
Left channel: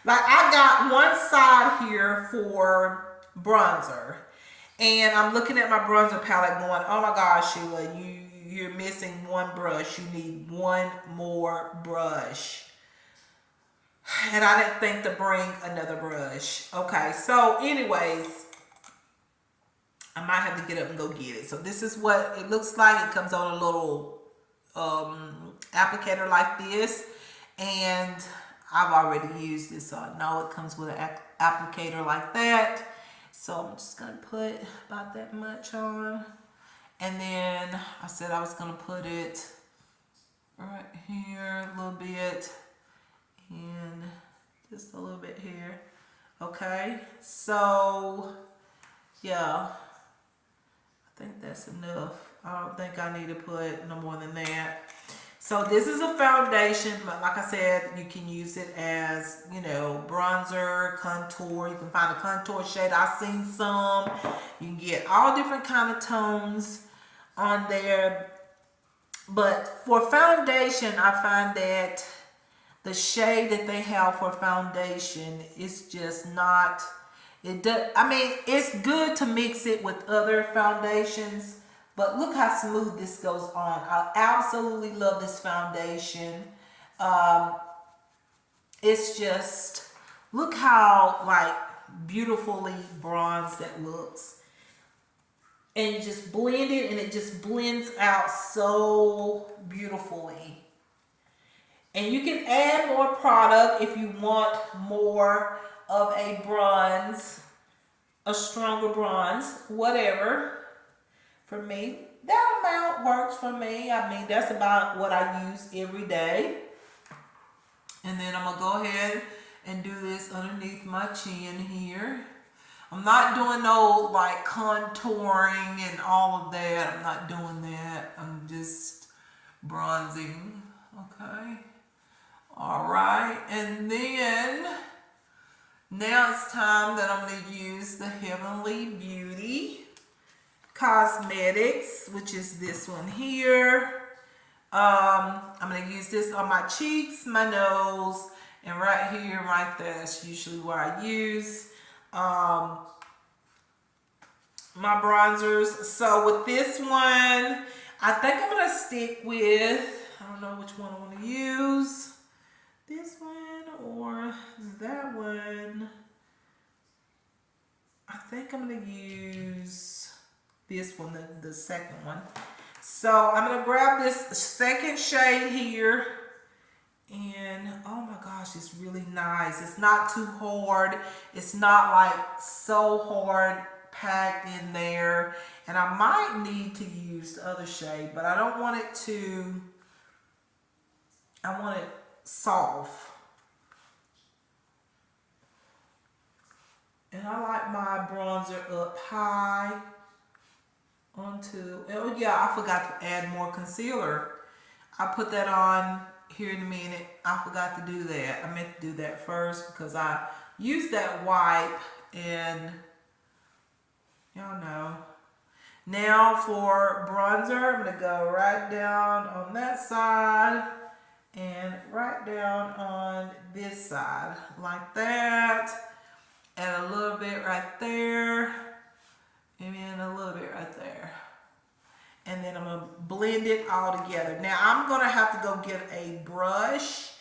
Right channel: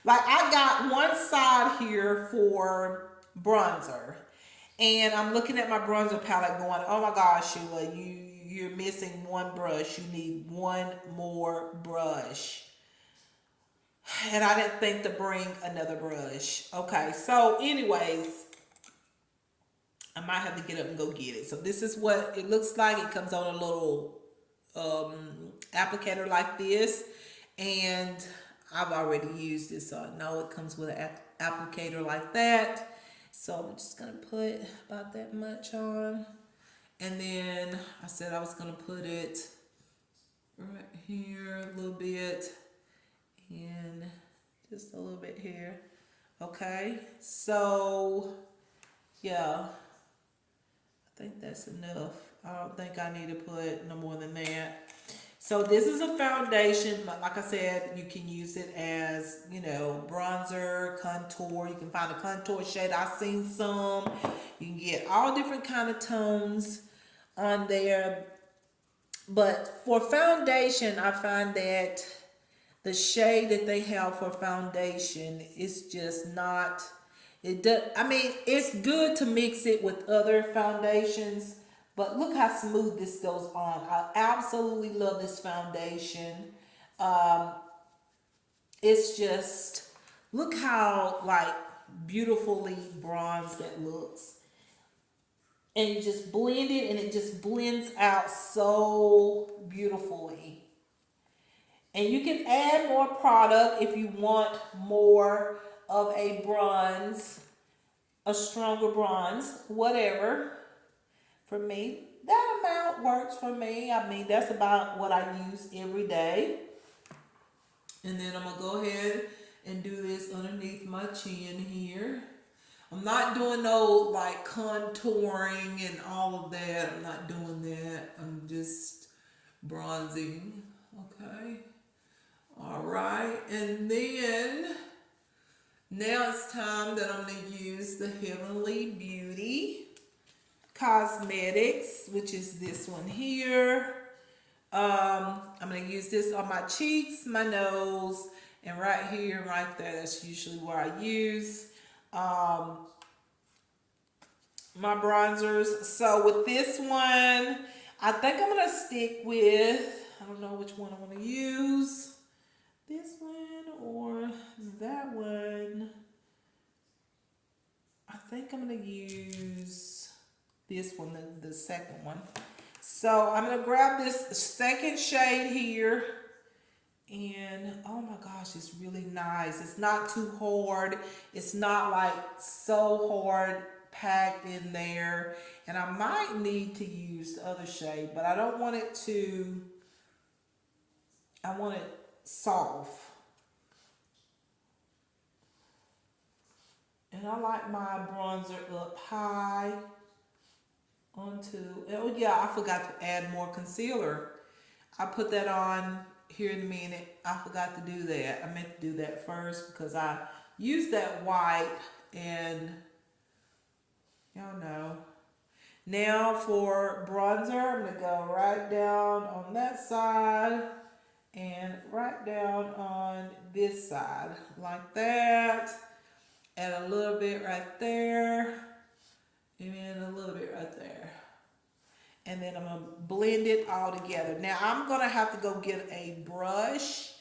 Like, I got one side here for bronzer. And I'm looking at my bronzer palette going, oh my gosh, Sheila, you're missing one brush. You need one more brush. And I didn't think to bring another brush. Okay, so anyways, I might have to get up and go get it. So this is what it looks like. It comes on a little applicator like this. And I've already used this, so I know it comes with an applicator like that. So I'm just going to put about that much on. And then I said I was going to put it right here a little bit. And just a little bit here. Okay. So, yeah. I think that's enough. I don't think I need to put no more than that. So this is a foundation, but like I said, you can use it as, bronzer, contour. You can find a contour shade. I've seen some. You can get all different kind of tones on there. But for foundation, I find that the shade that they have for foundation is just not, it's good to mix it with other foundations. But look how smooth this goes on. I absolutely love this foundation. It's just, look how beautifully bronzed it looks. And you just blend it and it just blends out so beautifully. And you can add more product if you want more of a bronze, a stronger bronze, whatever. For me, that amount works for me. I mean, that's about what I use every day. And then I'm going to go ahead and do this underneath my chin here. I'm not doing no contouring and all of that. I'm not doing that. I'm just bronzing. Okay. All right. And then now it's time that I'm going to use the Heavenly Beauty Cosmetics, which is this one here. I'm going to use this on my cheeks, my nose, and right here, right there. That's usually where I use my bronzers. So with this one, I think I'm going to stick with, I don't know which one I want to use. This one or that one. I think I'm going to use this one, the second one. So I'm going to grab this second shade here. And oh my gosh, it's really nice. It's not too hard. It's not like so hard packed in there. And I might need to use the other shade, but I don't want it to, I want it soft. And I like my bronzer up high onto, oh yeah, I forgot to add more concealer. I put that on here in a minute. I forgot to do that. I meant to do that first because I used that wipe and y'all know. Now for bronzer, I'm going to go right down on that side and right down on this side like that. And a little bit right there and then a little bit right there. And then I'm going to blend it all together. Now I'm going to have to go get a brush.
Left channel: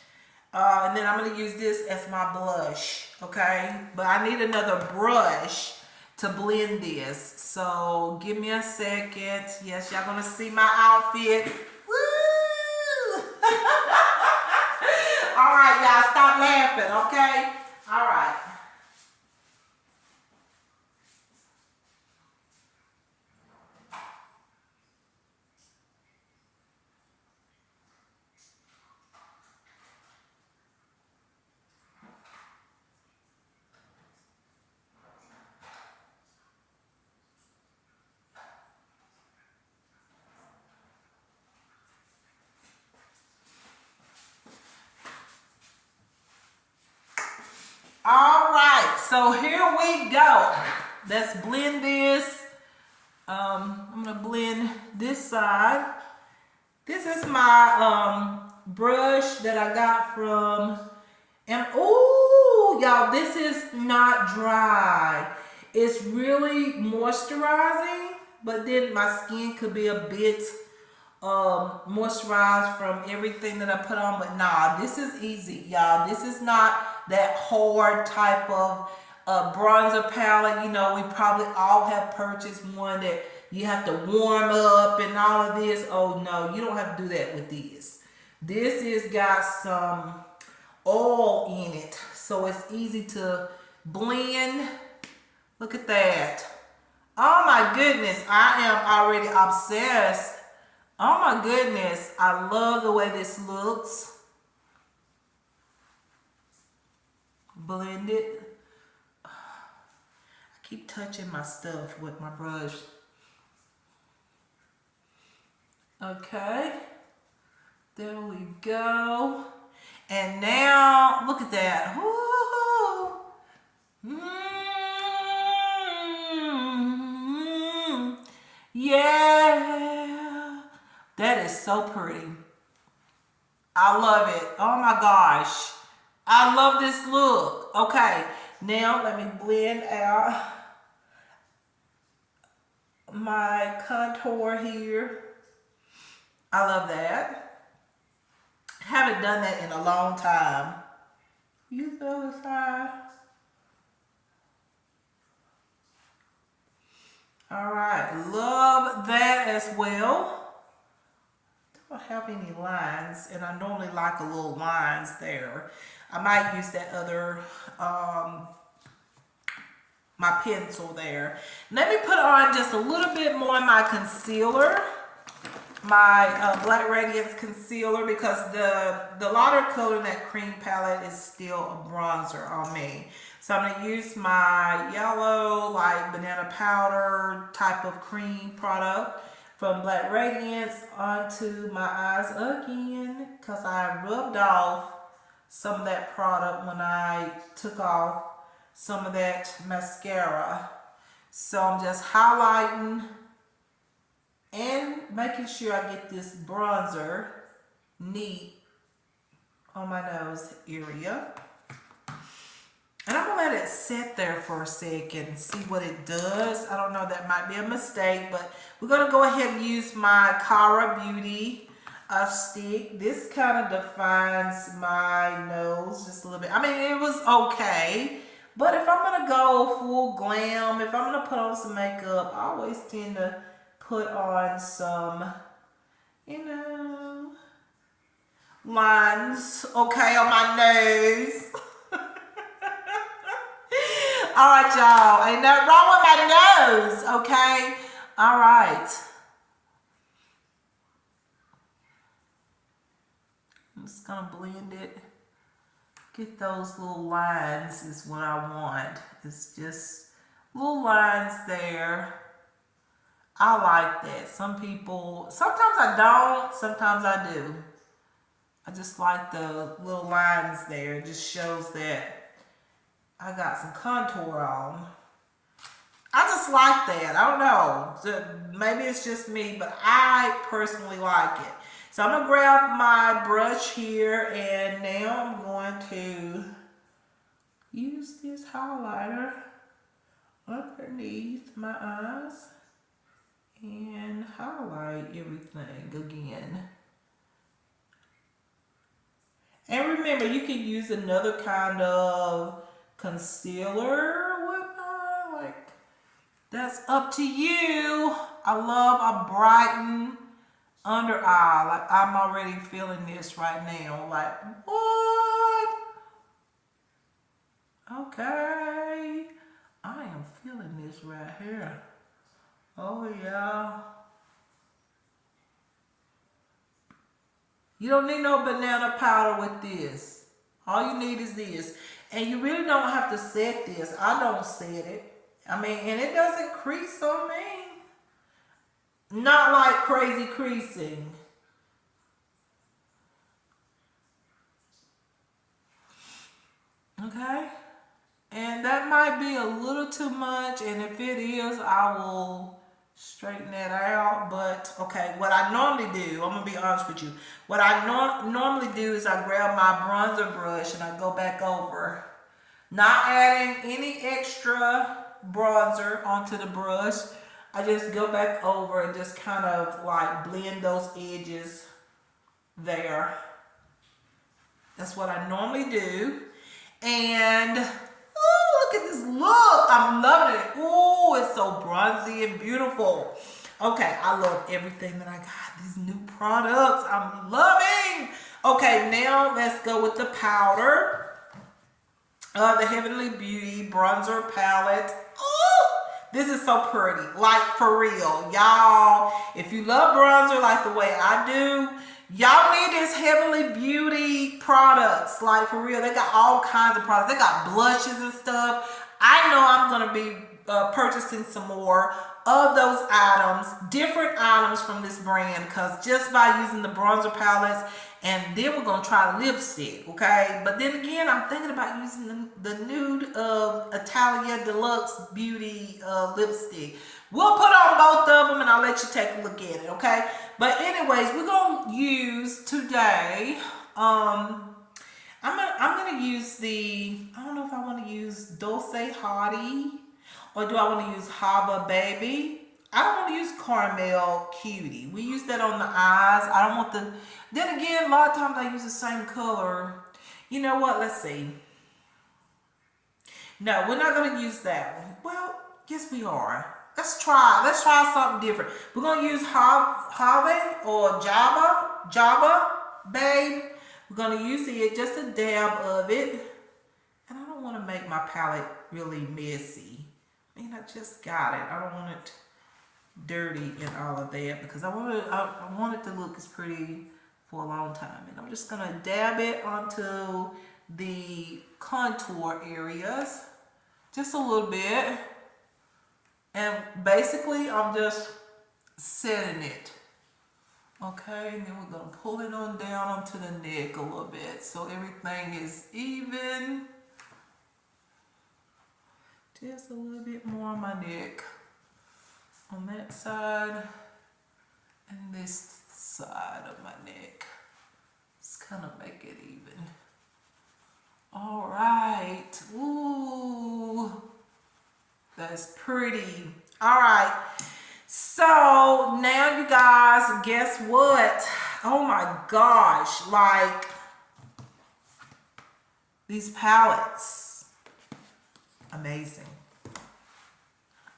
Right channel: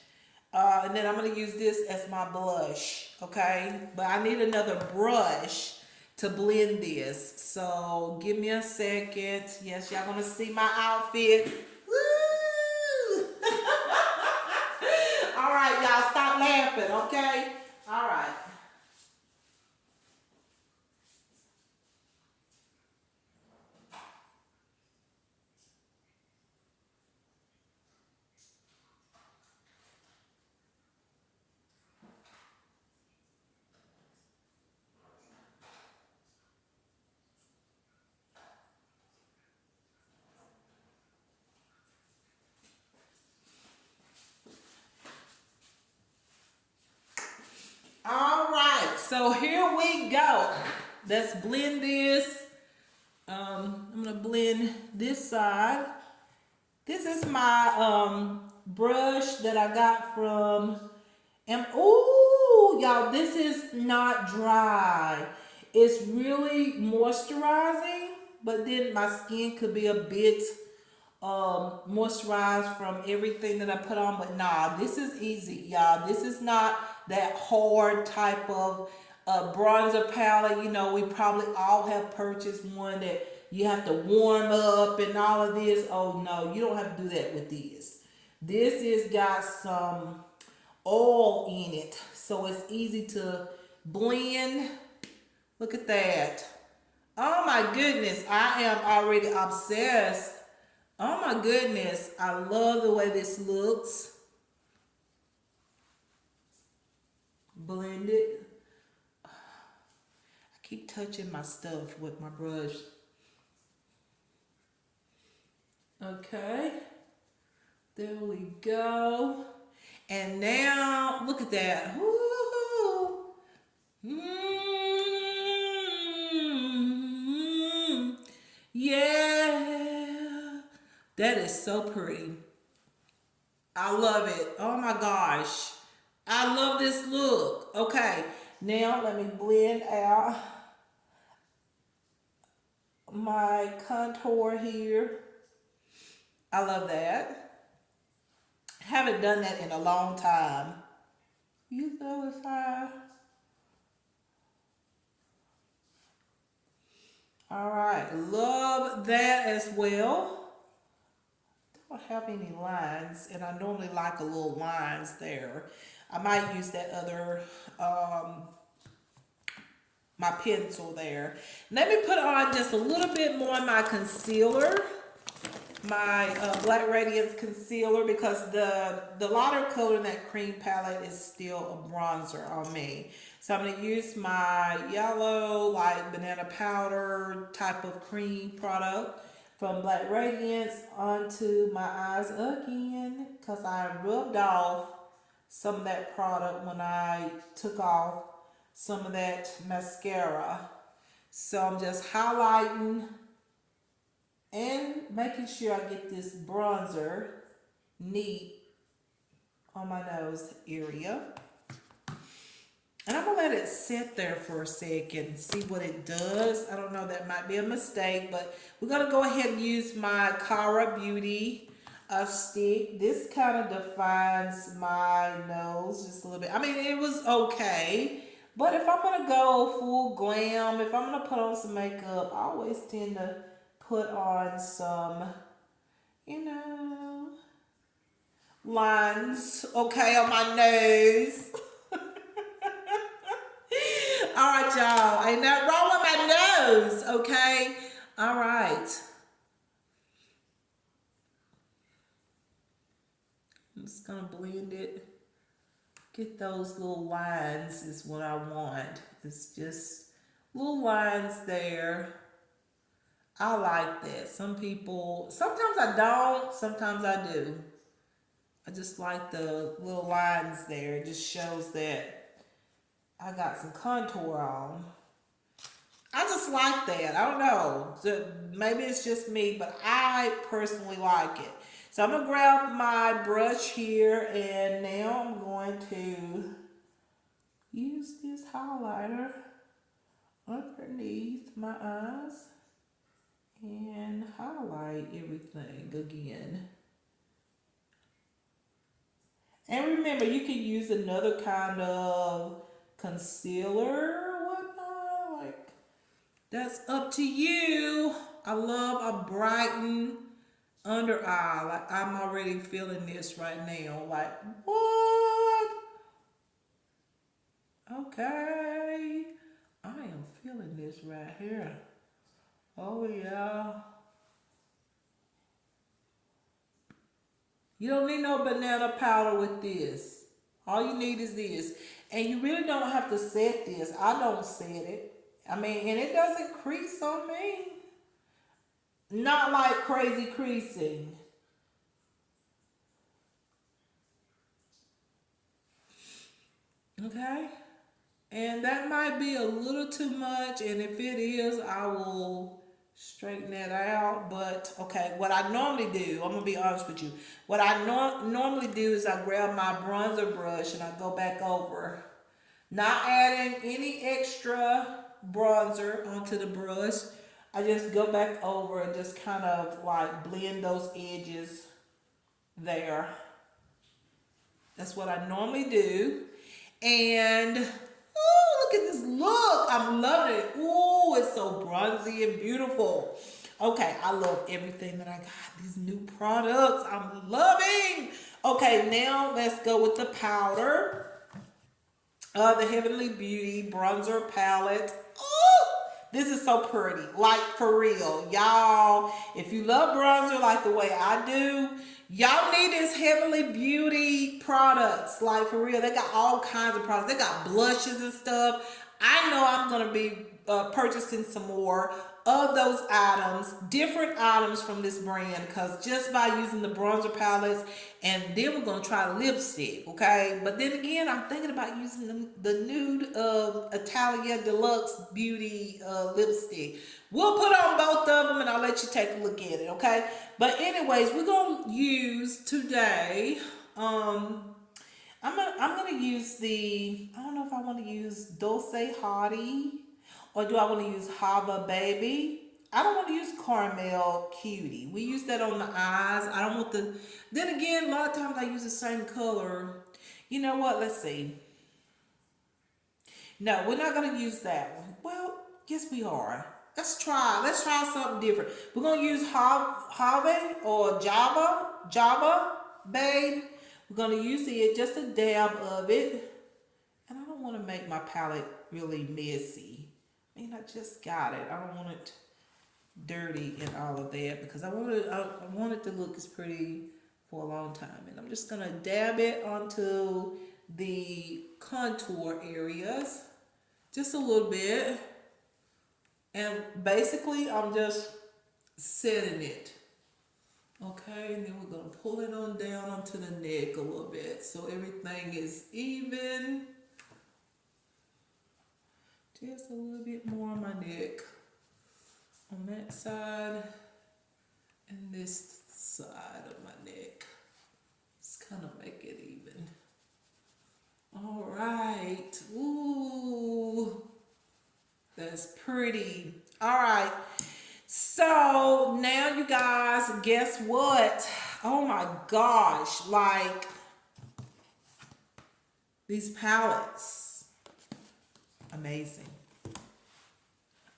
And then I'm going to use this as my blush. Okay. But I need another brush to blend this. So give me a second. Yes, y'all going to see my outfit. Woo! All right, y'all. Stop laughing. Okay. All right. All right, so here we go. Let's blend this. I'm gonna blend this side. This is my brush that I got from, and ooh, y'all, this is not dry. It's really moisturizing, but then my skin could be a bit moisturized from everything that I put on, but nah, this is easy, y'all. This is not that hard type of bronzer palette. You know, we probably all have purchased one that you have to warm up and all of this. Oh no, you don't have to do that with this. This is got some oil in it, so it's easy to blend. Look at that. Oh my goodness, I am already obsessed. Oh my goodness, I love the way this looks. Blend it. I keep touching my stuff with my brush. Okay, there we go. And now, look at that. Woo-hoo. Yeah, that is so pretty. I love it. Oh my gosh. I love this look. Okay, now let me blend out my contour here. I love that. Haven't done that in a long time. Use the other side. All right, love that as well. Don't have any lines, and I normally like a little lines there. I might use that other my pencil there. Let me put on just a little bit more of my concealer, my Black Radiance concealer, because the lighter color in that cream palette is still a bronzer on me. So I'm going to use my yellow, like banana powder type of cream product from Black Radiance onto my eyes again, because I rubbed off some of that product when I took off some of that mascara. So I'm just highlighting and making sure I get this bronzer neat on my nose area. And I'm gonna let it sit there for a second, see what it does. I don't know, that might be a mistake, but we're gonna go ahead and use my Cara Beauty stick. This kind of defines my nose just a little bit. I mean, it was okay, but if I'm gonna go full glam, if I'm gonna put on some makeup, I always tend to put on some, you know, lines, okay, on my nose. All right, y'all. Ain't nothing wrong with my nose, okay? All right. I'm just gonna blend it. Get those little lines is what I want. It's just little lines there. I like that. Some people, sometimes I don't, sometimes I do. I just like the little lines there. It just shows that I got some contour on. I just like that. I don't know. Maybe it's just me, but I personally like it. So I'm going to grab my brush here, and now I'm going to use this highlighter underneath my eyes and highlight everything again. And remember, you can use another kind of concealer or whatnot. Like, that's up to you. I love a brightened under eye. Like, I'm already feeling this right now. Like, what? Okay. I am feeling this right here. Oh, yeah. You don't need no banana powder with this. All you need is this. And you really don't have to set this. I don't set it. I mean, and it doesn't crease on me. Not like crazy creasing. Okay? And that might be a little too much. And if it is, I will straighten that out. But okay, what I normally do, I'm gonna be honest with you. What I normally do is I grab my bronzer brush and I go back over, not adding any extra bronzer onto the brush. I just go back over and just kind of like blend those edges there. That's what I normally do. And oh, look at this look. I'm loving it. Oh, it's so bronzy and beautiful. Okay, I love everything that I got. These new products, I'm loving. Okay, now let's go with the powder. The Heavenly Beauty Bronzer Palette. Oh, this is so pretty. Like, for real. Y'all, if you love bronzer like the way I do, y'all need this Heavenly Beauty products. Like, for real. They got all kinds of products. They got blushes and stuff. I know I'm going to be purchasing some more of those items, different items from this brand, because just by using the bronzer palettes, and then we're going to try lipstick, okay? But then again, I'm thinking about using the nude Italia Deluxe Beauty lipstick. We'll put on both of them and I'll let you take a look at it, okay? But anyways, we're going to use today, I'm gonna use I don't know if I want to use Dulce Hottie or do I want to use Hava Baby. I don't want to use Caramel Cutie. We use that on the eyes. I don't want then again, a lot of times I use the same color. You know what? Let's see. No, we're not gonna use that one. Well, yes we are. Let's try something different. We're gonna use Have or Java Babe. We're going to use it, just a dab of it. And I don't want to make my palette really messy. I mean, I just got it. I don't want it dirty and all of that because I want it to look as pretty for a long time. And I'm just going to dab it onto the contour areas just a little bit. And basically, I'm just setting it. Okay, and then we're going to pull it on down onto the neck a little bit so everything is even. Just a little bit more on my neck. On that side and this side of my neck. kind of make it even. All right. Ooh, that's pretty. All right. So now you guys, guess what? Oh my gosh, like these palettes, amazing.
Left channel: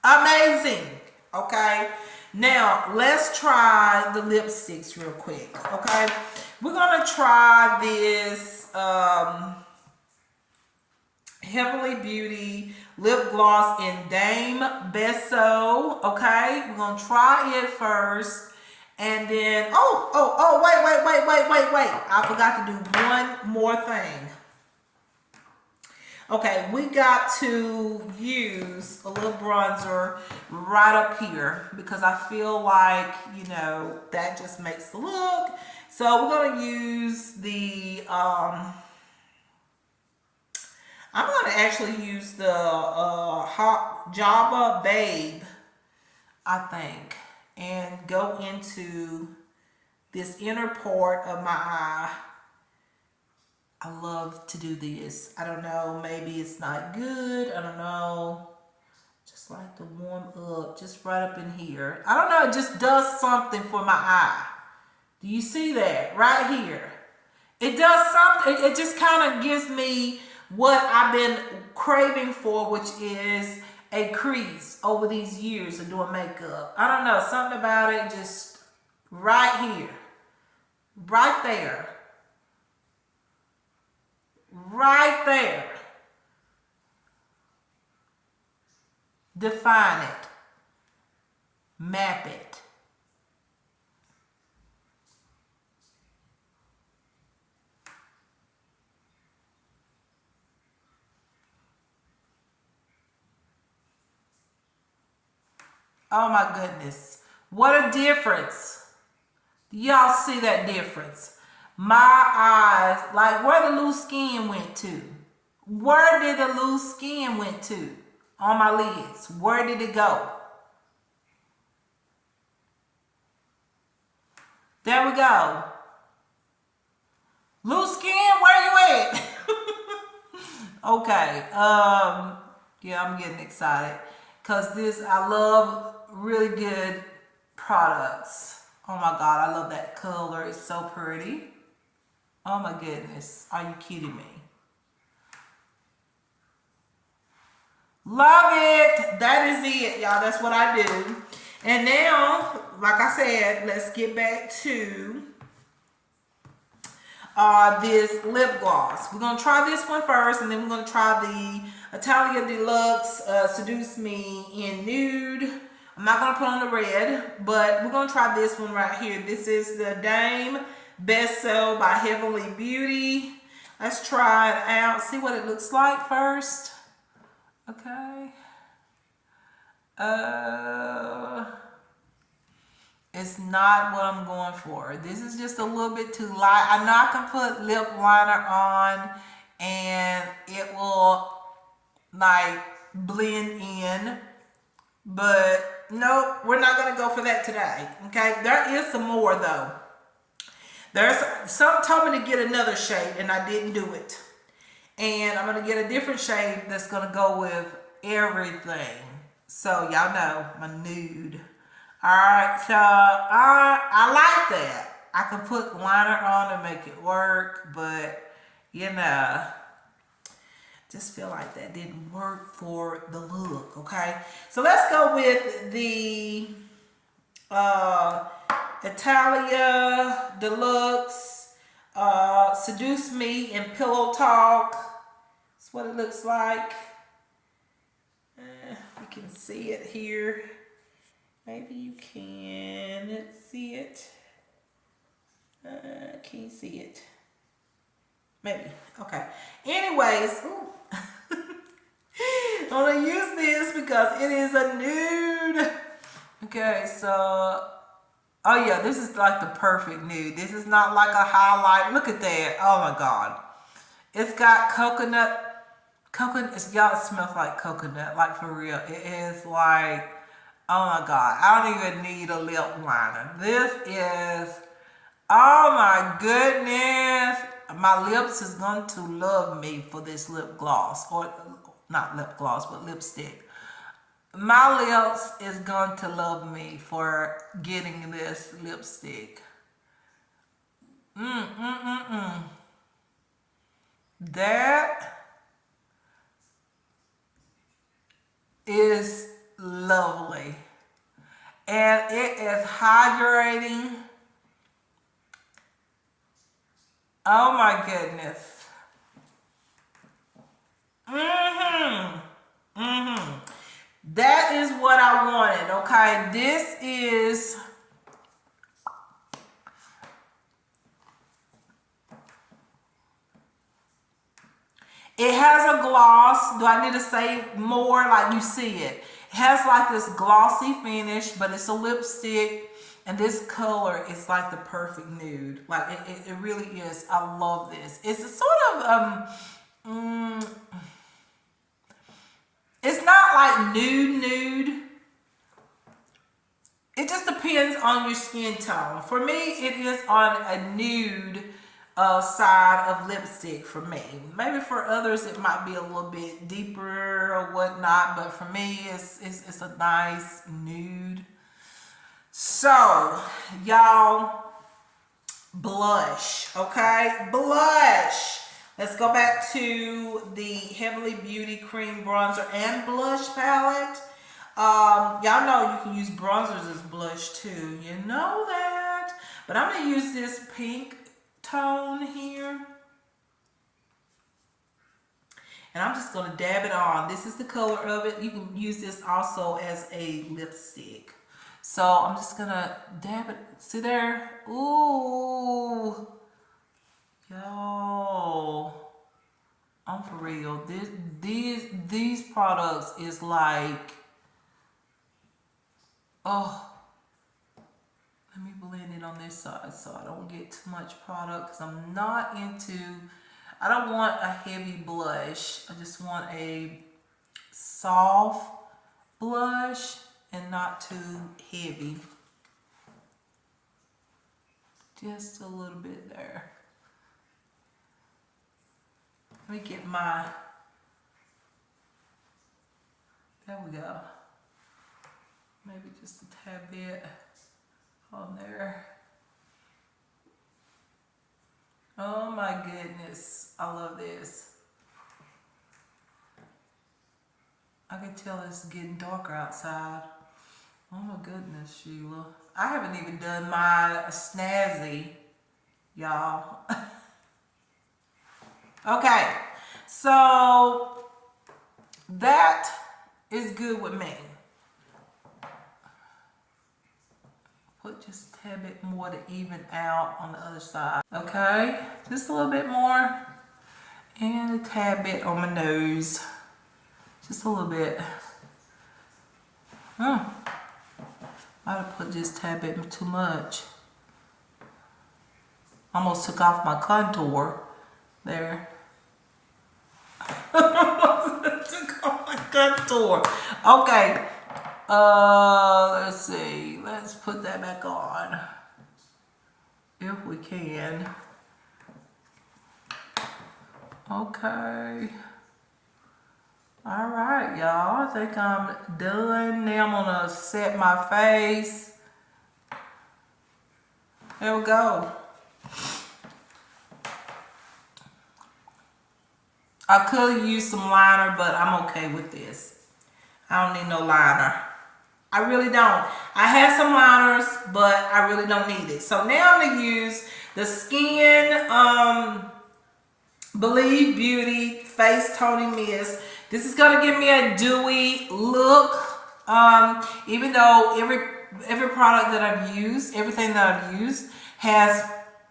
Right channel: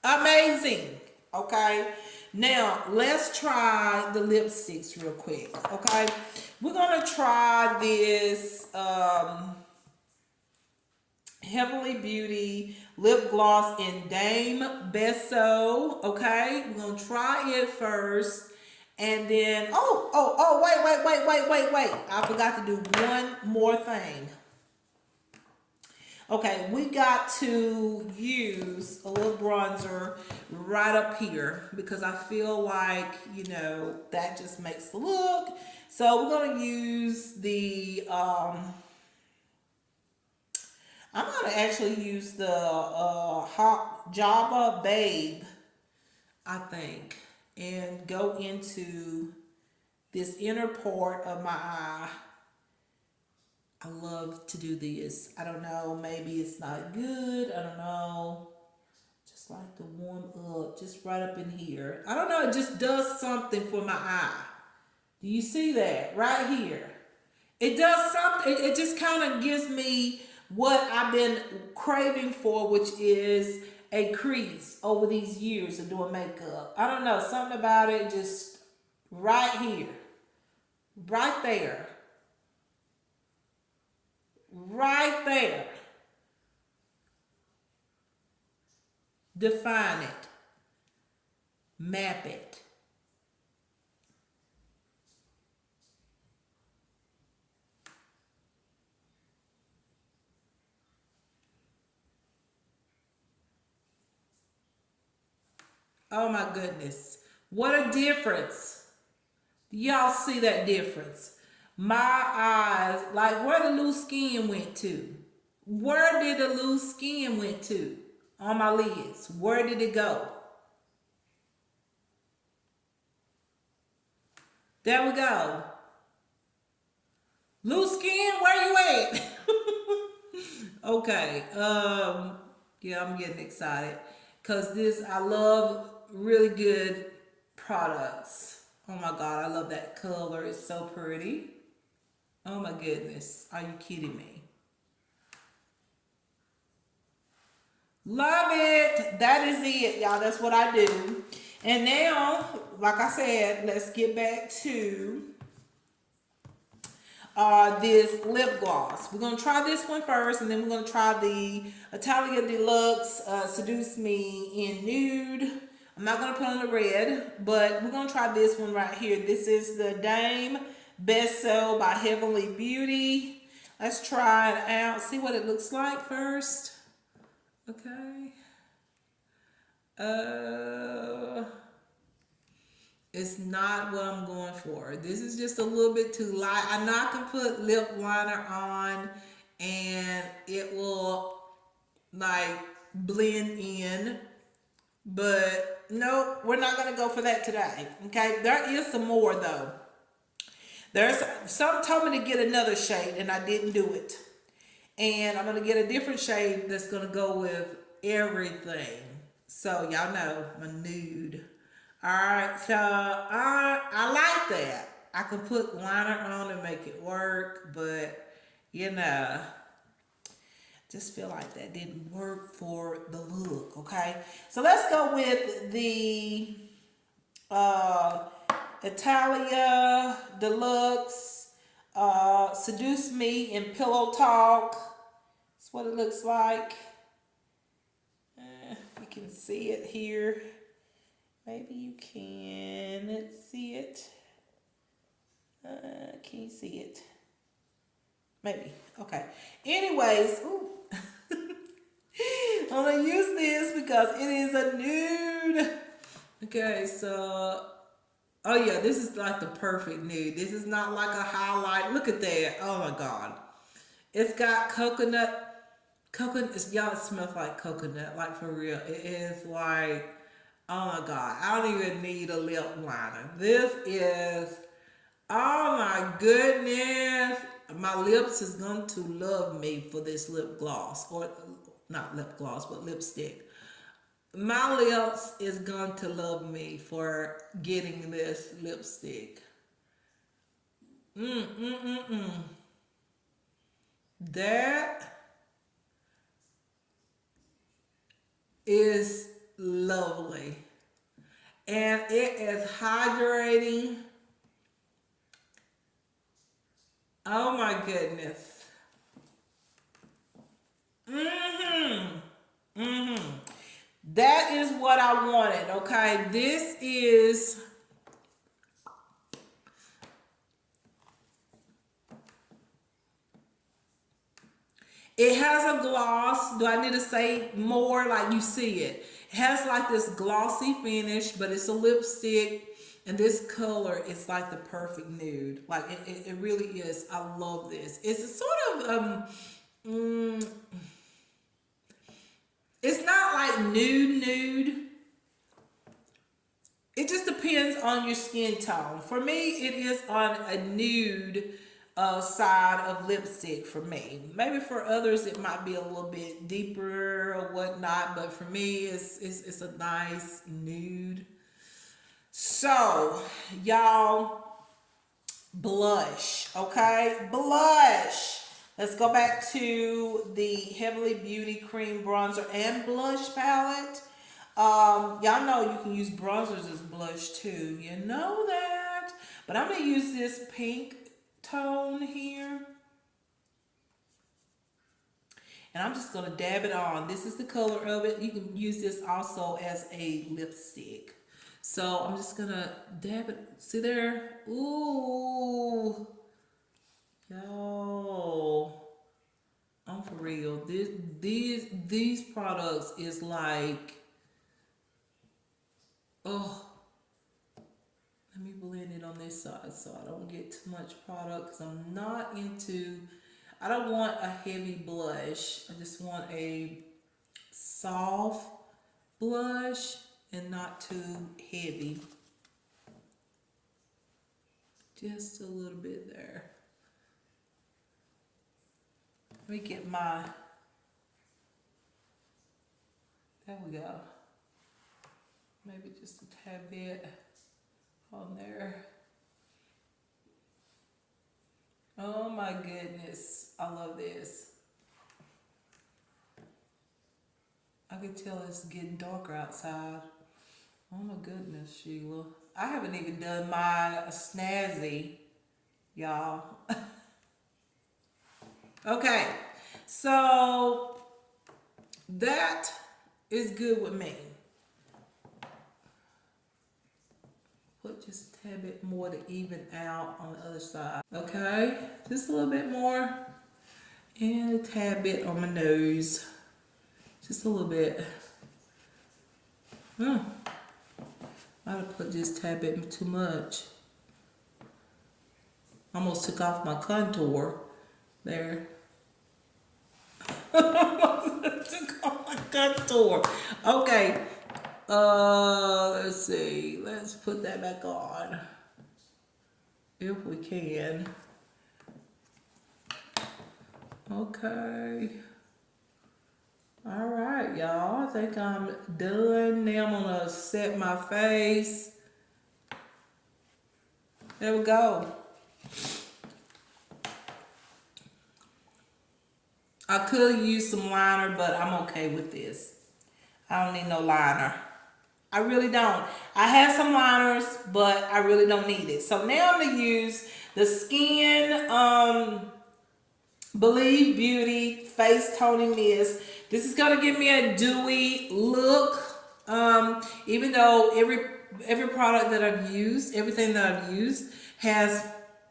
Amazing. Okay. Now let's try the lipsticks real quick. Okay. We're gonna try this Heavenly Beauty lip gloss in Dame Beso. Okay. We're gonna try it first. And then wait. I forgot to do one more thing. Okay, we got to use a little bronzer right up here because I feel like, you know, that just makes the look. So we're going to use the, I'm going to actually use the Hot Java Babe, I think, and go into this inner part of my eye. I love to do this. I don't know, maybe it's not good. I don't know. Just like to warm up, just right up in here. I don't know, it just does something for my eye. Do you see that? Right here. It does something, it just kind of gives me what I've been craving for, which is a crease over these years of doing makeup. I don't know, something about it, just right here. Right there. Right there. Define it. Map it. Oh my goodness. What a difference. Y'all see that difference? My eyes, like where the loose skin went to. Where did the loose skin went to on my lids? Where did it go? There we go. Loose skin, where you at? Okay. Yeah, I'm getting excited because this, I love really good products. Oh my God, I love that color. It's so pretty. Oh my goodness. Are you kidding me? Love it. That is it, y'all. That's what I do. And now, like I said, let's get back to this lip gloss. We're going to try this one first, and then we're going to try the Italia Deluxe Seduce Me in Nude. I'm not going to put on the red, but we're going to try this one right here. This is the Dame Beso by Heavenly Beauty. Let's try it out. See what it looks like first. Okay. It's not what I'm going for. This is just a little bit too light. I know I can put lip liner on and it will like blend in, but nope, we're not gonna go for that today. Okay, there is some more though. There's some told me to get another shade and I didn't do it. And I'm gonna get a different shade that's gonna go with everything. So y'all know my nude. Alright, so I like that. I can put liner on and make it work, but you know, just feel like that didn't work for the look, okay? So let's go with the Italia Deluxe Seduce Me in Pillow Talk. That's what it looks like. You can see it here. Maybe you can see it. Can you see it? Maybe. Okay. Anyways, I'm gonna use this because it is a nude. Okay, so oh yeah, this is like the perfect nude. This is not like a highlight. Look at that. Oh my God. It's got coconut. Y'all, it smells like coconut, like for real. It is like, oh my God, I don't even need a lip liner. This is Oh my goodness. My lips is going to love me for this lip gloss. Or not lip gloss, but lipstick. My lips is going to love me for getting this lipstick. That is lovely. And it is hydrating. Oh my goodness. That is what I wanted, okay? This is, it has a gloss. Do I need to say more? Like you see it. It has like this glossy finish, but it's a lipstick. And this color is like the perfect nude. Like it really is. I love this. It's a sort of, it's not like nude. It just depends on your skin tone. For me, it is on a nude side of lipstick for me. Maybe for others, it might be a little bit deeper or whatnot. But for me, it's a nice nude. So, y'all, blush, okay? Blush. Let's go back to the Heavenly Beauty Cream Bronzer and Blush palette. Y'all know you can use bronzers as blush too. You know that. But I'm going to use this pink tone here. And I'm just going to dab it on. This is the color of it. You can use this also as a lipstick. So I'm just gonna dab it. See there? Ooh, yo, I'm for real. These products is like, oh, let me blend it on this side so I don't get too much product because I'm not into. I don't want a heavy blush. I just want a soft blush and not too heavy. Just a little bit there. Let me get my, there we go. Maybe just a tad bit on there. Oh my goodness, I love this. I can tell it's getting darker outside. Oh my goodness, Sheila. I haven't even done my snazzy, y'all. Okay, so that is good with me. Put just a tad bit more to even out on the other side. Okay, just a little bit more. And a tad bit on my nose. Just a little bit. Might have put just a tad bit too much. Almost took off my contour there. Took off my contour. Okay. Let's see. Let's put that back on. If we can. Okay. All right, y'all. I think I'm done. Now I'm gonna set my face. There we go. I could use some liner, but I'm okay with this. I don't need no liner. I really don't. I have some liners, but I really don't need it. So now I'm gonna use the Skin Believe Beauty Face Toning Mist. This is gonna give me a dewy look. Even though every product that I've used, everything that I've used has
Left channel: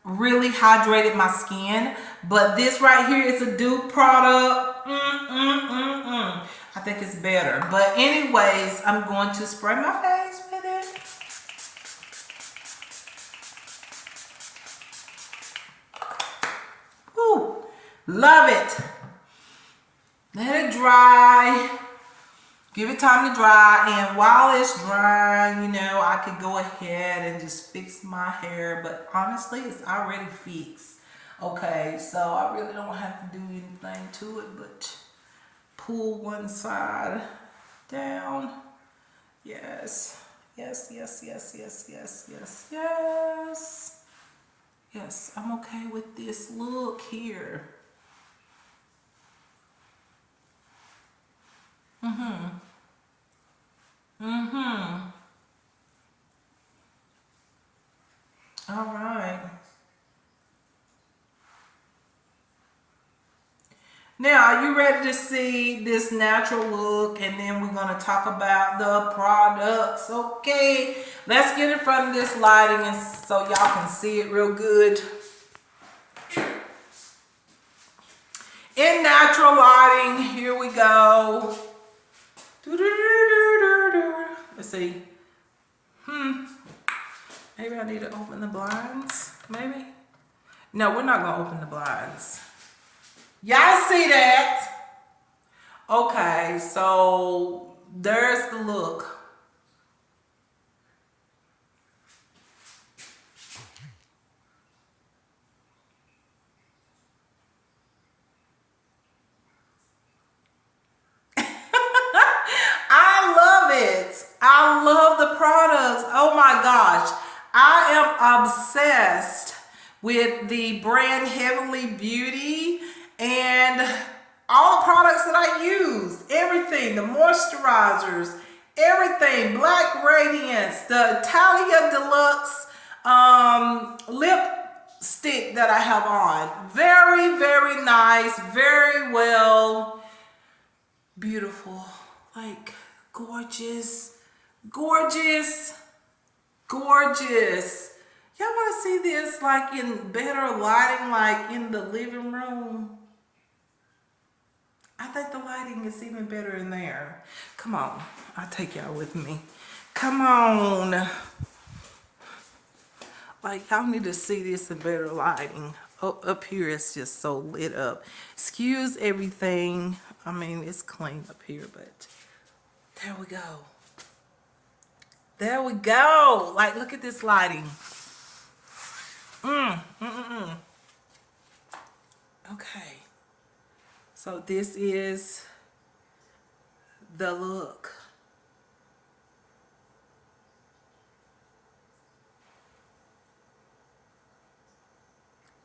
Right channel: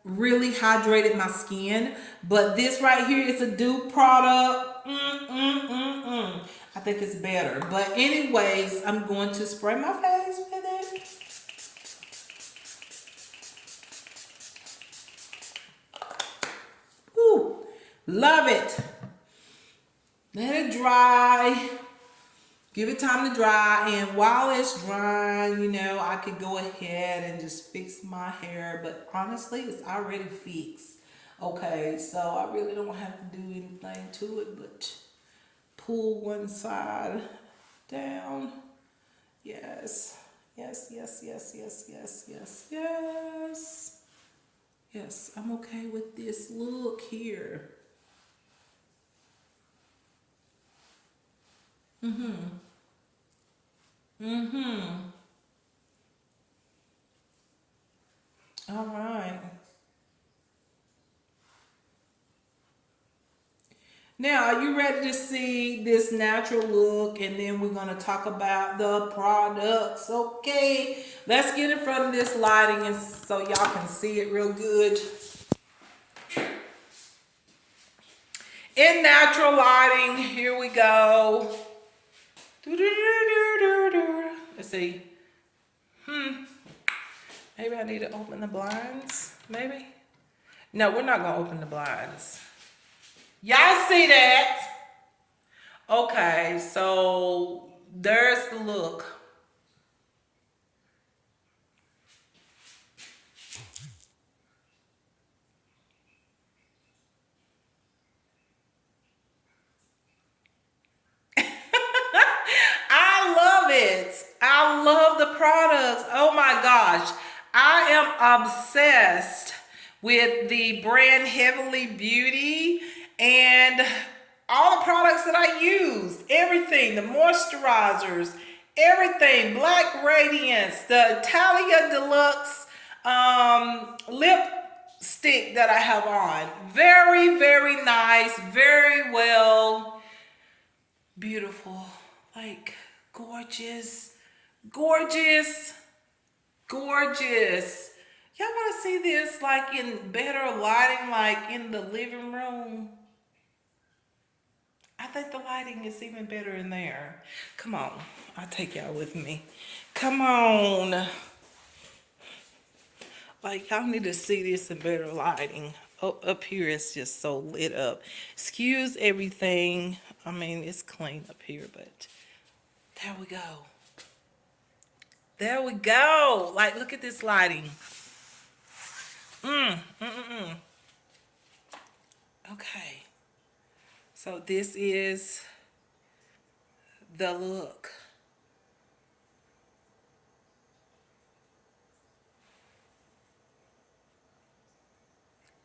really hydrated my skin, but this right here is a dupe product. I think it's better. But anyways, I'm going to spray my face with it. Ooh, love it. Let it dry. Give it time to dry, and while it's drying, you know, I could go ahead and just fix my hair, but honestly, it's already fixed. Okay, so I really don't have to do anything to it, but pull one side down. Yes, yes, yes, yes, yes, yes, yes, yes. Yes, I'm okay with this look here. All right. Now, are you ready to see this natural look? And then we're going to talk about the products. Okay, let's get in front of this lighting and so y'all can see it real good. In natural lighting, here we go. Let's see. Maybe I need to open the blinds. Maybe. No, we're not going to open the blinds. Y'all see that? Okay, so there's the look. I love it. I love the products. Oh my gosh. I am obsessed with the brand Heavenly Beauty and all the products that I use. Everything, the moisturizers, everything, Black Radiance, the Italia Deluxe lipstick that I have on. Very, very nice, very well, beautiful, like gorgeous, gorgeous, gorgeous. Y'all want to see this like in better lighting, like in the living room? I think the lighting is even better in there. Come on, I'll take y'all with me. Come on. Like, y'all need to see this in better lighting. Oh, up here it's just so lit up. Excuse everything. I mean, it's clean up here, but there we go. There we go. Like, look at this lighting. Okay. So this is the look.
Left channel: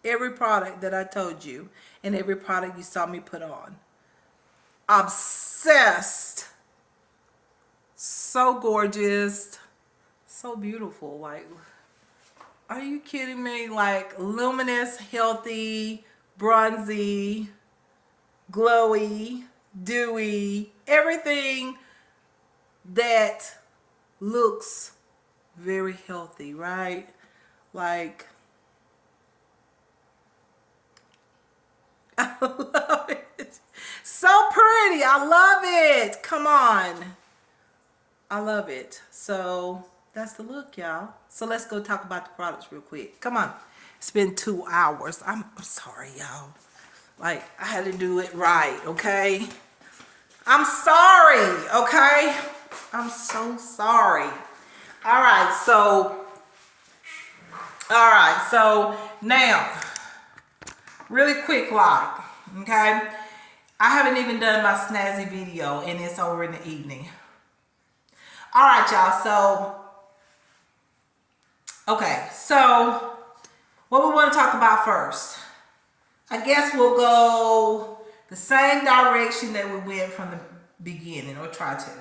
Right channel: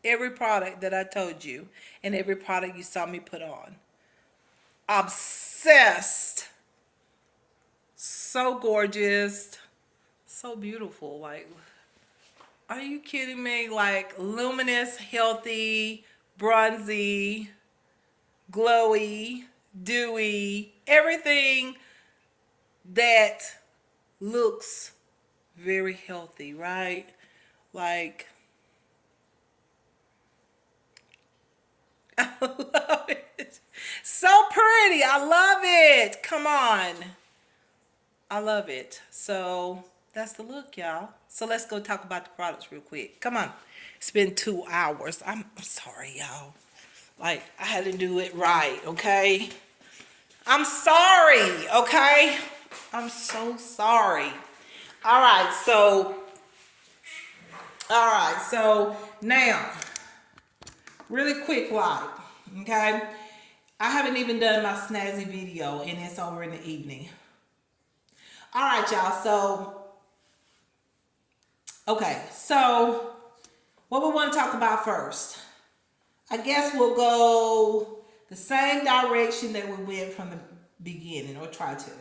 Every product that I told you and every product you saw me put on. Obsessed. So gorgeous. So beautiful. Like, are you kidding me? Like, luminous, healthy, bronzy, glowy, dewy, everything that looks very healthy, right? Like, I love it. So pretty. I love it. Come on. I love it. So that's the look, y'all. So let's go talk about the products real quick. Come on. It's been 2 hours. I'm sorry, y'all. Like, I had to do it right, okay? I'm sorry, okay? I'm so sorry. All right, so now, really quick like, okay? I haven't even done my snazzy video, and it's over in the evening. All right, y'all, so what we want to talk about first. I guess we'll go the same direction that we went from the beginning, or try to.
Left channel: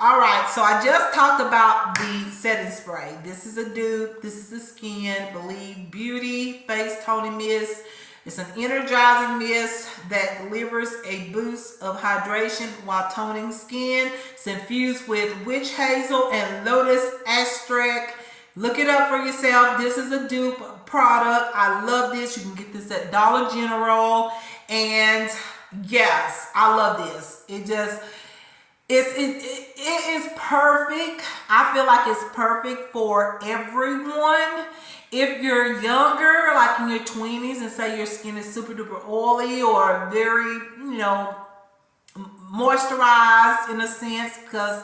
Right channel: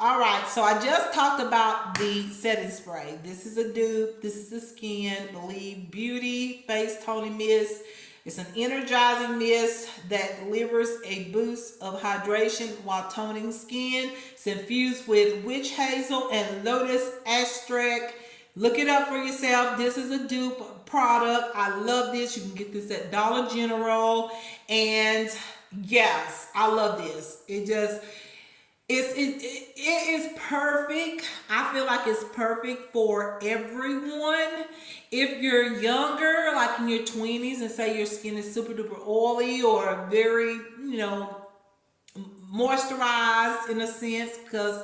All right, so I just talked about the setting spray. This is a dupe. This is the Skin Believe Beauty Face Toning Mist. It's an energizing mist that delivers a boost of hydration while toning skin. It's infused with witch hazel and lotus extract. Look it up for yourself. This is a dupe product. I love this. You can get this at Dollar General. And yes, I love this. It is perfect. I feel like it's perfect for everyone. If you're younger, like in your 20s, and say your skin is super duper oily or very, moisturized in a sense, because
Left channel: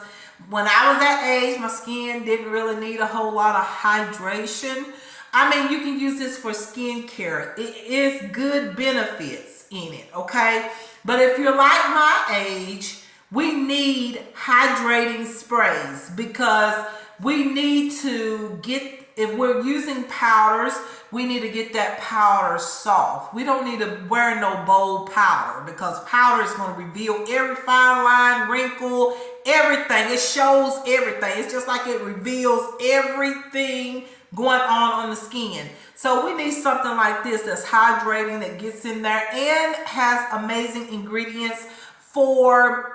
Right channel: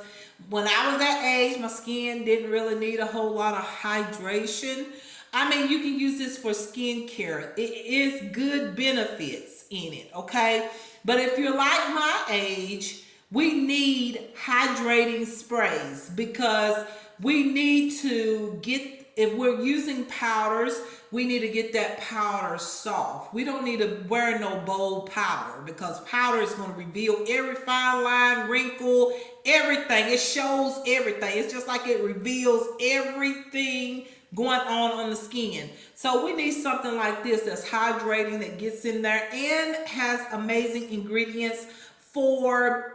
when I was that age, my skin didn't really need a whole lot of hydration. I mean, you can use this for skincare. It is good benefits in it, okay? But if you're like my age, we need hydrating sprays because we need to get, if we're using powders, we need to get that powder soft. We don't need to wear no bold powder because powder is going to reveal every fine line, wrinkle, everything. It shows everything. It's just like it reveals everything going on the skin. So we need something like this that's hydrating, that gets in there and has amazing ingredients for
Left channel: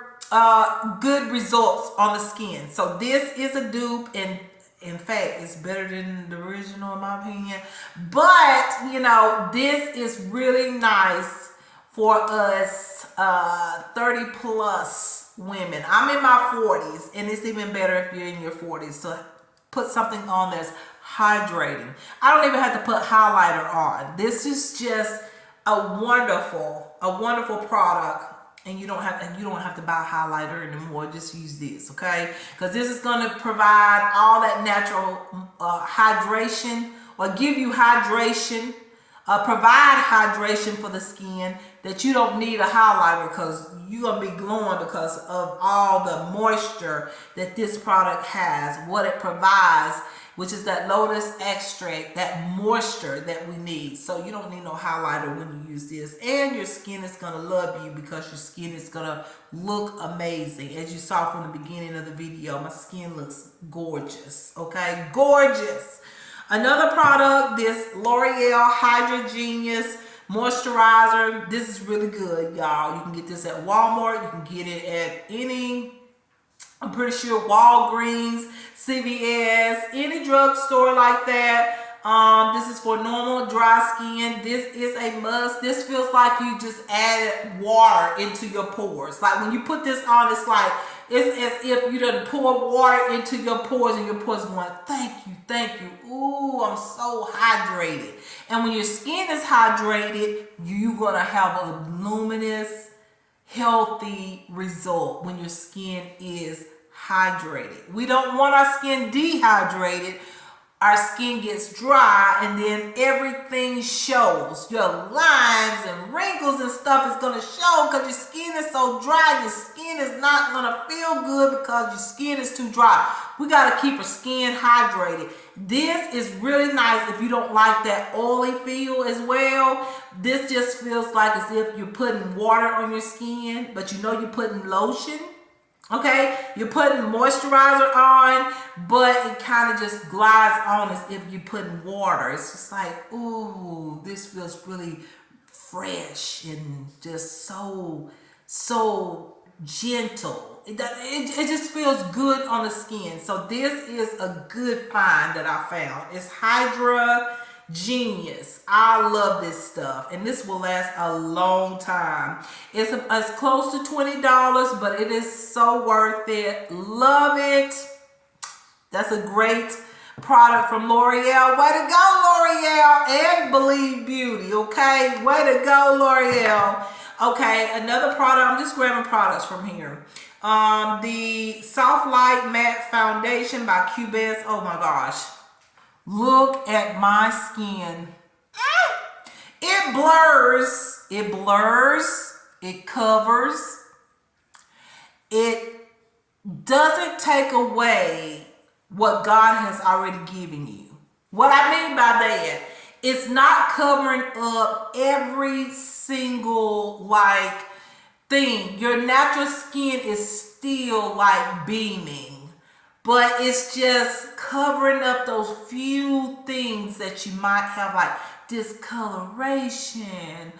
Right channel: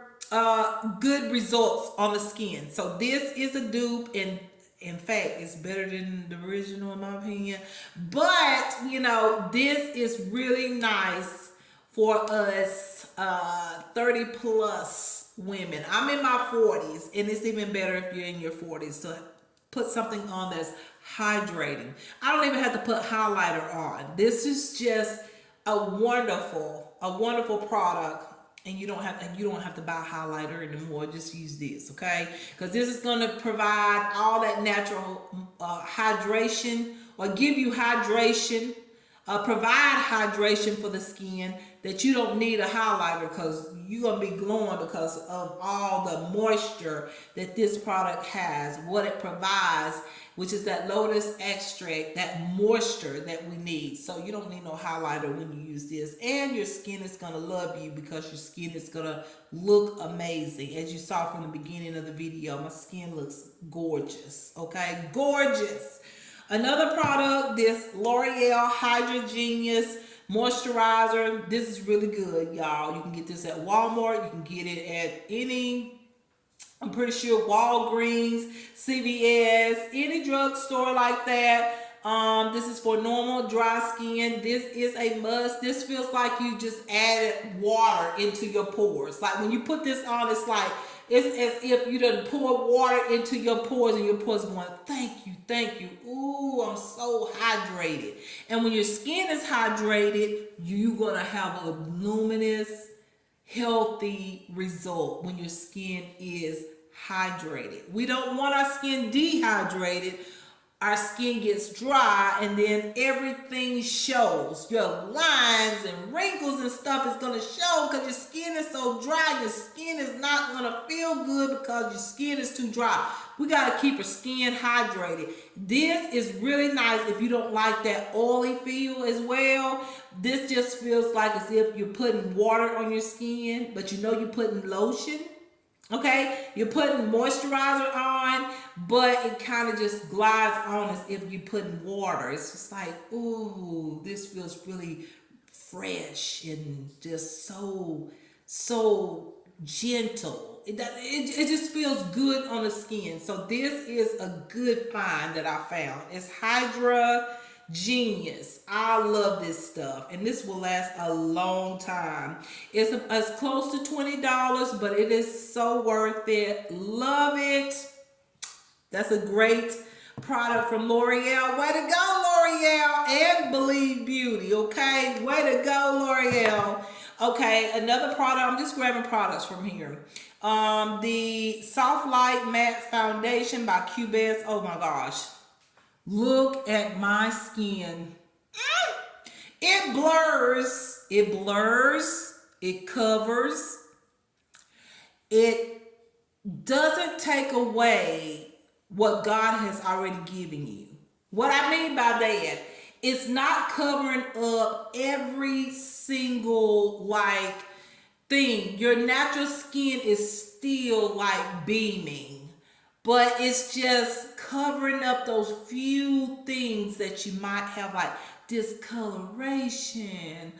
good results on the skin. So this is a dupe, and in fact, it's better than the original in my opinion. But, you know, this is really nice for us 30 plus women. I'm in my 40s, and it's even better if you're in your 40s. So put something on that's hydrating. I don't even have to put highlighter on. This is just a wonderful product. And you don't have to buy highlighter anymore. Just use this, okay? Because this is going to provide all that natural hydration, or give you hydration, provide hydration for the skin, that you don't need a highlighter, because you're going to be glowing because of all the moisture that this product has, what it provides, which is that lotus extract, that moisture that we need. So you don't need no highlighter when you use this. And your skin is going to love you because your skin is going to look amazing. As you saw from the beginning of the video, my skin looks gorgeous, okay? Gorgeous. Another product, this L'Oreal Hydra Genius Moisturizer. This is really good, y'all. You can get this at Walmart. You can get it at any, I'm pretty sure, Walgreens, CVS, any drugstore like that. This is for normal dry skin. This is a must. This feels like you just added water into your pores. Like when you put this on, it's as if you done pour water into your pores, and your pores going, thank you, thank you. Ooh, I'm so hydrated. And when your skin is hydrated, you're gonna have a luminous, healthy result when your skin is hydrated. We don't want our skin dehydrated. Our skin gets dry, and then everything shows. Your lines and wrinkles and stuff is going to show because your skin is so dry. Your skin is not going to feel good because your skin is too dry. We got to keep our skin hydrated. This is really nice if you don't like that oily feel as well. This just feels like as if you're putting water on your skin, but you know you're putting lotion. Okay, you're putting moisturizer on, but it kind of just glides on as if you're putting water. It's just like, ooh, this feels really fresh and just so gentle. It just feels good on the skin. So this is a good find that I found. It's Hydra Genius. I love this stuff, and this will last a long time. It's close to $20, but it is so worth it. Love it. That's a great product from L'Oreal. Way to go, L'Oreal, and Believe Beauty. Okay, way to go, L'Oreal. Okay, another product. I'm just grabbing products from here. The Soft Light Matte Foundation by Cubest. Oh my gosh. Look at my skin. It blurs, it covers. It doesn't take away what God has already given you. What I mean by that, it's not covering up every single thing. Your natural skin is still beaming. But it's just covering up those few things that you might have, like discoloration,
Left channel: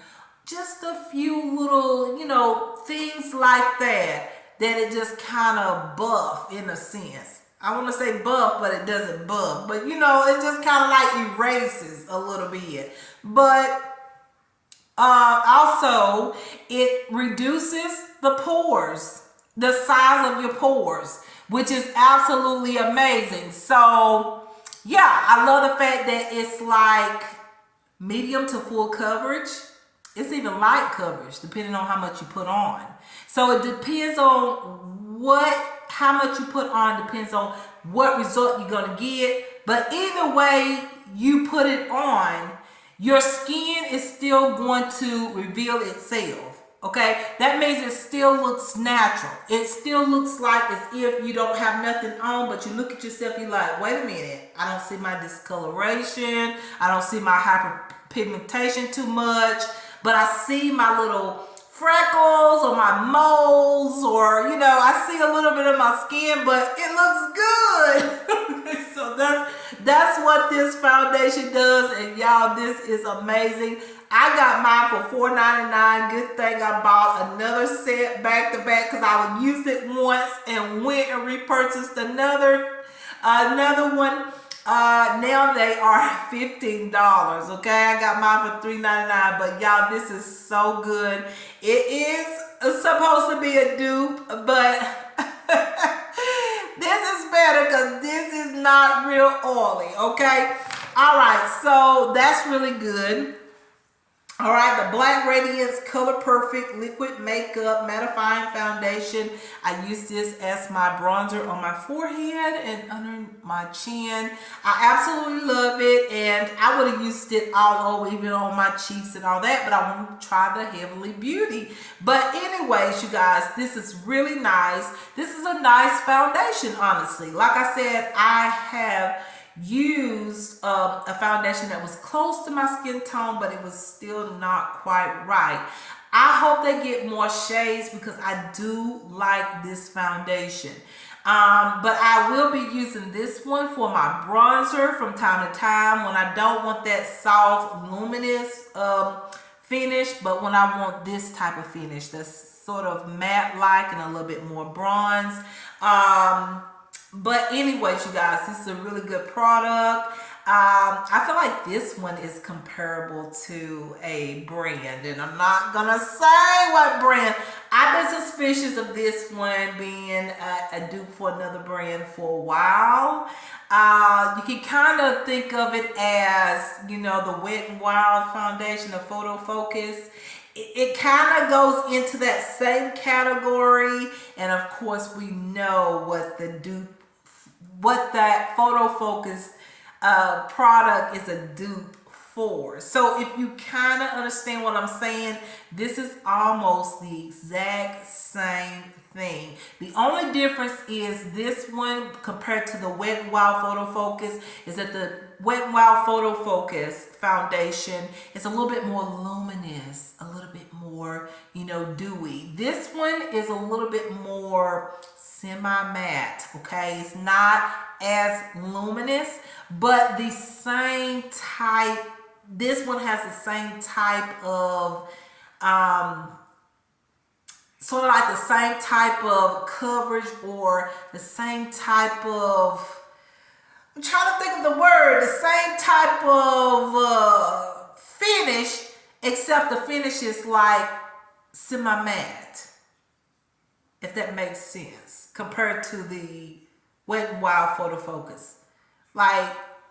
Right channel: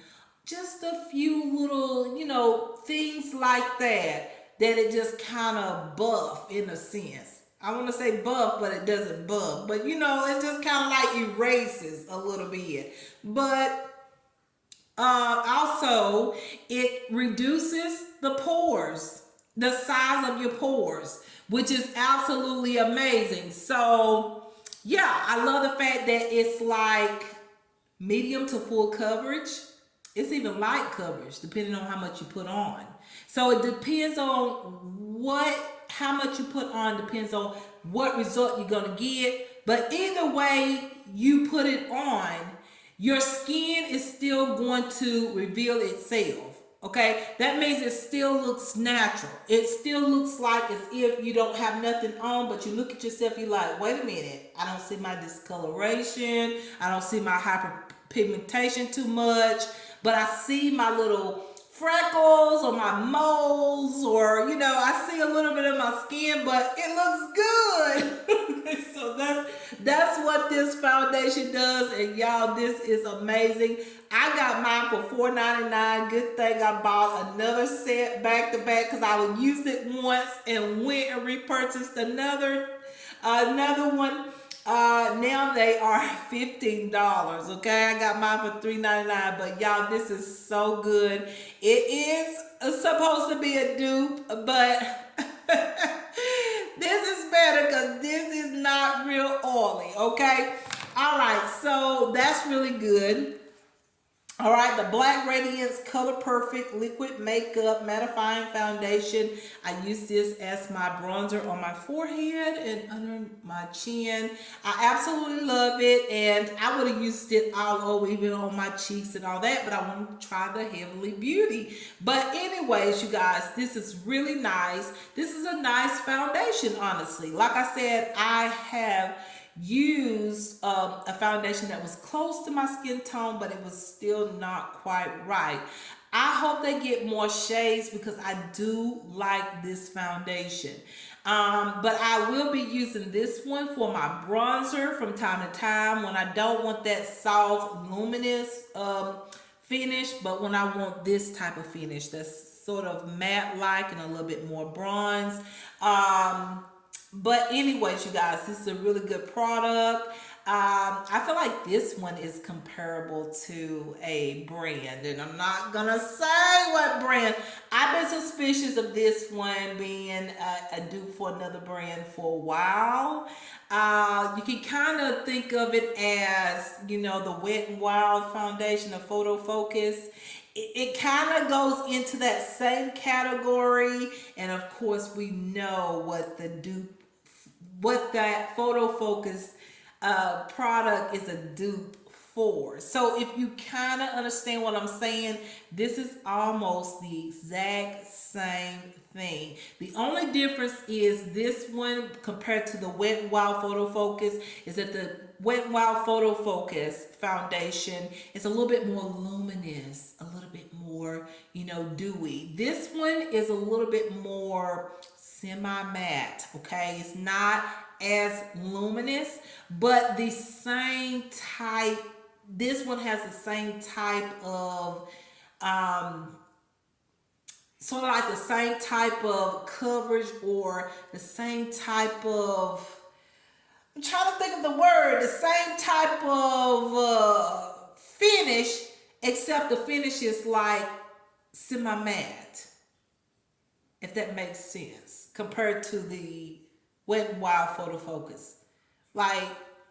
just a few little, things like that it just kind of buff in a sense. I want to say buff, but it doesn't buff. But, it just kind of erases a little bit. But also, it reduces the pores, the size of your pores, which is absolutely amazing. So, yeah, I love the fact that it's medium to full coverage. It's even light coverage, depending on how much you put on. So it depends on how much you put on, depends on what result you're gonna get. But either way you put it on, your skin is still going to reveal itself. Okay, that means it still looks natural. It still looks like as if you don't have nothing on, but you look at yourself, you're like, wait a minute, I don't see my discoloration, I don't see my hyperpigmentation too much, but I see my little freckles or my moles, or I see a little bit of my skin, but it looks good. So that's what this foundation does, and y'all, this is amazing. I got mine for $4.99. Good thing I bought another set back to back, because I would use it once and went and repurchased another one. Now they are $15. Okay, I got mine for $3.99. But y'all, this is so good. It is supposed to be a dupe, but this is better because this is not real oily. Okay, all right, so that's really good. All right, the Black Radiance Color Perfect Liquid Makeup Mattifying Foundation. I use this as my bronzer on my forehead and under my chin. I absolutely love it, and I would have used it all over, even on my cheeks and all that, but I want to try the Heavenly Beauty. But anyways, you guys, this is really nice. This is a nice foundation, honestly. Like I said, I have used a foundation that was close to my skin tone, but it was still not quite right. I hope they get more shades because I do like this foundation. But I will be using this one for my bronzer from time to time when I don't want that soft, luminous finish, but when I want this type of finish that's sort of matte-like and a little bit more bronze. But anyways, you guys, this is a really good product. I feel like this one is comparable to a brand, and I'm not gonna say what brand. I've been suspicious of this one being a dupe for another brand for a while. You can kind of think of it as, the Wet n Wild foundation, the Photo Focus. It kind of goes into that same category, and of course we know what that Photo Focus product is a dupe for. So if you kind of understand what I'm saying, this is almost the exact same thing. The only difference is this one compared to the Wet n Wild Photo Focus is that the Wet n Wild Photo Focus foundation is a little bit more luminous, a little bit more, dewy. This one is a little bit more semi-matte, okay? It's not as luminous, but the same type, this one has the same type of, sort of like the same type of coverage, or the same type of, I'm trying to think of the word, the same type of finish, except the finish is like semi-matte, if that makes sense, compared to the Wet n Wild Photo Focus. Like,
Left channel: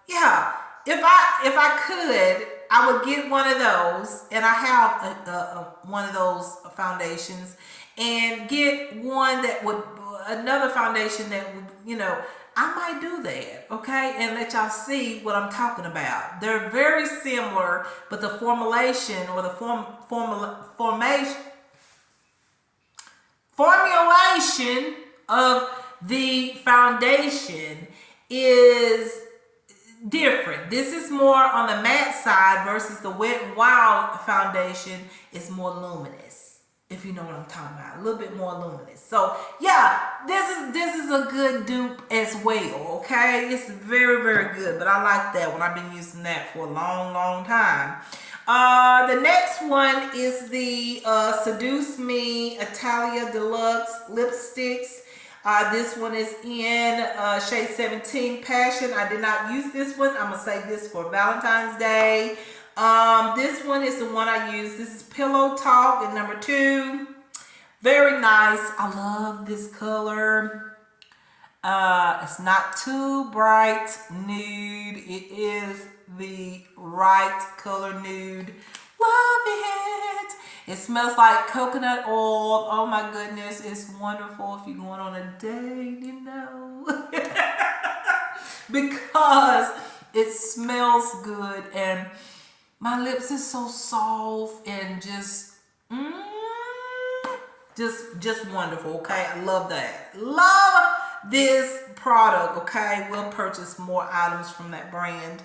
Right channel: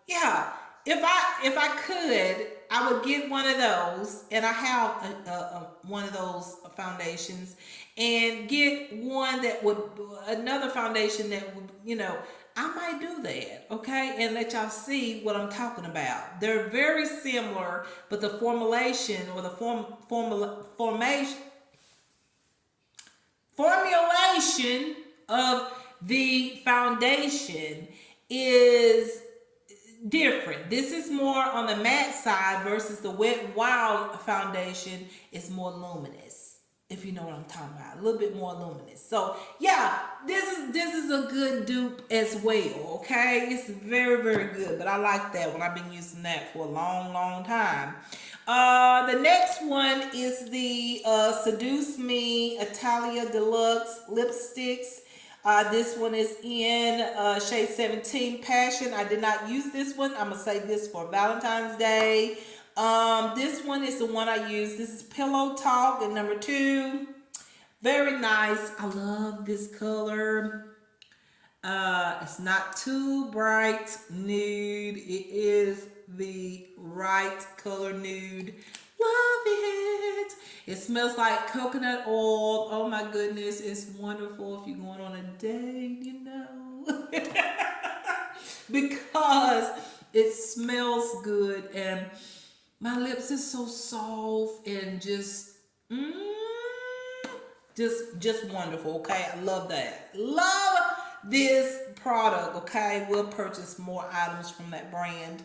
yeah, if I could, I would get one of those, and I have one of those foundations, and get one that would, another foundation that would, I might do that, okay, and let y'all see what I'm talking about. They're very similar, but the formulation or the formulation of the foundation is different. This is more on the matte side versus the Wet n Wild foundation is more luminous, if you know what I'm talking about, a little bit more luminous. So yeah, this is a good dupe as well, okay? It's very, very good, but I like that one. I've been using that for a long, long time. The next one is the Seduce Me Italia Deluxe Lipsticks. This one is in shade 17 Passion. I did not use this one. I'm going to save this for Valentine's Day. This one is the one I use. This is Pillow Talk in number 2. Very nice. I love this color. It's not too bright nude. It is the right color nude. Love it. It smells like coconut oil. Oh my goodness, it's wonderful if you're going on a date, you know. Because it smells good and my lips is so soft and just wonderful. Okay, I love that. Love this product. Okay, we'll purchase more items from that brand.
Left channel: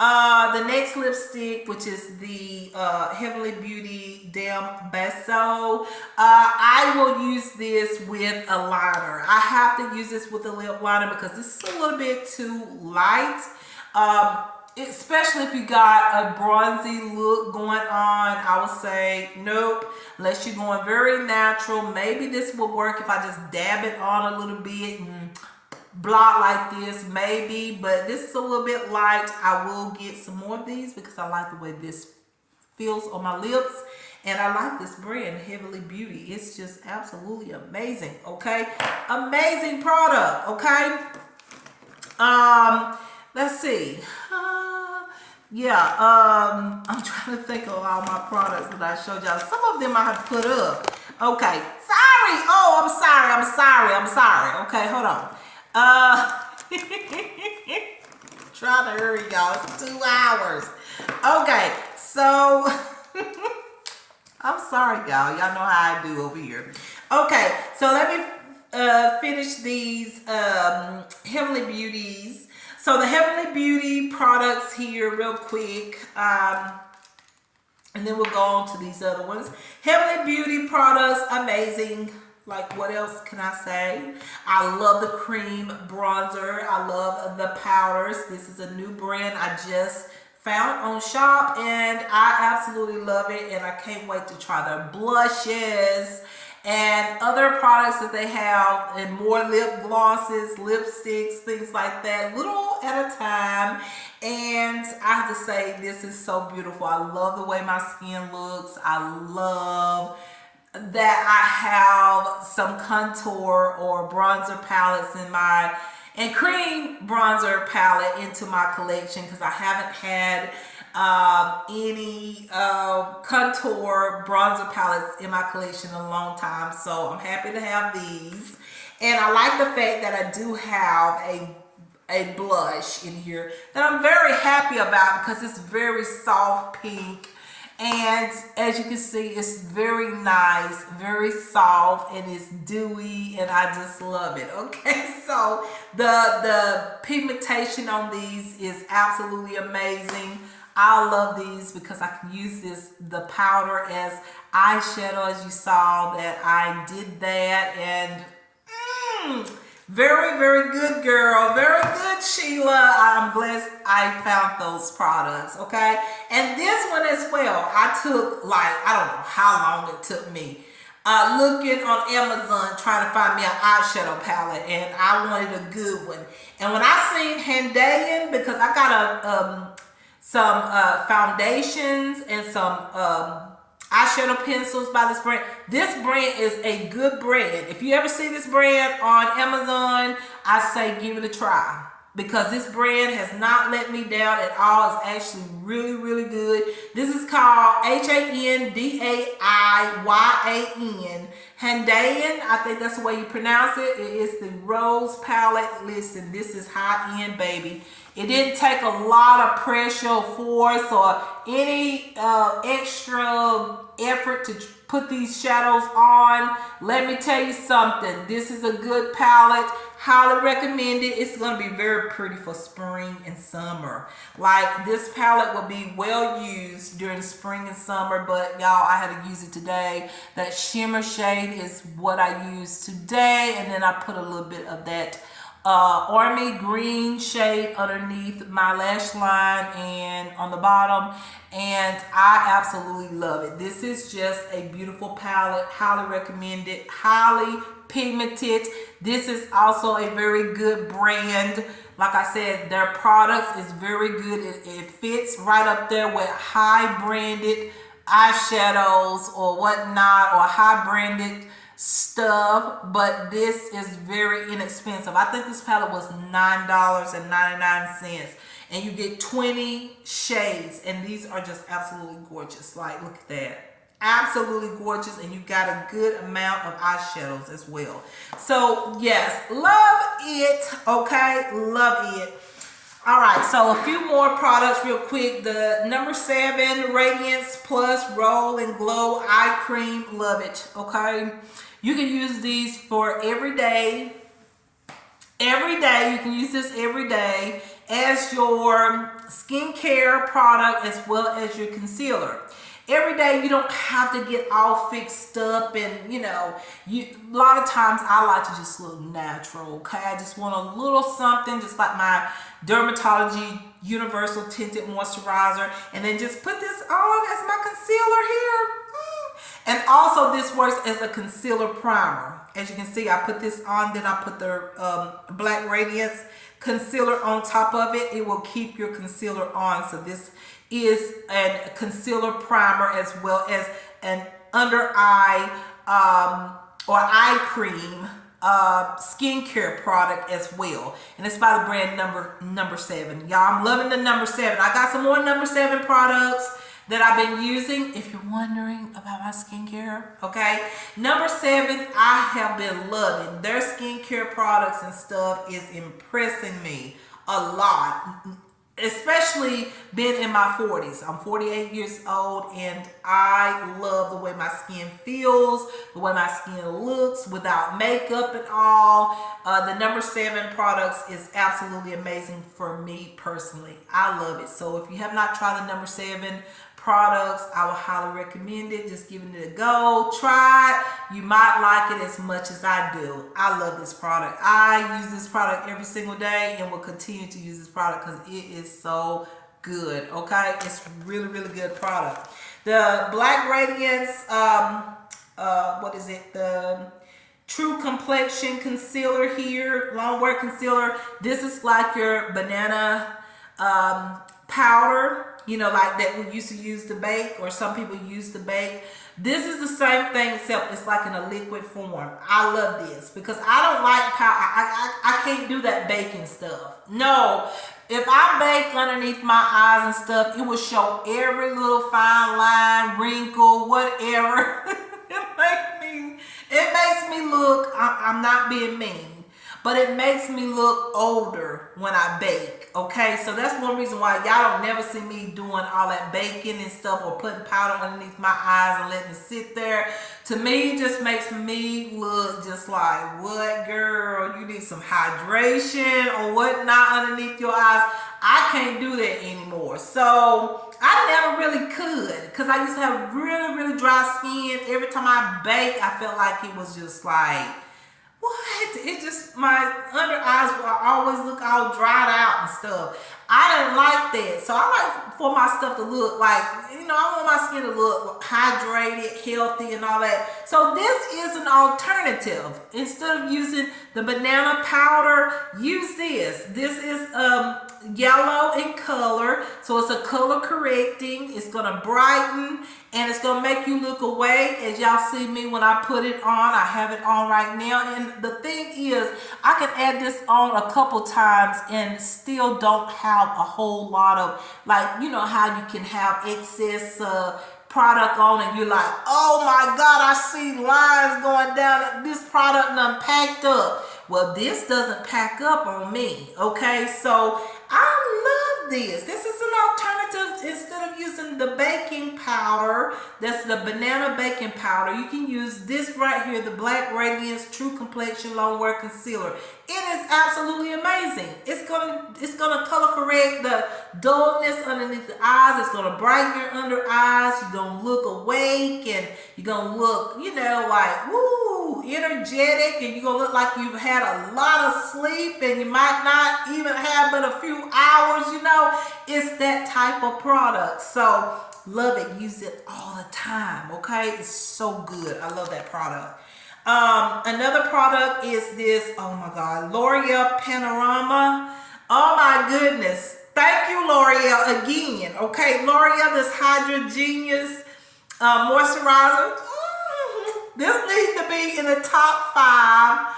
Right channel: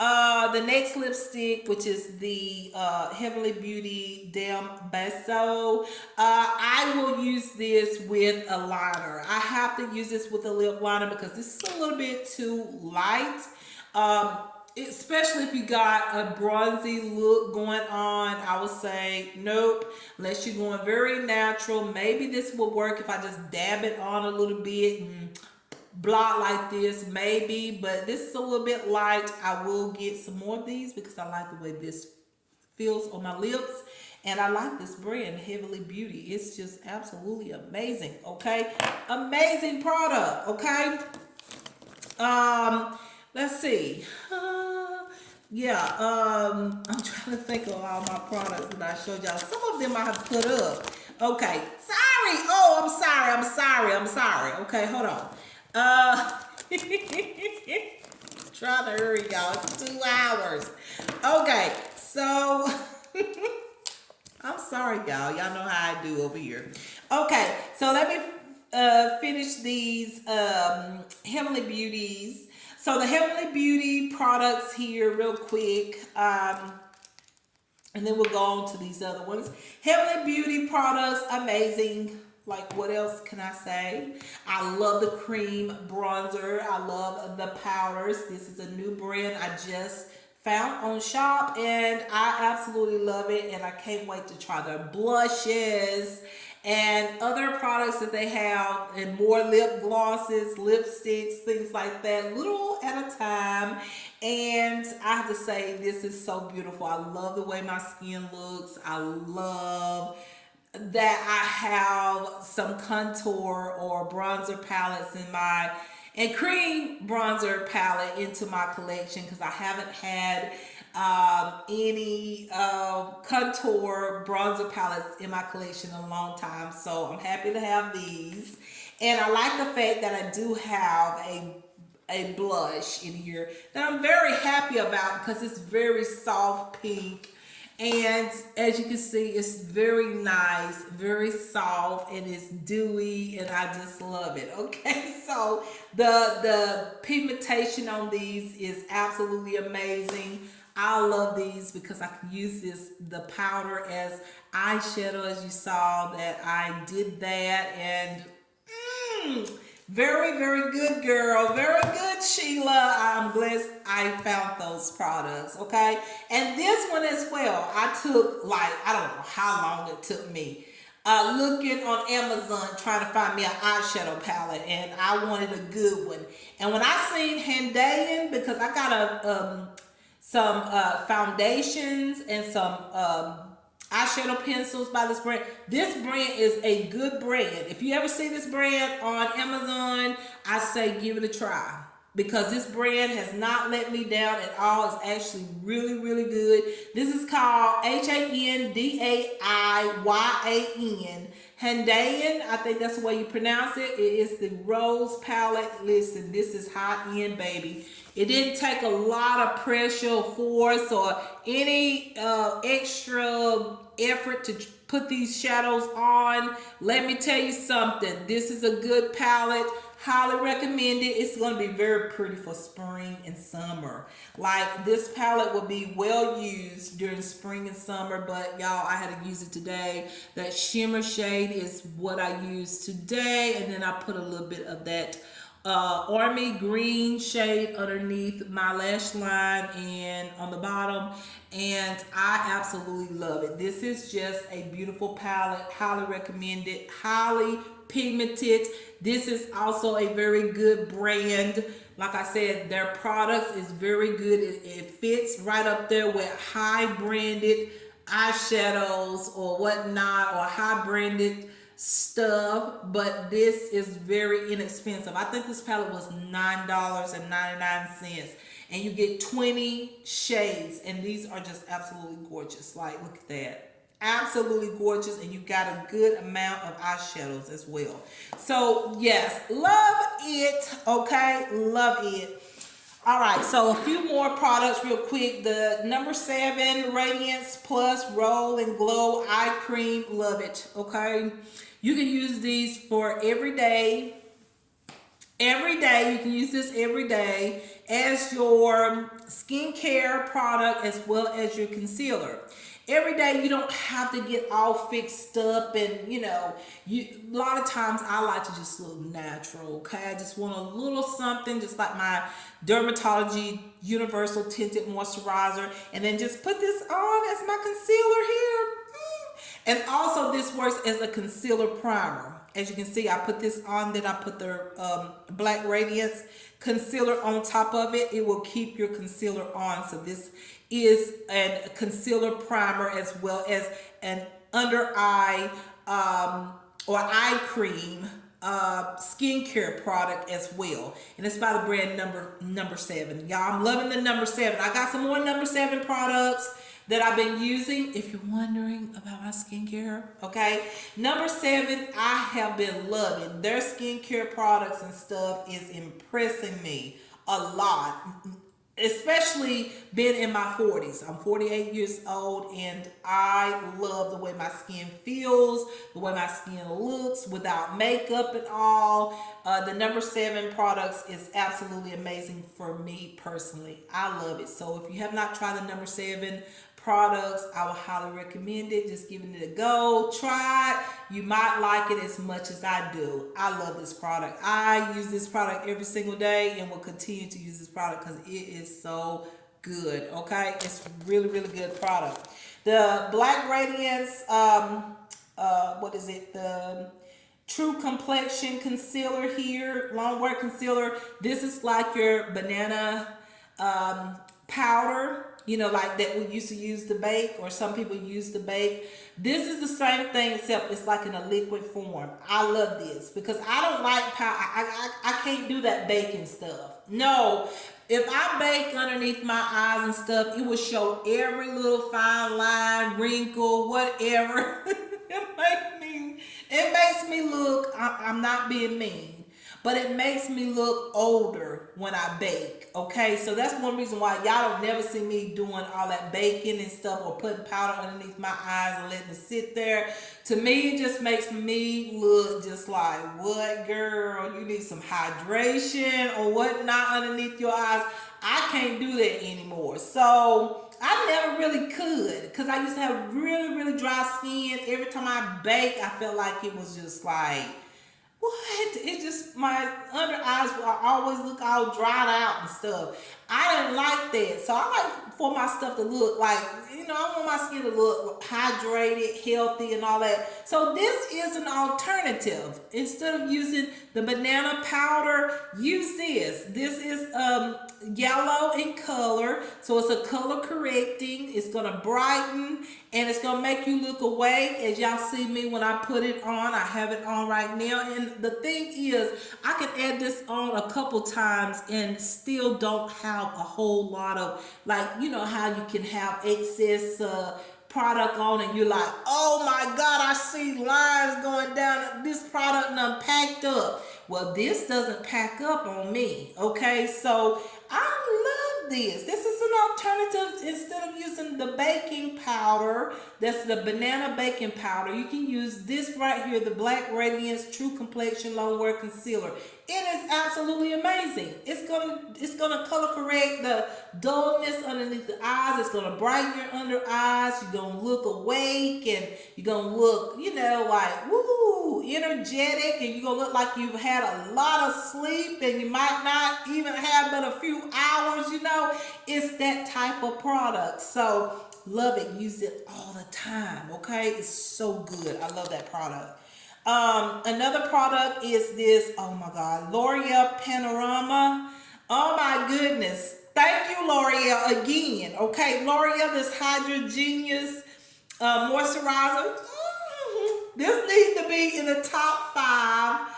The next lipstick, which is the Heavenly Beauty Dem Beso. I will use this with a liner. I have to use this with a lip liner because this is a little bit too light. Especially if you got a bronzy look going on, I would say nope. Unless you're going very natural, maybe this will work if I just dab it on a little bit and blot like this, maybe. But this is a little bit light. I will get some more of these because I like the way this feels on my lips. And I like this brand, Heavenly Beauty. It's just absolutely amazing, okay? Amazing product, okay? Let's see. I'm trying to think of all my products that I showed y'all. Some of them I have put up. Okay, sorry. Oh, I'm sorry. Okay, hold on. Trying to hurry, y'all. It's 2 hours. Okay, so I'm sorry, y'all. Y'all know how I do over here. Okay, so let me finish these Heavenly Beauties. So the Heavenly Beauty products here real quick. And then we'll go on to these other ones. Heavenly Beauty products, amazing. Like, what else can I say? I love the cream bronzer. I love the powders. This is a new brand I just found on Shop, and I absolutely love it, and I can't wait to try their blushes and other products that they have, and more lip glosses, lipsticks, things like that, little at a time. And I have to say, this is so beautiful. I love the way my skin looks. I love that I have some contour or bronzer palettes in my, and cream bronzer palette into my collection, because I haven't had any contour bronzer palettes in my collection in a long time. So I'm happy to have these, and I like the fact that I do have a blush in here that I'm very happy about, because it's very soft pink. And as you can see, it's very nice, very soft, and it's dewy, and I just love it. Okay, so the pigmentation on these is absolutely amazing. I love these because I can use the powder as eyeshadow, as you saw that I did that, and very, very good, girl. Very good, Sheila. I'm blessed I found those products, okay? And this one as well, I took, like, I don't know how long it took me looking on Amazon trying to find me an eyeshadow palette, and I wanted a good one. And when I seen Handaiyan, because I got some foundations and some eyeshadow pencils by this brand. This brand is a good brand. If you ever see this brand on Amazon, I say give it a try, because this brand has not let me down at all. It's actually really, really good. This is called Handaiyan, Handaiyan. I think that's the way you pronounce it. It is the Rose palette. Listen, this is high end, baby. It didn't take a lot of pressure or force or any extra effort to put these shadows on. Let me tell you something. This is a good palette. Highly recommend it. It's going to be very pretty for spring and summer. Like, this palette will be well used during spring and summer, but y'all, I had to use it today. That shimmer shade is what I used today, and then I put a little bit of that army green shade underneath my lash line and on the bottom, and I absolutely love it. This is just a beautiful palette. Highly recommend it. Highly pigmented. This is also a very good brand. Like I said, their products is very good. It fits right up there with high branded eyeshadows or whatnot, or high branded stuff, but this is very inexpensive. I think this palette was $9.99, and you get 20 shades, and these are just absolutely gorgeous. Like, look at that. absolutely gorgeous, and you got a good amount of eyeshadows as well. So yes, love it. Okay, love it. All right, so a few more products real quick. The number 7 Radiance Plus Roll and Glow Eye Cream. Love it. Okay, you can use these for every day. Every day, you can use this every day as your skincare product as well as your concealer. Every day, you don't have to get all fixed up, and a lot of times I like to just look natural. Okay, I just want a little something, just like my Dermatology Universal Tinted Moisturizer, and then just put this on as my concealer here. And also, this works as a concealer primer. As you can see, I put this on, then I put the Black Radiance concealer on top of it. It will keep your concealer on. So this is a concealer primer as well as an under eye or eye cream skincare product as well. And it's by the brand number 7. Y'all, I'm loving the number 7. I got some more number 7 products that I've been using, if you're wondering about my skincare. Okay, number 7, I have been loving their skincare products and stuff. Is impressing me a lot, especially being in my 40s. I'm 48 years old, and I love the way my skin feels, the way my skin looks without makeup at all. The number 7 products is absolutely amazing for me personally. I love it. So if you have not tried the number 7 products, I would highly recommend it. Just giving it a go. Try it. You might like it as much as I do. I love this product. I use this product every single day and will continue to use this product because it is so good. Okay, it's really, really good product. The Black Radiance, what is it? The True Complexion Concealer here, long wear concealer. This is like your banana powder, like that we used to use to bake, or some people use to bake. This is the same thing, except it's like in a liquid form. I love this because I don't like powder. I can't do that baking stuff. No, if I bake underneath my eyes and stuff, it will show every little fine line, wrinkle, whatever. It makes me look, I'm not being mean, but it makes me look older when I bake. Okay, so that's one reason why y'all don't never see me doing all that baking and stuff, or putting powder underneath my eyes and letting it sit there. To me, it just makes me look just like, what, girl? You need some hydration or whatnot underneath your eyes. I can't do that anymore. So I never really could, because I used to have really, really dry skin. Every time I bake, I felt like it was just like, what? It just, my under eyes will always look all dried out and stuff. I didn't like that. So I like for my stuff to look like, I want my skin to look hydrated, healthy, and all that. So this is an alternative. Instead of using the banana powder, use this. This is yellow in color. So it's a color correcting. It's going to brighten, and it's going to make you look awake. As y'all see me when I put it on, I have it on right now. And the thing is, I can add this on a couple times and still don't have a whole lot of, like, how you can have excess product on and you're like, oh my God, I see lines going down. This product done packed up. Well, this doesn't pack up on me. Okay, so I love this. This is an alternative. Instead of using the baking powder, that's the banana baking powder, you can use this right here, the Black Radiance True Complexion Long Wear Concealer. It is absolutely amazing. It's gonna color correct the dullness underneath the eyes. It's gonna brighten your under eyes. You're gonna look awake, and you're gonna look, like, woo, energetic, and you're gonna look like you've had a lot of sleep, and you might not even have but a few hours. It's that type of product. So love it. Use it all the time. Okay, it's so good. I love that product. Another product is this, oh my God, L'Oreal Panorama. Oh my goodness. Thank you, L'Oreal, again. Okay, L'Oreal, this Hydra Genius moisturizer. This needs to be in the top 5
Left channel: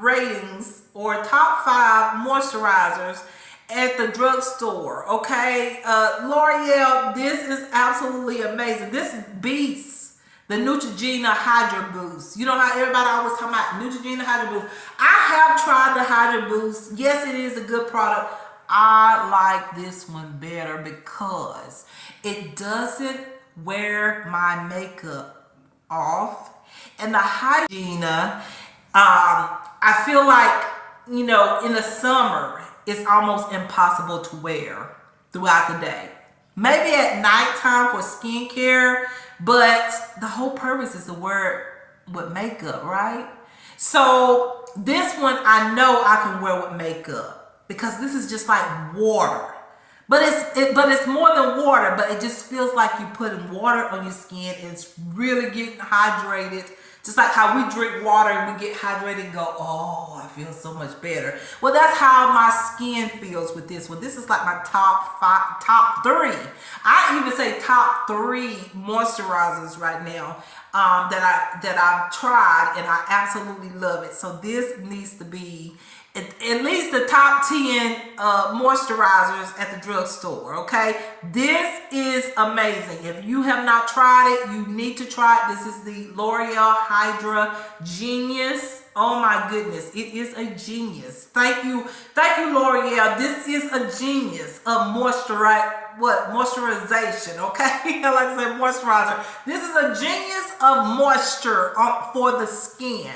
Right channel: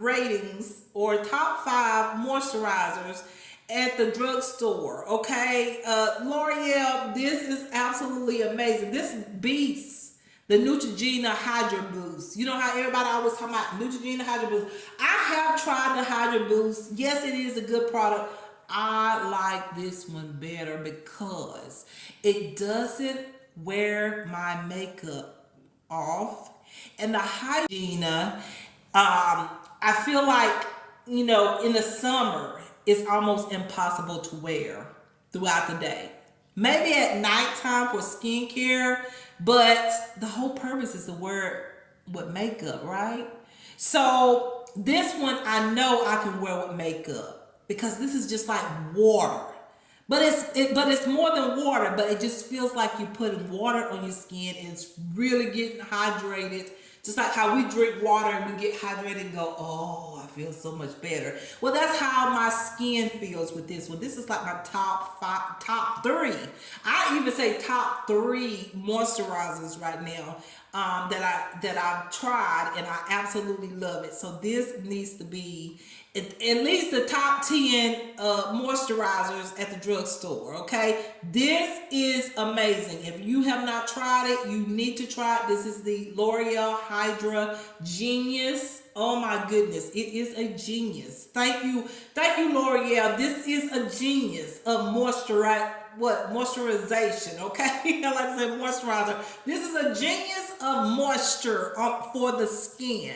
ratings, or top 5 moisturizers at the drugstore. Okay, L'Oreal, this is absolutely amazing. This beats the Neutrogena Hydra Boost. You know how everybody always talking about Neutrogena Hydra Boost. I have tried the Hydra Boost. Yes, it is a good product. I like this one better because it doesn't wear my makeup off. And the Hygiena, I feel like, you know, in the summer, it's almost impossible to wear throughout the day. Maybe at nighttime for skincare, but the whole purpose is to wear with makeup, right? So this one I know I can wear with makeup because this is just like water. But it's more than water, but it just feels like you're putting water on your skin. It's really getting hydrated. Just like how we drink water and we get hydrated and go, oh, I feel so much better. Well, that's how my skin feels with this one. This is like my top three. I even say top three moisturizers right now that I've tried, and I absolutely love it. So this needs to be at least the top 10 moisturizers at the drugstore, okay? This is amazing. If you have not tried it, you need to try it. This is the L'Oreal Hydra Genius. Oh my goodness, it is a genius. Thank you, L'Oreal. This is a genius of moisturization, okay? Like I said, moisturizer. This is a genius of moisture for the skin.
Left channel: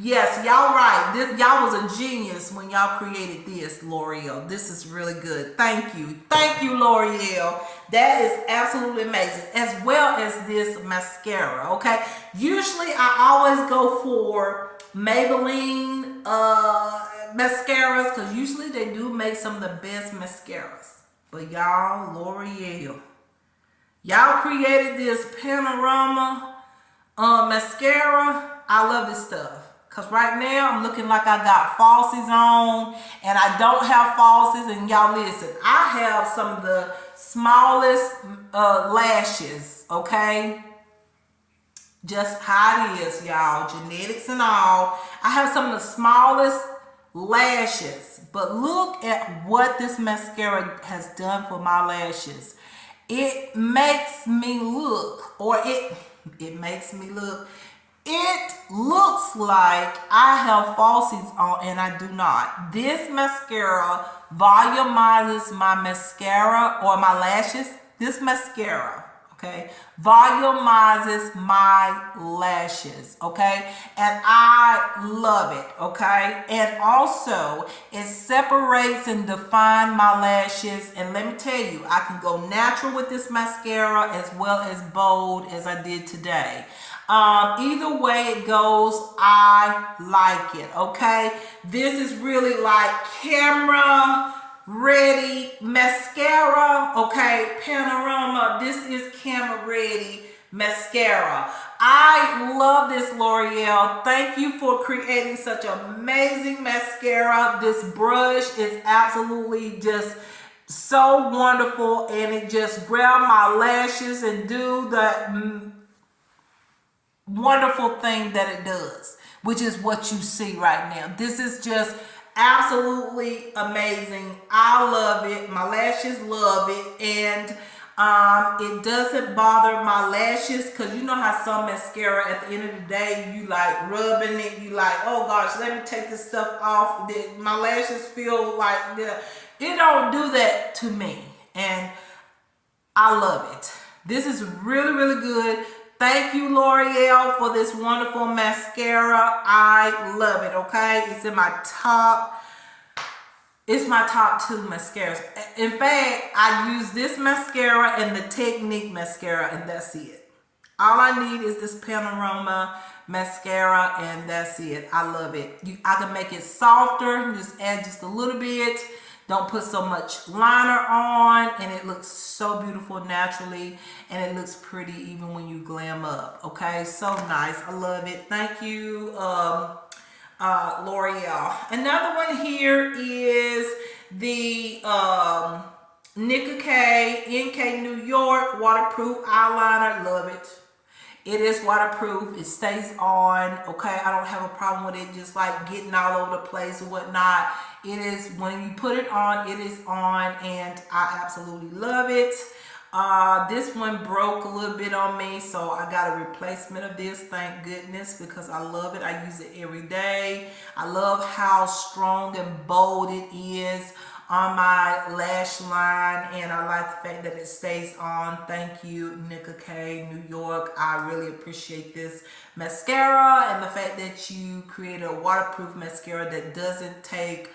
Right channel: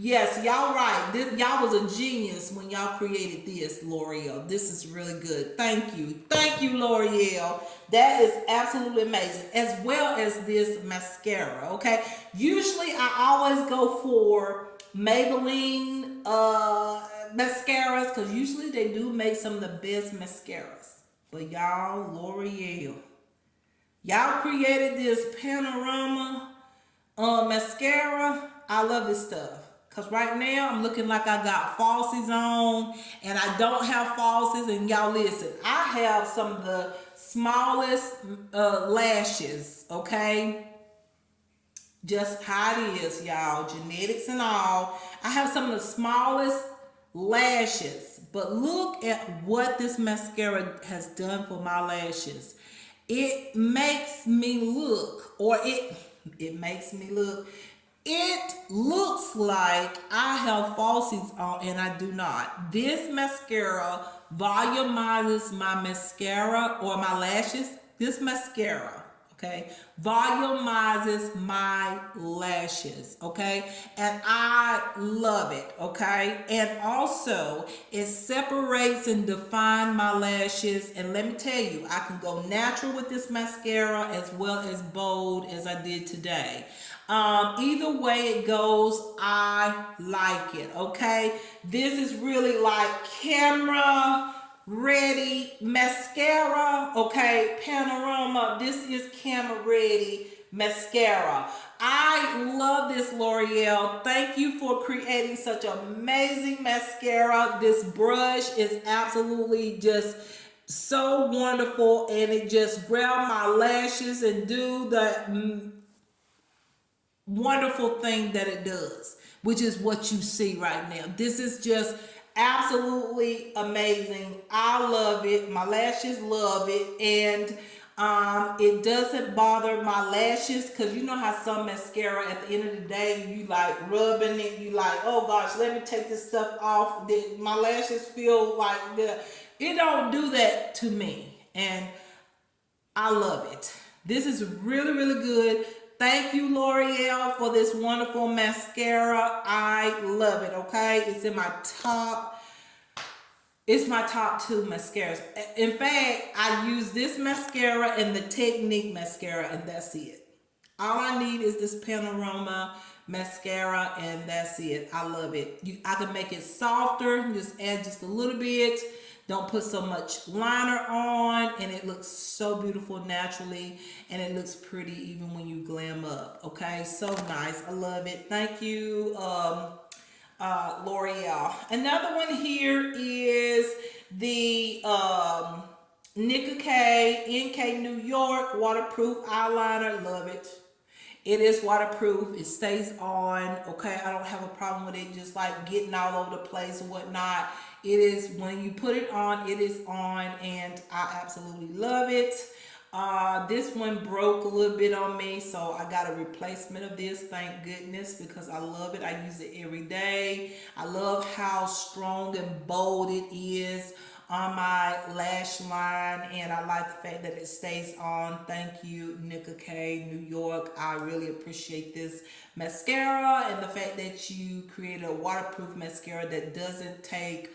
Yes, y'all right. Y'all was a genius when y'all created this, L'Oreal. This is really good. Thank you, L'Oreal. That is absolutely amazing. As well as this mascara, okay? Usually I always go for Maybelline mascaras because usually they do make some of the best mascaras. But y'all, L'Oreal, y'all created this Panorama mascara. I love this stuff. Because right now, I'm looking like I got falsies on, and I don't have falsies, and y'all listen, I have some of the smallest lashes, okay? Just how it is, y'all, genetics and all. I have some of the smallest lashes, but look at what this mascara has done for my lashes. It makes me look, it looks like I have falsies on and I do not. This mascara volumizes my mascara or my lashes. This mascara, okay, volumizes my lashes, okay? And I love it, okay? And also, it separates and defines my lashes. And let me tell you, I can go natural with this mascara as well as bold as I did today. Either way it goes, I like it, okay? This is really like camera ready mascara, okay? Panorama, this is camera ready mascara. I love this, L'Oreal. Thank you for creating such amazing mascara. This brush is absolutely just so wonderful, and it just grab my lashes and do the wonderful thing that it does, which is what you see right now. This is just absolutely amazing. I love it. My lashes love it. And it doesn't bother my lashes, because you know how some mascara at the end of the day, you like rubbing it, you like, oh gosh, let me take this stuff off. My lashes feel like it don't do that to me, and I love it. This is really, really good. Thank you, L'Oreal, for this wonderful mascara. I love it, okay? It's in my top. It's my top 2 mascaras. In fact, I use this mascara and the Technique mascara, and that's it. All I need is this Panorama mascara, and that's it. I love it. I can make it softer. Just add just a little bit. Don't put so much liner on, and it looks so beautiful naturally, and it looks pretty even when you glam up. Okay, so nice. I love it. Thank you, L'Oreal. Another one here is the Nicka K NK New York waterproof eyeliner. Love it. It is waterproof. It stays on. Okay, I don't have a problem with it just like getting all over the place or whatnot. It is, when you put it on, it is on, and I absolutely love it. This one broke a little bit on me, so I got a replacement of this, thank goodness, because I love it. I use it every day. I love how strong and bold it is on my lash line, and I like the fact that it stays on. Thank you, Nicka K, New York. I really appreciate this mascara, and the fact that you created a waterproof mascara that doesn't take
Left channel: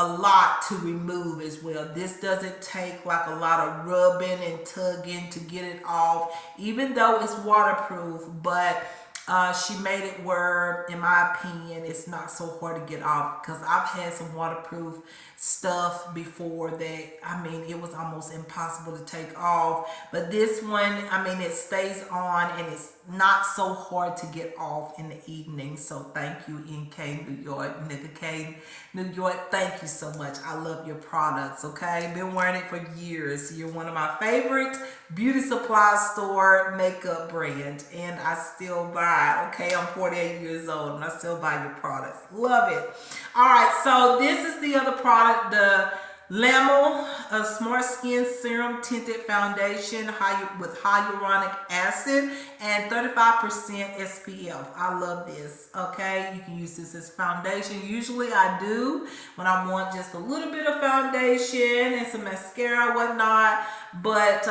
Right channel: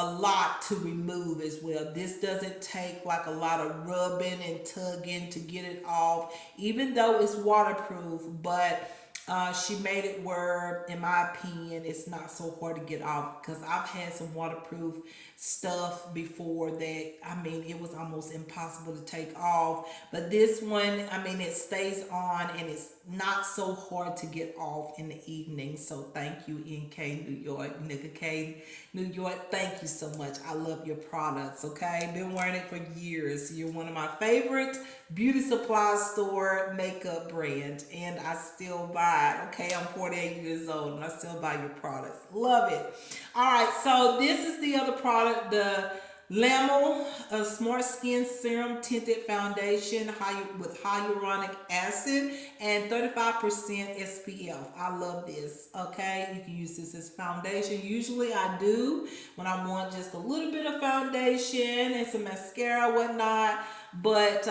a lot to remove as well. This doesn't take like a lot of rubbing and tugging to get it off, even though it's waterproof. But she made it where, in my opinion, it's not so hard to get off, because I've had some waterproof stuff before that, I mean, it was almost impossible to take off. But this one, I mean, it stays on, and it's not so hard to get off in the evening. So thank you, NK New York, Nicka K New York. Thank you so much. I love your products, okay? Been wearing it for years. You're one of my favorite beauty supply store makeup brand, and I still buy it, okay? I'm 48 years old, and I still buy your products. Love it. All right, so this is the other product, the Lamel Smart Skin Serum Tinted Foundation with hyaluronic acid and 35% SPF. I love this, okay? You can use this as foundation. Usually I do when I want just a little bit of foundation and some mascara, whatnot. But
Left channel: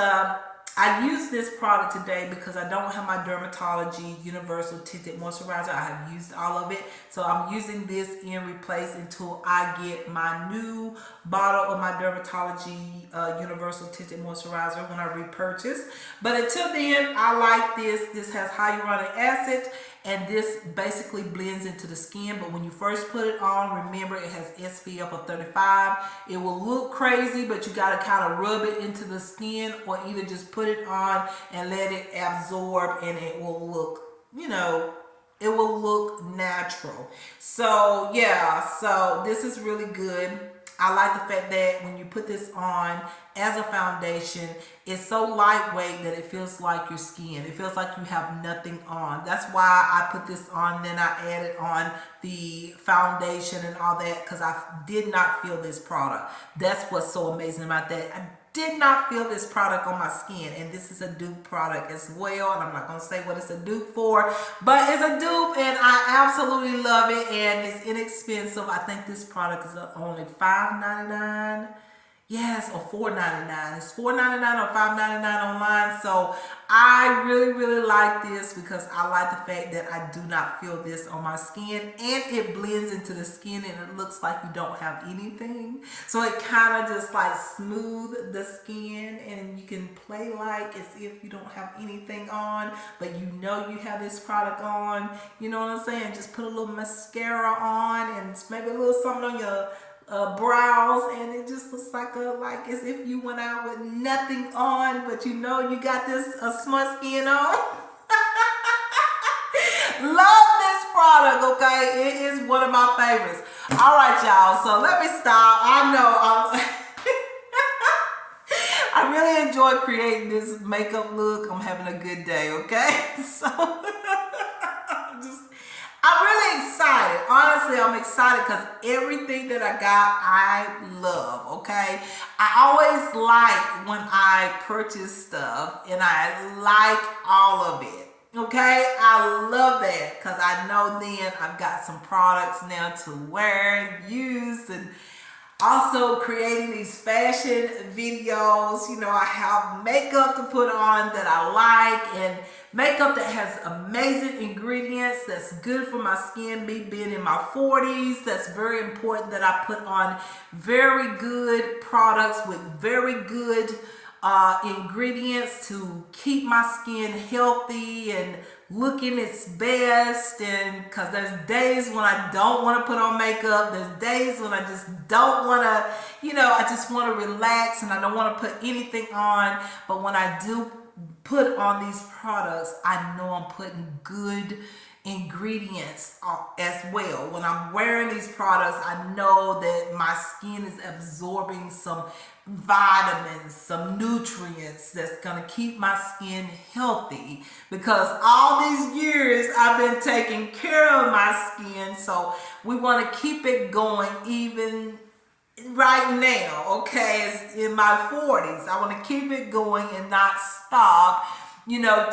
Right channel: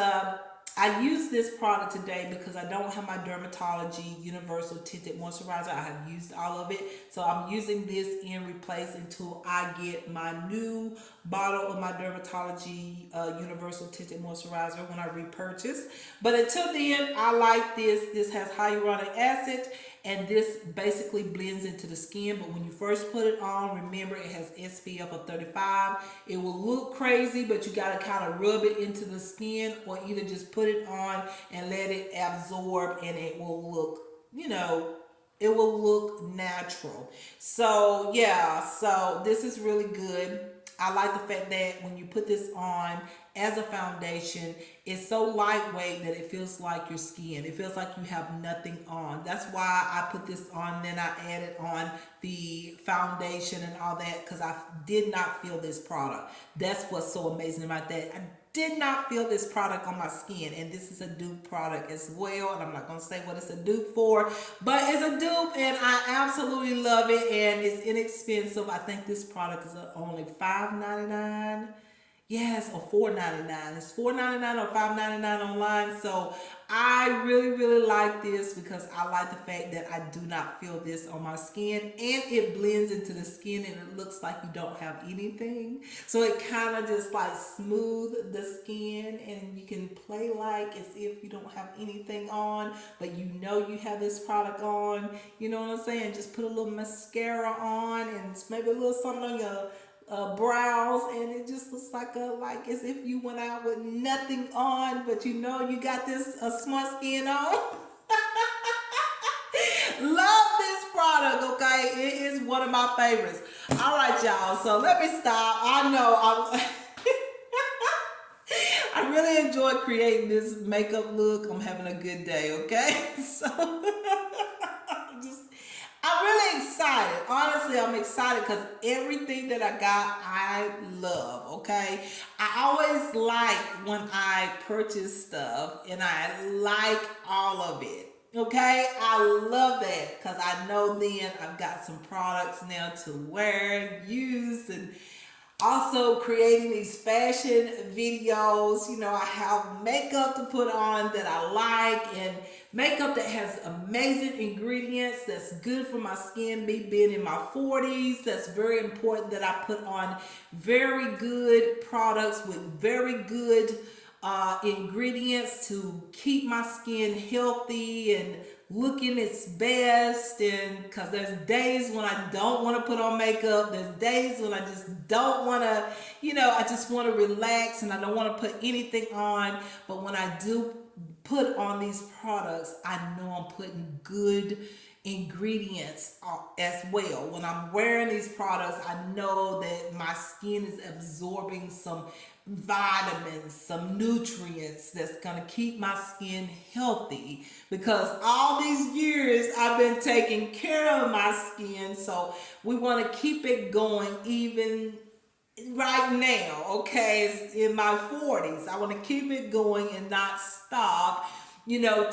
I use this product today because I don't have my Dermatology Universal Tinted Moisturizer. I have used all of it. So I'm using this in replace until I get my new bottle of my Dermatology Universal Tinted Moisturizer when I repurchase. But until then, I like this. This has hyaluronic acid, and this basically blends into the skin. But when you first put it on, remember it has SPF of 35. It will look crazy, but you got to kind of rub it into the skin, or either just put it on and let it absorb, and it will look, you know, it will look natural. So yeah, so this is really good. I like the fact that when you put this on as a foundation, it's so lightweight that it feels like your skin. It feels like you have nothing on. That's why I put this on, then I added on the foundation and all that, because I did not feel this product. That's what's so amazing about that. I did not feel this product on my skin, and this is a dupe product as well, and I'm not going to say what it's a dupe for, but it's a dupe, and I absolutely love it, and it's inexpensive. I think this product is only $5.99. Yes, or $4.99. It's $4.99 or $5.99 online. So I really, really like this because I like the fact that I do not feel this on my skin, and it blends into the skin, and it looks like you don't have anything. So it kind of just like smooth the skin, and you can play like as if you don't have anything on, but you know you have this product on. You know what I'm saying? Just put a little mascara on and maybe a little something on your brows, and it just looks like as if you went out with nothing on, but you know you got this smart skin on. Love this product, okay? It is one of my favorites. All right, y'all, so let me stop. I know I really enjoy creating this makeup look. I'm having a good day, okay? So I'm really excited. Honestly, I'm excited because everything that I got, I love, okay? I always like when I purchase stuff, and I like all of it, okay? I love that because I know then I've got some products now to wear and use, and also creating these fashion videos. You know, I have makeup to put on that I like, and makeup that has amazing ingredients that's good for my skin. Me being in my 40s, that's very important that I put on very good products with very good ingredients to keep my skin healthy and looking its best. And because there's days when I don't want to put on makeup, there's days when I just don't want to, you know, I just want to relax and I don't want to put anything on. But when I do put on these products, I know I'm putting good ingredients as well. When I'm wearing these products, I know that my skin is absorbing some vitamins, some nutrients that's gonna keep my skin healthy, because all these years I've been taking care of my skin. So we want to keep it going even right now, okay, it's in my 40s. I want to keep it going and not stop,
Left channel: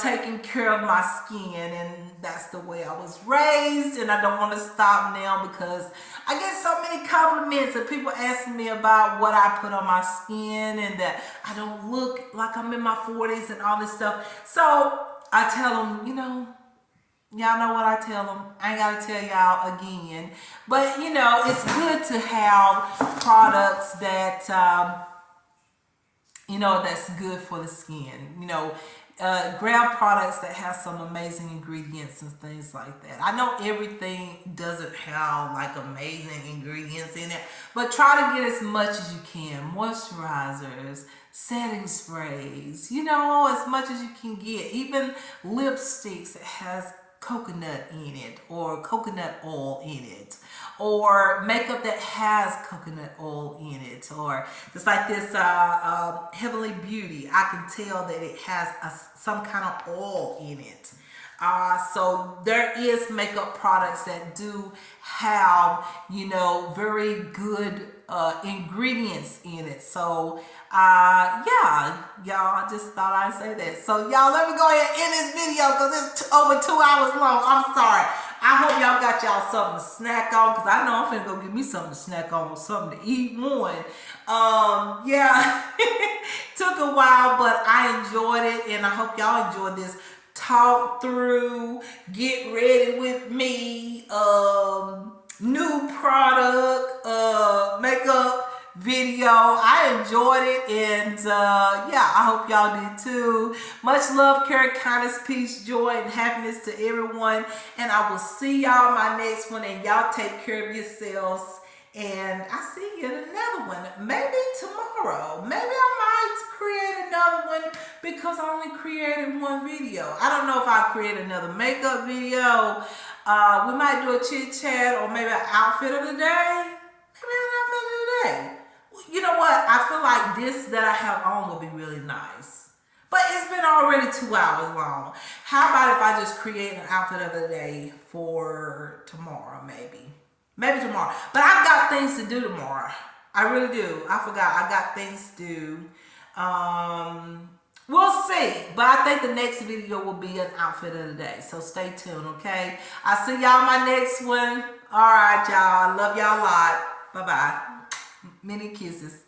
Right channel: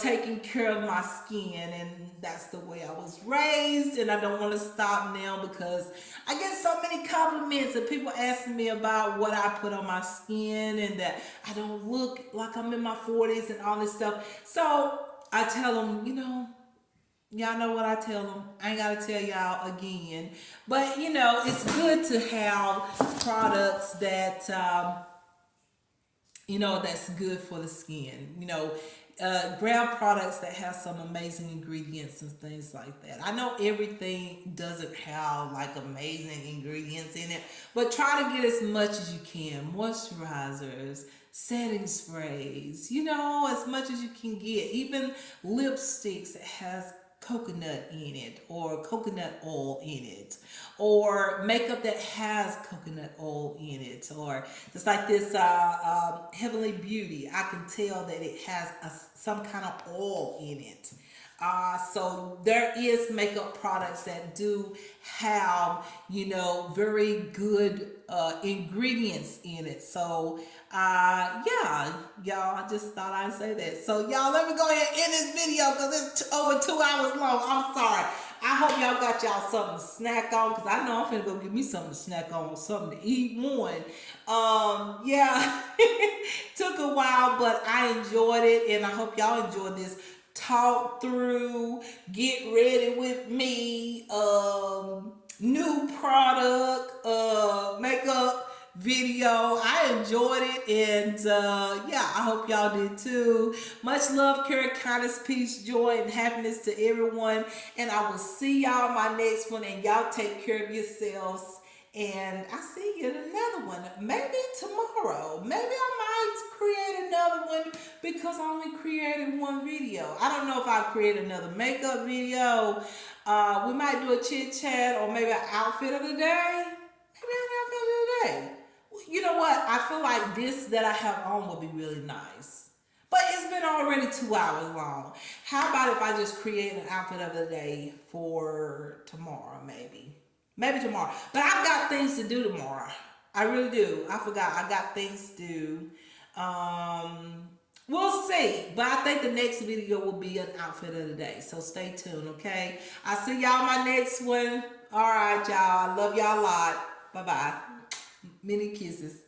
taking care of my skin. And that's the way I was raised. And I don't want to stop now because I get so many compliments and people asking me about what I put on my skin and that I don't look like I'm in my 40s and all this stuff. So I tell them, y'all know what I tell them. I ain't gotta tell y'all again. But it's good to have products that that's good for the skin. Grab products that have some amazing ingredients and things like that. I know everything doesn't have like amazing ingredients in it, but try to get as much as you can. Moisturizers, setting sprays, as much as you can get. Even lipsticks that has coconut in it or coconut oil in it, or makeup that has coconut oil in it, or just like this Heavenly Beauty, I can tell that it has some kind of oil in it. So there is makeup products that do have, very good ingredients in it. So yeah, y'all, I just thought I'd say that. So y'all, let me go ahead and end this video because it's over 2 hours long. I'm sorry. I hope y'all got y'all something to snack on because I know I'm finna go get me something to snack on or something to eat one. Yeah, took a while, but I enjoyed it and I hope y'all enjoyed this talk through, get ready with me, new product, makeup video. I enjoyed it and yeah, I hope y'all did too. Much love, care, kindness, peace, joy, and happiness to everyone. And I will see y'all my next one and y'all take care of yourselves. And I see you in another one. Maybe tomorrow. Maybe I might create another one because I only created one video. I don't know if I'll create another makeup video. We might do a chit chat or maybe an outfit of the day. Maybe an outfit of the day. You know what? I feel like this that I have on will be really nice. But it's been already 2 hours long. How about if I just create an outfit of the day for tomorrow, maybe? Maybe tomorrow. But I've got things to do tomorrow. I really do. I forgot. I got things to do. We'll see. But I think the next video will be an outfit of the day. So stay tuned, okay? I'll see y'all in my next one. All right, y'all. Love y'all a lot. Bye-bye. Many kisses.